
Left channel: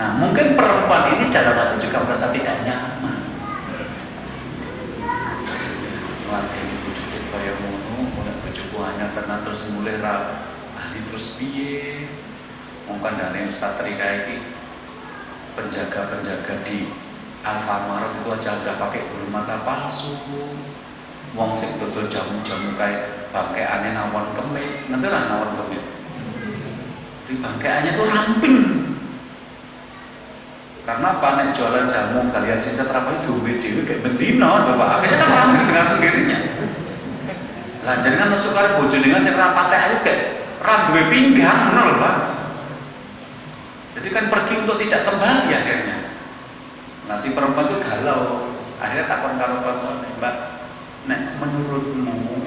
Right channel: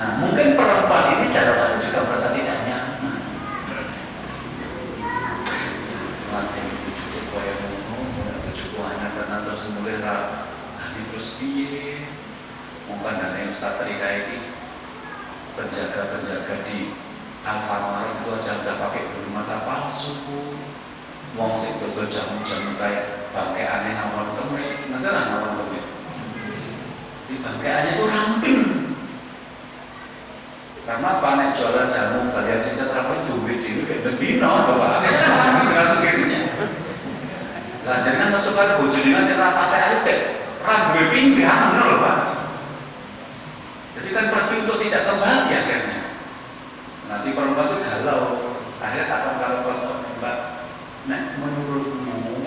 Nah mungkin perempuan ini dalam hati juga merasa tidak nyaman. Terus mulai terus piye mungkin dan yang starteri kayak gitu penjaga di Alfamart itu aja udah pakai bulu mata palsu, wong sing betul jamu-jamu kayak bangkai aneh nawon kemit, nanti lah nawon kemit di bangkaiannya tuh ramping karena apa nih jualan jamu kalian cinta terapi duit kayak bendino coba akhirnya ramping dengan sendirinya. Lah jangan masukkan bojone sing ra patek ayu kayak ra duwe pinggang ngono lho, Pak. Jadi kan pergi untuk tidak kembali akhirnya. Nah si perempuan itu galau. Akhirnya takon karo konco, Mbak, nek menurutmu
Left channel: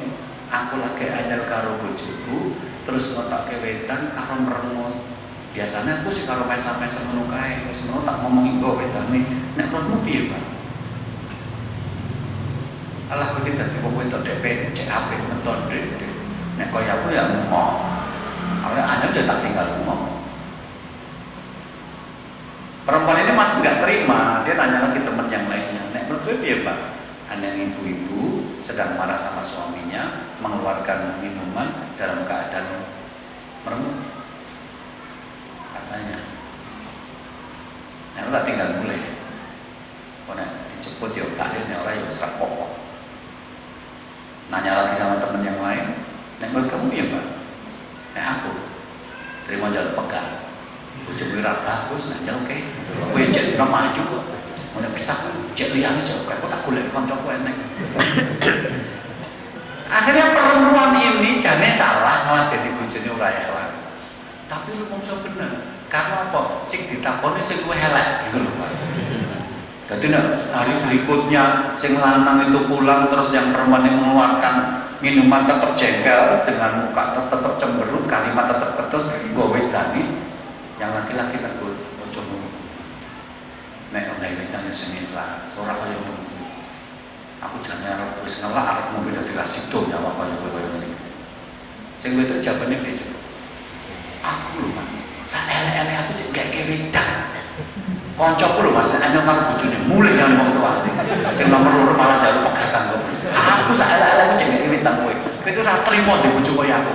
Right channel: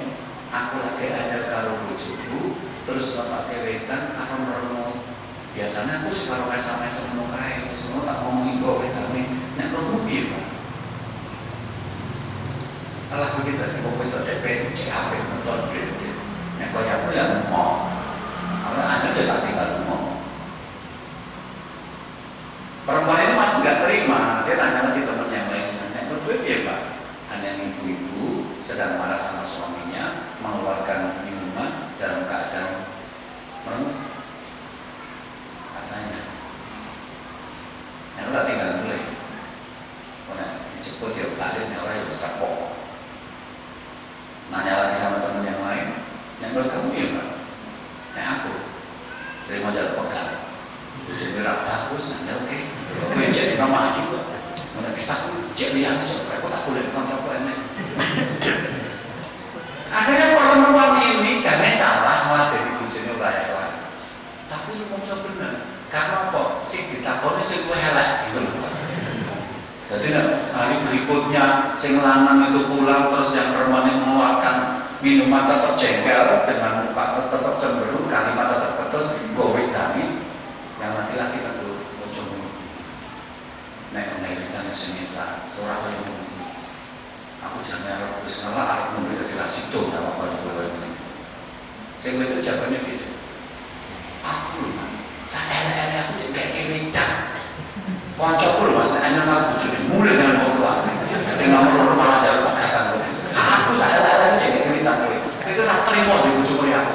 aku lagi anyar karo bojoku terus ngotoke wedan karo merenung. Biasanya aku sih kalau mesa-mesa ngono kae, wis ngono tak ngomongi kok wedane. Nek menurutmu piye, Pak? Allah begitu tadi mau itu DP cek HP nonton deh. Nek kaya aku ya mau, karena Anda dia tak tinggal mau. Perempuan ini masih nggak terima, dia tanya lagi teman yang lainnya. Nek menurut gue ya Pak, hanya ibu-ibu sedang marah sama suaminya, mengeluarkan minuman dalam keadaan merem, katanya. Nah, tak tinggal mulai. Karena dijemput ya takdirnya orang yang serak pokok. Nanya lagi sama temen yang lain, "Nek menurut kamu ya Mbak?" "Nek aku terima jalan pegang. Ujian berat bagus, nah oke. Aku yang jadi nama juga. Mau kisah cek liang coba, aku tak boleh kantorku enak." Akhirnya perempuan ini jane salah malah jadi bojone ora elek. Tapi lu mongso bener. Karena apa? Sing ditakoni sing luwih elek gitu loh. Jadi hari berikutnya sing lanang itu pulang terus yang perempuan yang mengeluarkan minuman tetap jengkel dengan muka tetap cemberut, kalimat tetap ketus, gue wedani. Yang laki-laki kan gue coba nek wedan sing lah, ora kaya ngono. Aku jane arep wis ngelak arep ngombe dadi rasido ta apa yo koyo ngene. Sing wedok jawabane beda. Aku lho Mas, saelek-elek aku cek gak wedan. Kancaku lho Mas, enak karo bojone mulai nang wong tua. Sing nomor loro malah jaluk pegatan kok. Aku saelek-elek aku cek gak wedan kowe. Kowe ora trimo di bojo kaya aku.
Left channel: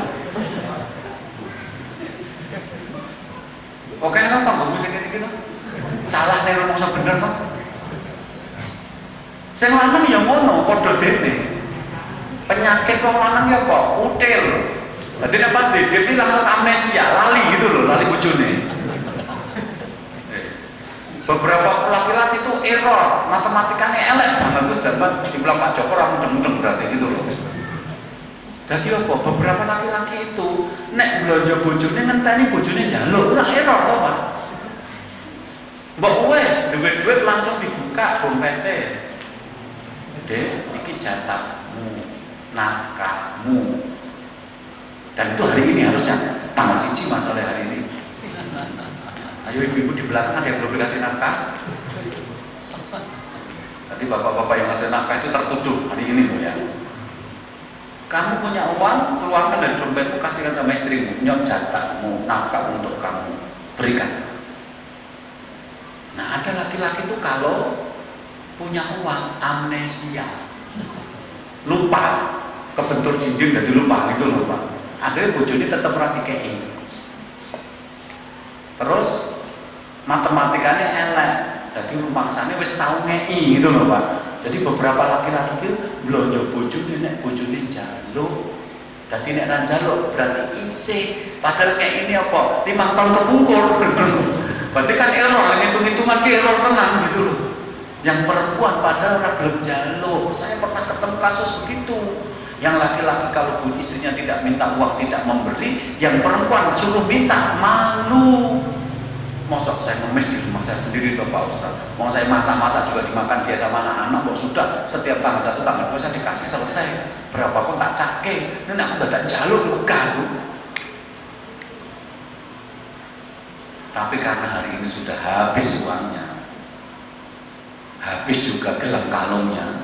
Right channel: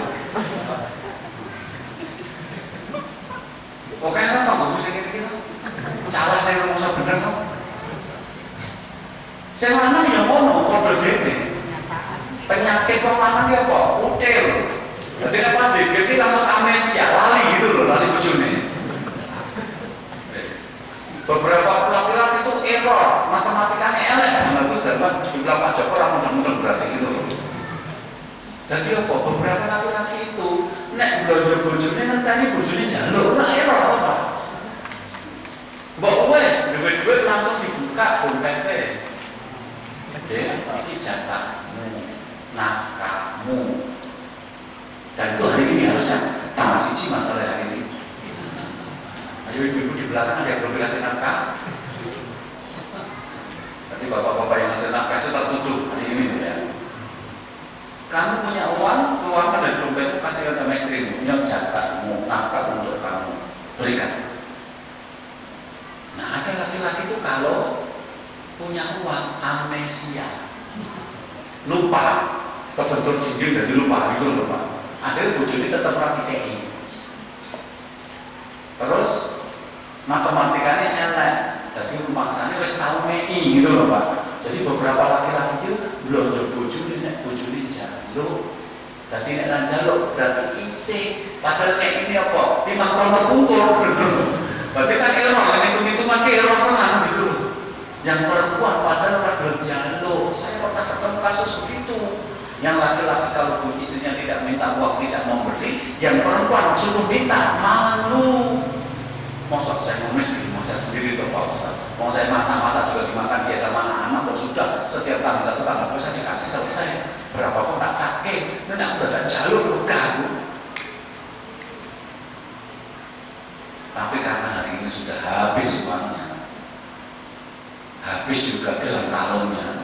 Oke kan tanggomu sing iki to. Salah nek ngomong bener to. Sing lanang ya ngono, padha dene. Penyakit wong lanang ya apa? Util. Dadi nek pas dikit iki langsung amnesia, lali gitu loh, lali bojone. Beberapa laki-laki itu error, matematikanya elek banget dan dibilang Pak Joko ora mudeng-mudeng berarti gitu loh. Jadi apa? Beberapa laki-laki itu nek belanja bojone ngenteni bojone njaluk, ora error apa? Mbok wes duit-duit langsung dibuka dompete. Dek, iki jatahmu, nafkahmu. Dan itu hari ini harusnya tanggal 1 masalah hari ini. Ayo ibu-ibu di belakang ada yang belum dikasih nafkah. Nanti bapak-bapak yang ngasih nafkah itu tertuduh hari ini ya. Kamu punya uang, keluarkan dari dompetmu, kasihkan sama istrimu. Punya jatahmu, nafkah untuk kamu, berikan. Nah ada laki-laki itu kalau punya uang amnesia, lupa, kebentur jinjing jadi lupa gitu lupa. Akhirnya bojone tetap praktiknya. Terus matematikanya elek, jadi rumangsane wis tau ngei gitu loh Pak. Jadi beberapa laki-laki itu blonjo bojone nek bojone njaluk. Dadi nek ra njaluk berarti isih. Padahal kayak ini apa? 5 tahun terkungkur. Berarti kan error, yang hitung-hitungan ke error tenan gitu loh. Yang perempuan padahal orang belum jaluk. Saya pernah ketemu kasus begitu. Yang laki-laki kalau istrinya tidak minta uang, tidak memberi, yang perempuan suruh minta, malu. Maksud saya ngemis di rumah saya sendiri tuh Pak Ustaz. Mau saya masak-masak juga dimakan dia sama anak-anak, kok sudah setiap tanggal 1 tanggal 2 saya dikasih selesai. Berapa pun tak cake, ini aku gak jaluk ganggu. Tapi karena hari ini sudah habis uangnya, habis juga gelang kalungnya.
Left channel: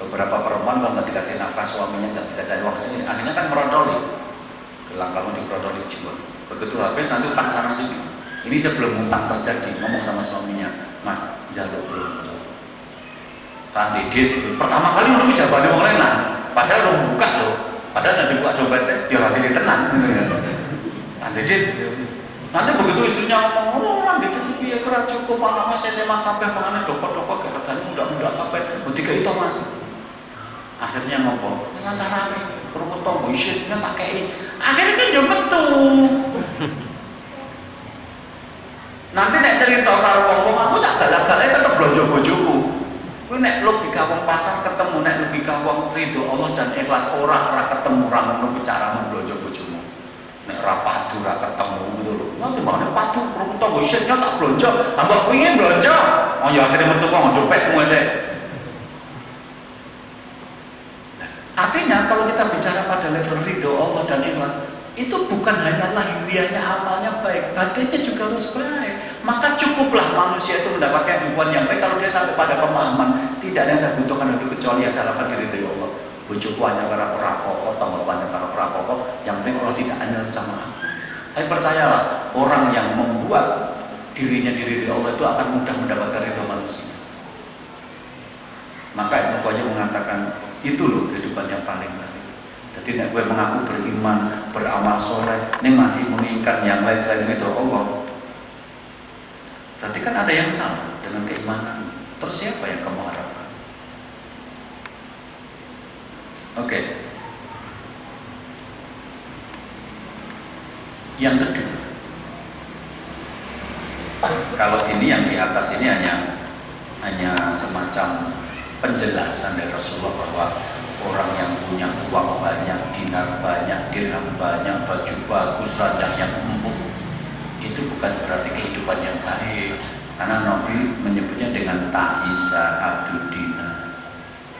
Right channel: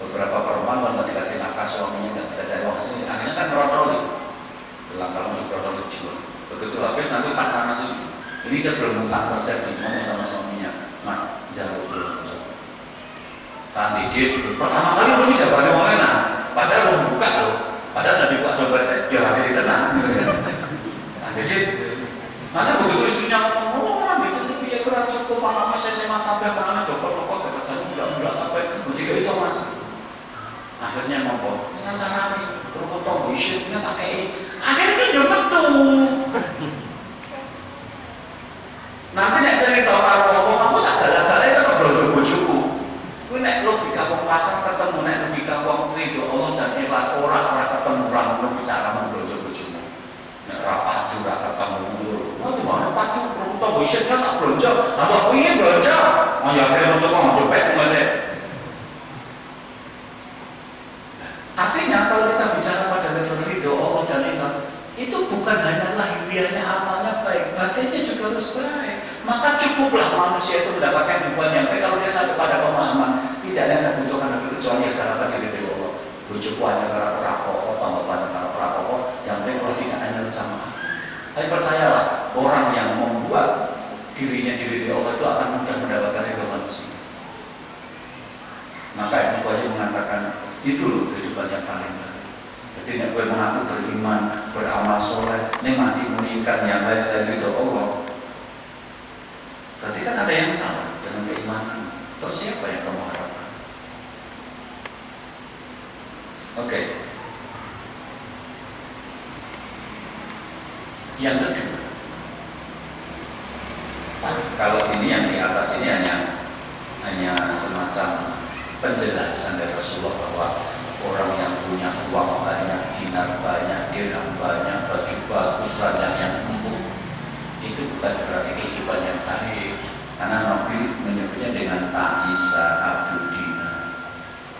Beberapa perempuan kalau dikasih nafkah suaminya nggak bisa cari uang sini, akhirnya kan merotoli, gelang kalung diprotoli juga. Begitu habis nanti utang sana sini. Ini sebelum utang terjadi ngomong sama suaminya, Mas jalur dulu. Tak dikit, pertama kali dulu jawabannya mulai nah, padahal mau buka loh, padahal nanti buka dompetnya, biar hati tenang. Tak dikit. Nanti begitu istrinya ngomong, oh orang gitu ya kurang cukup, malah saya sama kabeh pengen dokter-dokter gak bertanya mudah-mudah kabeh, ketika itu Mas. Akhirnya ngomong, ini sarane kerupuk tonggo isyitnya tak kei. Akhirnya kan jauh betul. Nanti nek cerita karo wong aku sak galak-galak tetep blonjo bojoku. Kuwi nek logika wong pasar ketemu nek logika wong ridho Allah dan ikhlas ora ketemu ora ngono cara memblonjo bojomu. Nek ora padu ora ketemu ngono. Lah gimana padu kerupuk tonggo isyitnya tak blonjo. Tambah piye blonjo? Oh ya akhirnya metu kok dompet ngene. Artinya kalau kita bicara pada level ridho Allah dan ikhlas, itu bukan hanya lahiriahnya amalnya baik, batinnya juga harus baik. Maka cukuplah manusia itu mendapatkan hubungan yang baik kalau dia sampai pada pemahaman tidak ada yang saya butuhkan lebih kecuali yang saya lakukan dari Allah. Bujuku hanya karena perampok, tambah banyak karena perampok, yang penting Allah tidak hanya sama aku. Tapi percayalah, orang yang membuat dirinya diri Allah itu akan mudah mendapatkan ridho manusia. Maka Ibnu Qayyim mengatakan Itu loh kehidupan yang paling baik. Jadi nek kowe mengaku beriman, beramal soleh, ini masih meningkat yang lain saya ridho Allah. Berarti kan ada yang salah dengan keimanan. Terus siapa yang kamu harapkan? Oke. Yang kedua, kalau ini yang di atas ini hanya semacam penjelasan dari Rasulullah bahwa orang yang punya uang banyak, dinar banyak, dirham banyak, baju bagus, ranjang yang empuk, itu bukan berarti kehidupan yang baik. Karena Nabi menyebutnya dengan ta'isa abdul dinar,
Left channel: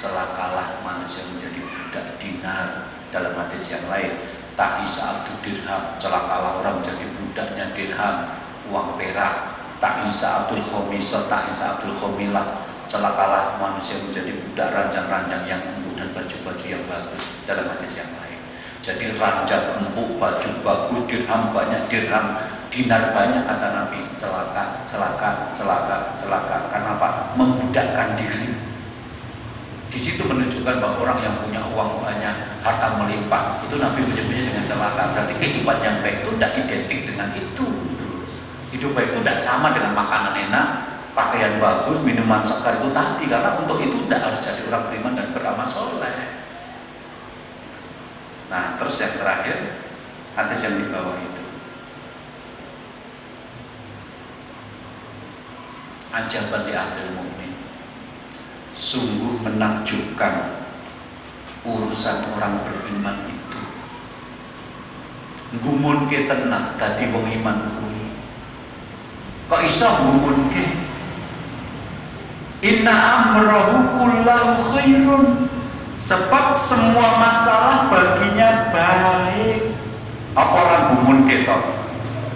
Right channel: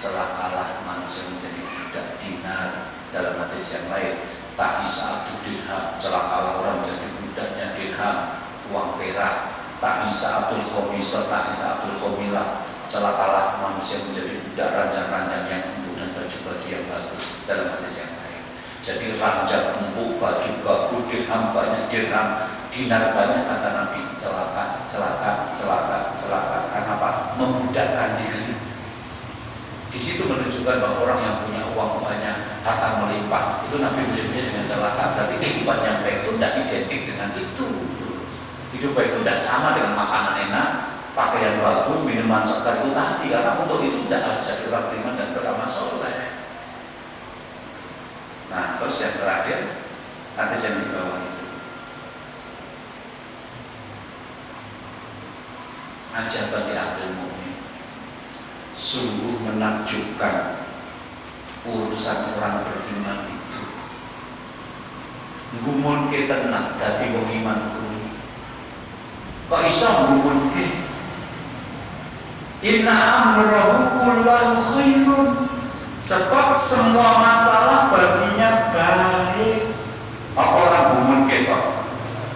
celakalah manusia menjadi budak dinar. Dalam hadis yang lain, ta'isa abdul dirham, celakalah orang menjadi budaknya dirham, uang perak. Ta'isa abdul khomisah, ta'isa abdul khomilah, celakalah manusia menjadi budak ranjang-ranjang yang empuk dan baju-baju yang bagus. Dalam hadis yang lain, jadi ranjang empuk, baju bagus, dirham banyak, dinar banyak, kata Nabi, celaka. Karena apa? Membudakkan diri. Di situ menunjukkan bahwa orang yang punya uang banyak, harta melimpah, itu Nabi menyebutnya dengan celaka. Berarti kehidupan yang baik itu tidak identik dengan itu. Hidup baik itu tidak sama dengan makanan enak, pakaian bagus, minuman segar itu tadi. Karena untuk itu tidak harus jadi orang beriman dan beramal soleh. Nah, terus yang terakhir, hadis yang di bawah itu, ajaban li ahlil mu'min, sungguh menakjubkan urusan orang beriman itu. Ngumunke tenan dadi wong iman kuwi. Kok iso ngumunke? Inna amrahu kullahu khairun. Sebab semua masalah baginya baik. Apa orang ngumunke to?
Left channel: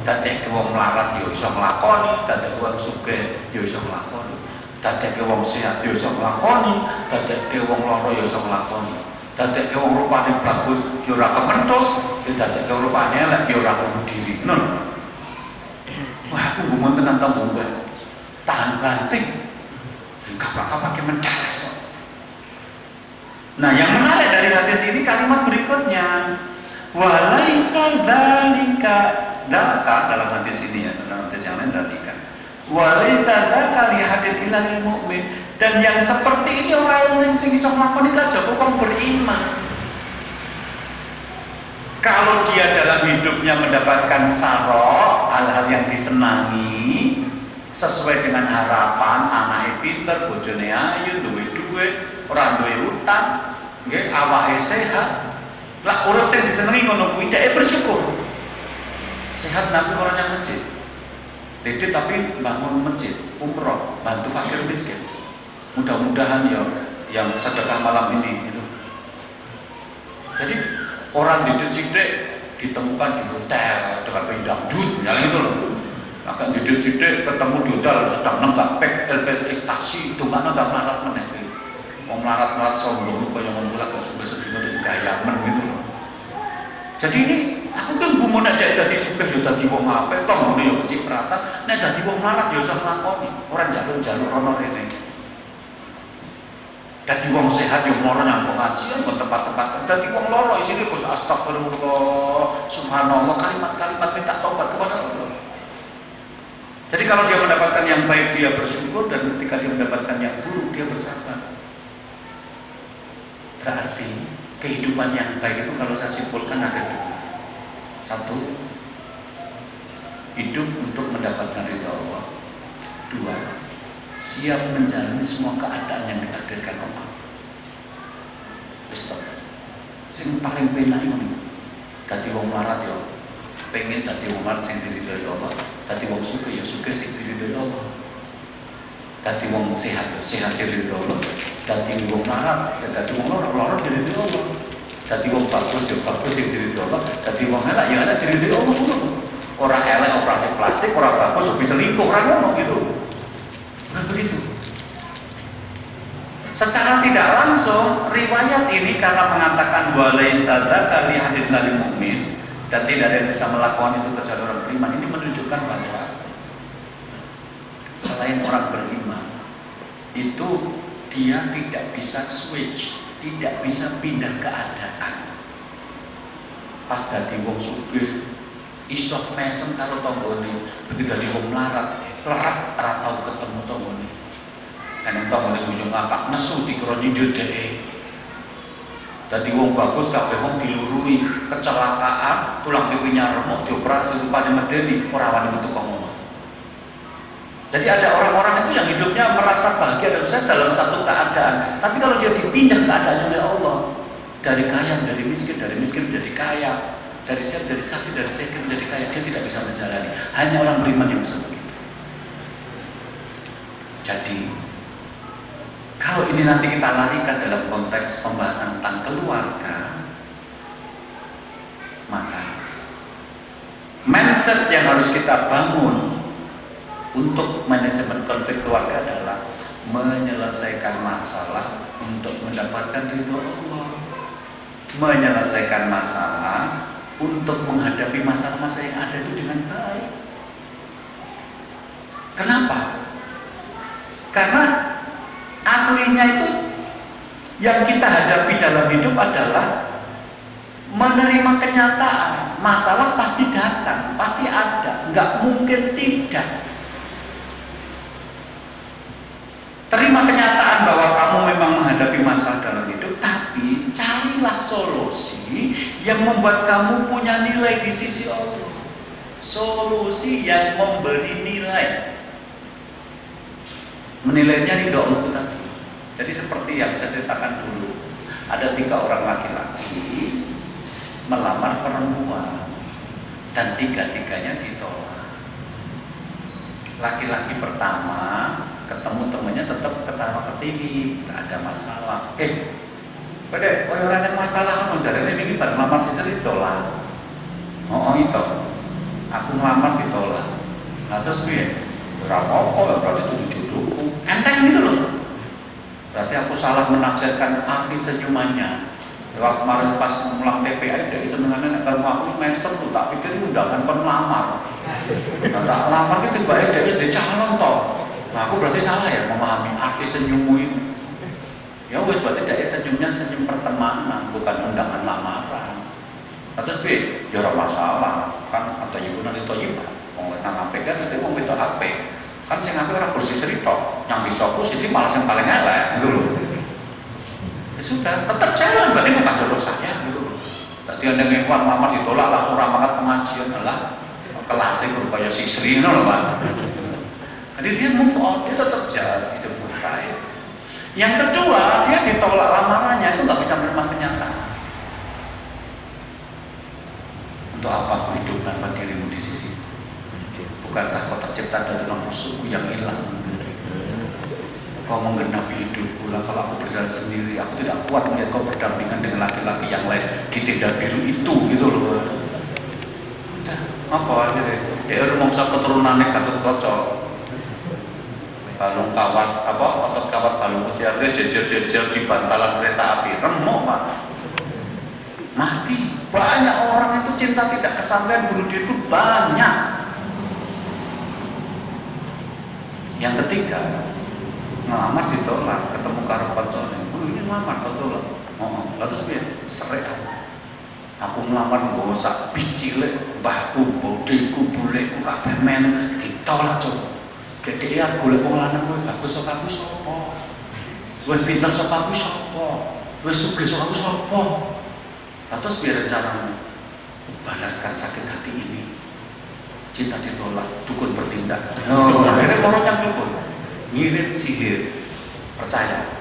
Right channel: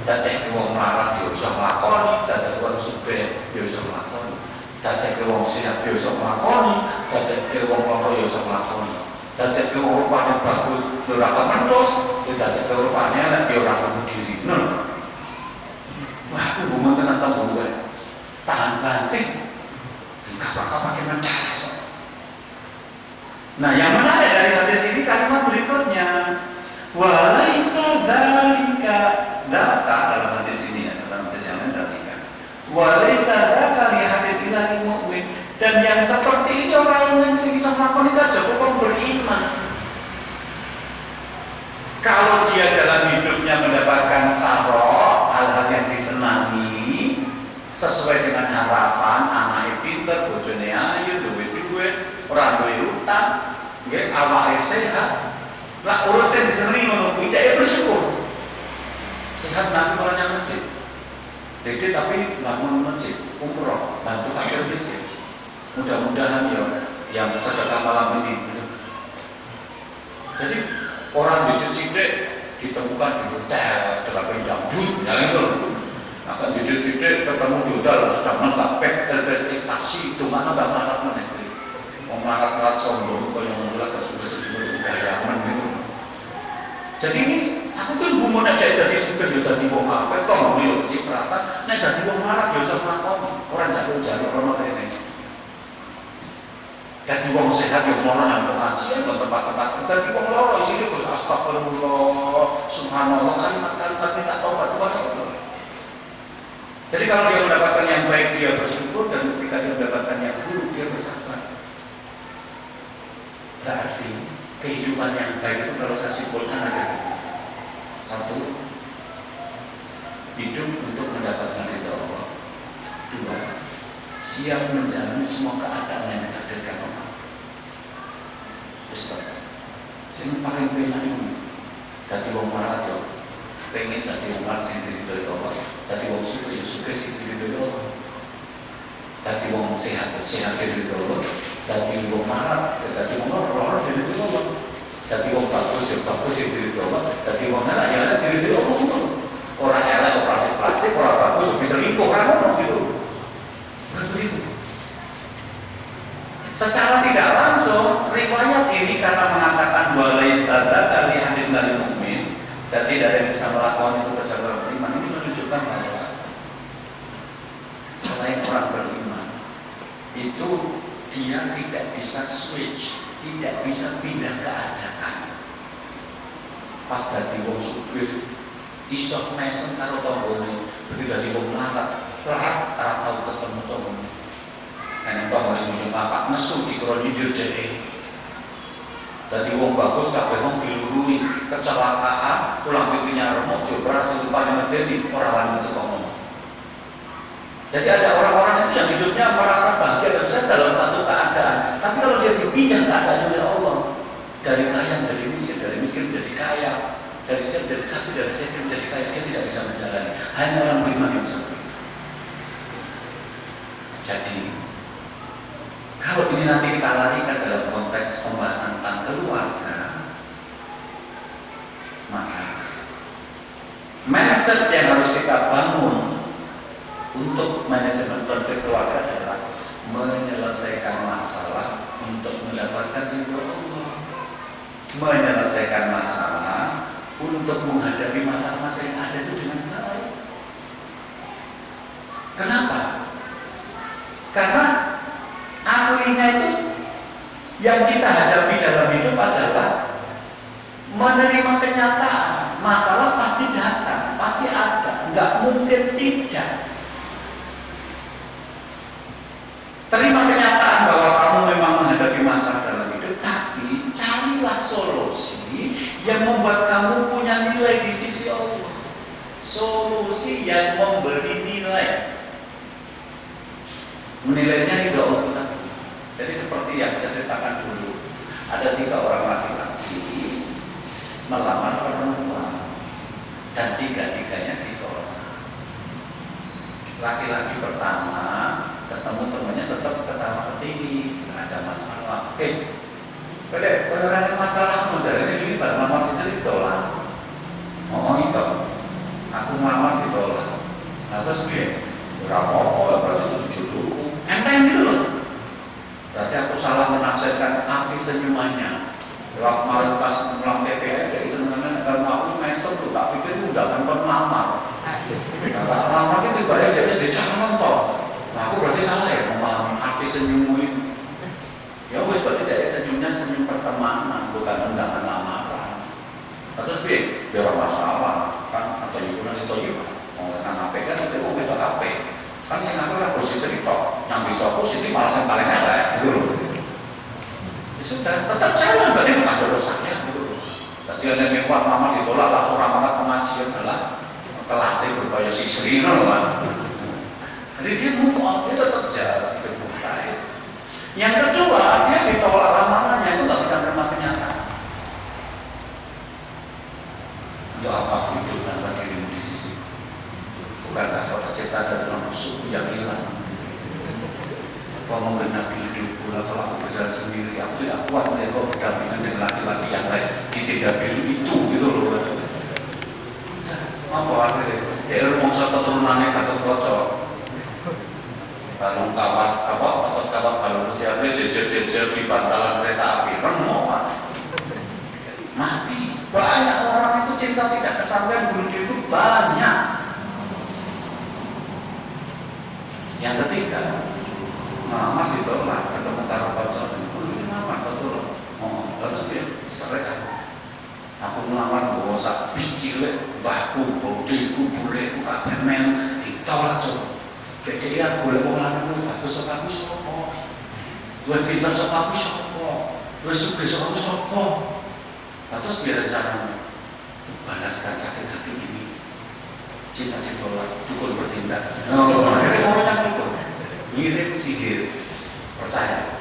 Dadek wong melarat yo iso nglakoni, dadek wong sugih yo iso nglakoni, dadek wong sehat yo iso nglakoni, dadek wong lara yo iso nglakoni, dadek wong rupane bagus yo ora kementhus, dadek rupane elek yo ora bunuh diri. Nun. Wah, aku gumun tenan ta mbok kowe. Tahan banting. Kapak-kapak menteres. Nah, yang menarik dari hadis ini kalimat berikutnya, walaisa dzalika dzaka, dalam hadis ini ya, dalam hadis yang lain dzalika. Walaisa dzaka li hadil ilal mu'min, dan yang seperti ini orang yang sing iso nglakoni aja kok beriman. Kalau dia dalam hidupnya mendapatkan sarok, hal-hal yang disenangi sesuai dengan harapan, anaknya pinter, bojone ayu, duwe duit, ora duwe utang, nggih, awake sehat. Lah urip sing disenengi ngono kuwi dhek bersyukur. Sehat nanti orangnya masjid. Dede tapi bangun masjid, umroh, bantu fakir miskin. Mudah-mudahan ya yang sedekah malam ini gitu. Jadi orang di Cidek ditemukan di hotel dengan dangdut, yang itu. Akan di Cidek ketemu di hotel sedang nenggak pek LPX taksi itu mana nggak melarat meneh. Mau melarat sombong kok yang memulak kok sudah sedih untuk gayaman gitu. Jadi ini aku kan gumun nek dadi sugih ya dadi wong apik, toh ya kecipratan, nek dadi wong melarat ya iso nglakoni, ora njaluk-njaluk ana rene. Dadi wong sehat yang moro nang pengajian kok tempat-tempat. Dadi wong loro isine Gus astagfirullah, subhanallah, kalimat-kalimat minta tobat kepada Allah. Jadi kalau dia mendapatkan yang baik dia bersyukur, dan ketika dia mendapatkan yang buruk dia bersabar. Berarti kehidupan yang baik itu kalau saya simpulkan ada dua. Satu, hidup untuk mendapatkan ridha Allah. Dua, siap menjalani semua keadaan yang ditakdirkan Allah. Stop. Sing paling penak itu dadi wong melarat yo pengen dadi wong melarat sing diridhoi Allah, dadi wong sugih yo sugih sing diridhoi Allah, dadi wong sehat sing diridhoi Allah, dadi wong melarat ya dadi wong lara diridhoi Allah, dadi wong bagus yo bagus sing diridhoi Allah, dadi wong elek ya elek diridhoi Allah. Ora elek operasi plastik, ora bagus bisa selingkuh, ora ngono gitu. Nah begitu. Secara tidak langsung riwayat ini karena mengatakan walaisa dzaka li hadil mu'min, dan tidak ada yang bisa melakukan itu kecuali orang beriman, ini menunjukkan bahwa selain orang beriman itu dia tidak bisa switch tidak bisa pindah keadaan. Pas dadi wong sugih iso mesem karo tanggane, begitu dadi wong melarat ora tau ketemu tanggane. Kan tanggane ujung apa nesu dikira nyindir dhek. Dadi wong bagus kabeh wong dilurui, kecelakaan, tulang pipinya remuk, dioperasi paling medeni ora wani metu ngomong. Jadi ada orang-orang itu yang hidupnya merasa bahagia dan sukses dalam satu keadaan, tapi kalau dia dipindah keadaannya oleh Allah, dari kaya menjadi miskin, dari miskin menjadi kaya, dari siap dari sakit, dari sakit menjadi kaya, dia tidak bisa menjalani. Hanya orang beriman yang seperti itu. Jadi kalau ini nanti kita larikan dalam konteks pembahasan tentang keluarga, maka mindset yang harus kita bangun untuk manajemen konflik keluarga adalah menyelesaikan masalah untuk mendapatkan ridho Allah, menyelesaikan masalah untuk menghadapi masalah-masalah yang ada itu dengan baik. Kenapa? Karena aslinya itu yang kita hadapi dalam hidup adalah menerima kenyataan. Masalah pasti datang, pasti ada, nggak mungkin tidak. Terima kenyataan bahwa kamu memang menghadapi masalah dalam hidup, tapi carilah solusi yang membuat kamu punya nilai di sisi Allah. Solusi yang memberi nilai. Menilainya ridho Allah. Jadi seperti yang saya ceritakan dulu, ada 3 orang laki-laki melamar perempuan dan 3-tiganya ditolak. Laki-laki pertama ketemu temannya tetap ketawa ketinggi, nggak ada masalah. Pada orang yang masalah menjalani ini pada melamar sisa ditolak. Oh itu, aku melamar ditolak. Nah terus biar berapa berarti itu jodohku. Enteng gitu loh. Berarti aku salah menafsirkan api senyumannya. Waktu kemarin pas pulang PPI dari senyumannya kalau aku mesem tuh tak pikir undangan pelamar. Tak lamar itu bayar dari SD calon toh. Nah aku berarti salah ya memahami arti senyummu itu. Ya wes berarti dari senyumnya senyum pertemanan bukan undangan lamaran. Terus bi, ya masalah kan atau ibu nanti toh ibu. Mau nang HP kan itu mau itu HP. Kan saya ngaku orang bersih cerita, yang bisa posisi malah yang paling elek, gitu loh. Ya sudah, tetap jalan, berarti bukan jodoh saya, gitu loh. Tadi ada yang kuat lama ditolak, langsung ramakat pengajian adalah kelasnya berbahaya sisri, loh kan. Jadi dia move on, dia tetap jalan hidup baik. Yang kedua, dia ditolak lamarannya itu nggak bisa menerima kenyataan. Untuk apa hidup tanpa dirimu di sisi? Bukankah kau tercipta dari musuhku yang hilang? Kau menggenapi hidupku lah. Kalau aku berjalan sendiri, aku tidak kuat melihat kau berdampingan dengan laki-laki yang lain di tenda biru itu, gitu loh. Apa akhirnya? Dia rumongsa keturunannya Gatot Kaca. Balung kawat, apa? Otot kawat balung besiarnya jejer-jejer di bantalan kereta api. Remuk pak. Mati. Banyak orang itu cinta tidak kesampaian bunuh diri itu banyak. Yang ketiga, melamar ditolak, ketemu karo pacar. Ini melamar ditolak. Oh, terus dia seret aku melamar nggo sak bis cilik, mbahku, bodheku, buleku kabeh men ditolak coba. Gedhean golek wong lanang kuwi bagus sapa aku sapa? Luwih pinter sapa aku sapa? Luwih sugih sapa aku sapa? Terus dia rencana balaskan sakit hati ini. Cinta ditolak, dukun bertindak. Akhirnya orang dukun ngirim sihir. Percaya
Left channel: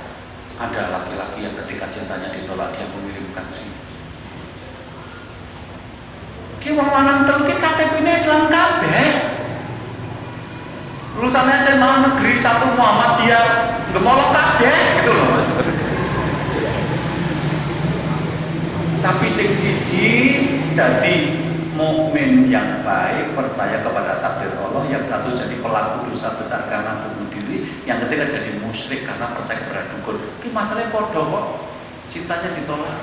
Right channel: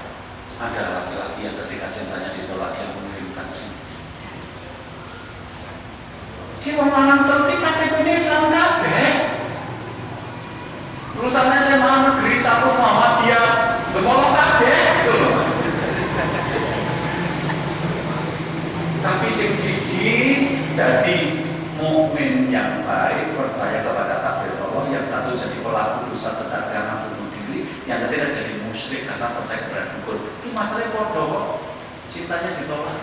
ada laki-laki yang ketika cintanya ditolak dia mengirimkan sihir. Ki wong lanang terus KTP-nya Islam kabeh. Lulusan SMA Negeri 1 Muhammadiyah gemolong kabeh gitu. Tapi sing siji dadi mukmin yang baik, percaya kepada takdir Allah. Yang satu jadi pelaku dosa besar karena bunuh diri, yang ketiga jadi musyrik karena percaya kepada dukun. Ini masalahnya podo kok, cintanya ditolak.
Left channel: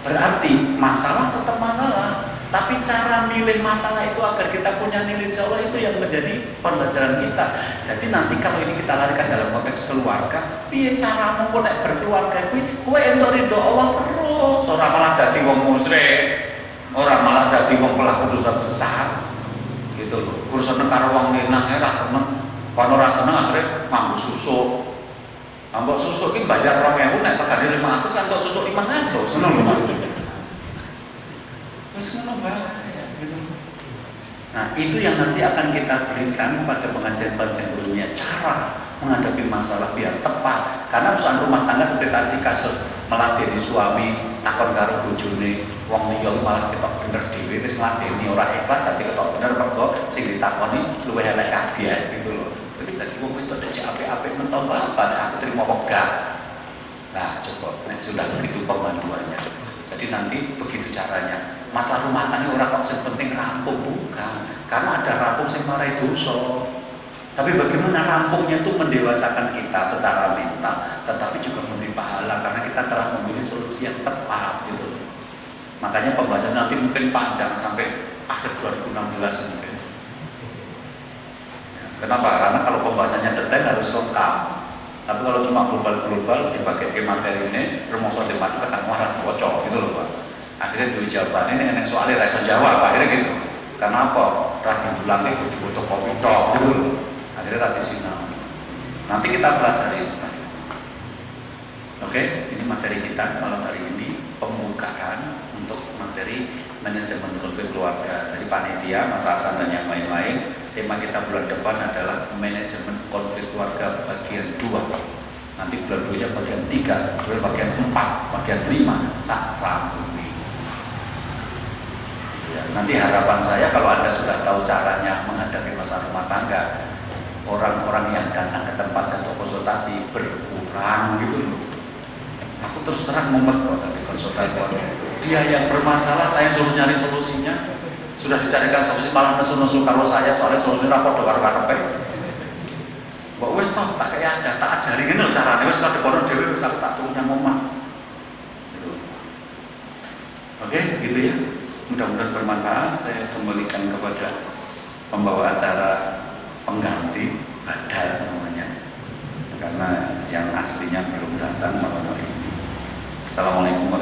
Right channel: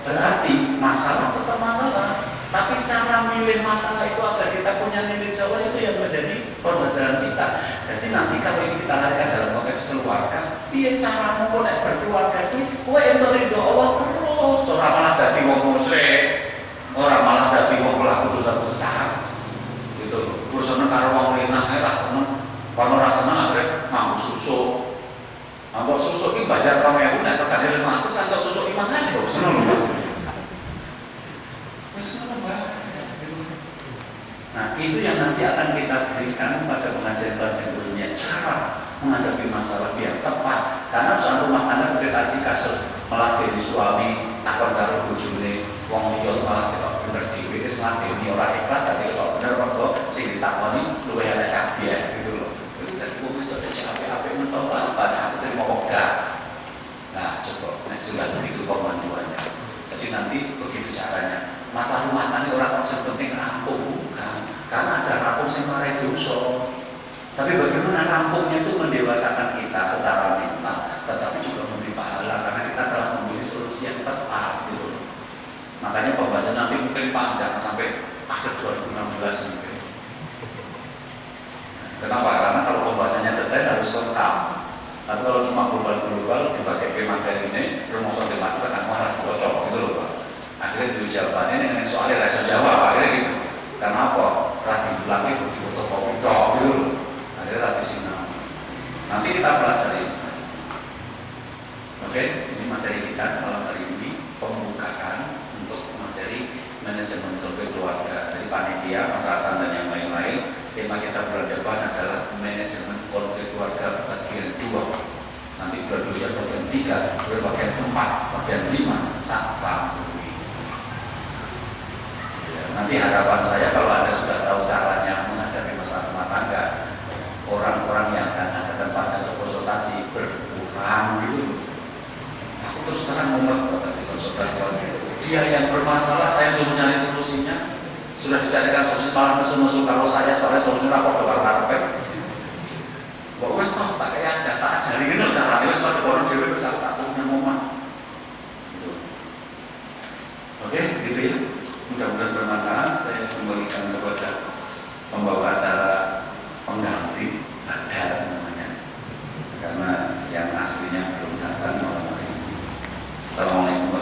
Berarti masalah tetap masalah, tapi cara milih masalah itu agar kita punya nilai Allah itu yang menjadi pembelajaran kita. Jadi nanti kalau ini kita larikan dalam konteks konteks keluarga, piye caramu kok nek berkeluarga iki kowe entuk ridho Allah terus, ora malah dadi wong musyrik, ora malah dadi wong pelaku dosa besar. Gitu loh. Kur seneng karo wong lanang ae ra seneng, kono ra seneng akhire nganggo susuk. Ambok susuk iki bayar 2.000 nek pegane 500 kan kok susuk 500, ngono lho. Wis ngono bae. Nah, itu yang nanti akan kita berikan pada pengajian-pengajian berikutnya, cara menghadapi masalah biar tepat. Karena urusan rumah tangga seperti tadi kasus melatih suami takon karo bojone, wong liya malah ketok bener dhewe wis ngladeni ora ikhlas tapi ketok bener kok sing ditakoni luwih elek kabeh gitu loh. Jadi tadi wong itu ada apik-apik mentok banget aku terima wegah. Nah, coba nek sudah begitu pemanduannya. Jadi nanti begitu caranya. Masalah rumah tangga orang kok penting rampung, bukan, karena ada rampung yang marai dosa. Tapi bagaimana rampungnya itu mendewasakan kita secara mental, tetapi juga memberi pahala karena kita telah memilih solusi yang tepat gitu. Makanya pembahasan nanti mungkin panjang sampai akhir 2016 mungkin. Kenapa? Karena kalau pembahasannya detail harus lengkap. Tapi kalau cuma global dipakai ke materi ini, rumus matematika akan marah bocor gitu loh Pak. Akhirnya dulu jawabannya yang soalnya rasa jawab akhirnya gitu. Karena apa? Rati bulan itu butuh kopi dok gitu. Akhirnya rati sinau. Nanti kita pelajari. Oke, ini materi kita malam hari ini pembukaan untuk materi manajemen konflik keluarga dari panitia, Mas Hasan dan yang lain-lain. Tema kita bulan depan adalah manajemen konflik keluarga bagian 2. Nanti bulan 2 bagian 3, bagian 4, bagian 5 saat nanti harapan saya kalau Anda sudah tahu caranya menghadapi masalah rumah tangga, orang-orang yang datang ke tempat saya konsultasi berkurang gitu. Aku terus terang ngomong kok tadi konsultan keluarga itu, dia yang bermasalah saya suruh nyari solusinya, sudah dicarikan solusi malah nesu-nesu kalau saya soalnya solusinya rapor dolar karpet. Mbak wes tak kayak aja, tak ajarin loh caranya, wes tak orang dewi wes tak punya ngomong. Oke, gitu ya. Mudah-mudahan bermanfaat. Saya kembalikan kepada pembawa acara pengganti Badar namanya, karena yang aslinya belum datang malam hari ini. Assalamualaikum warahmatullahi wabarakatuh.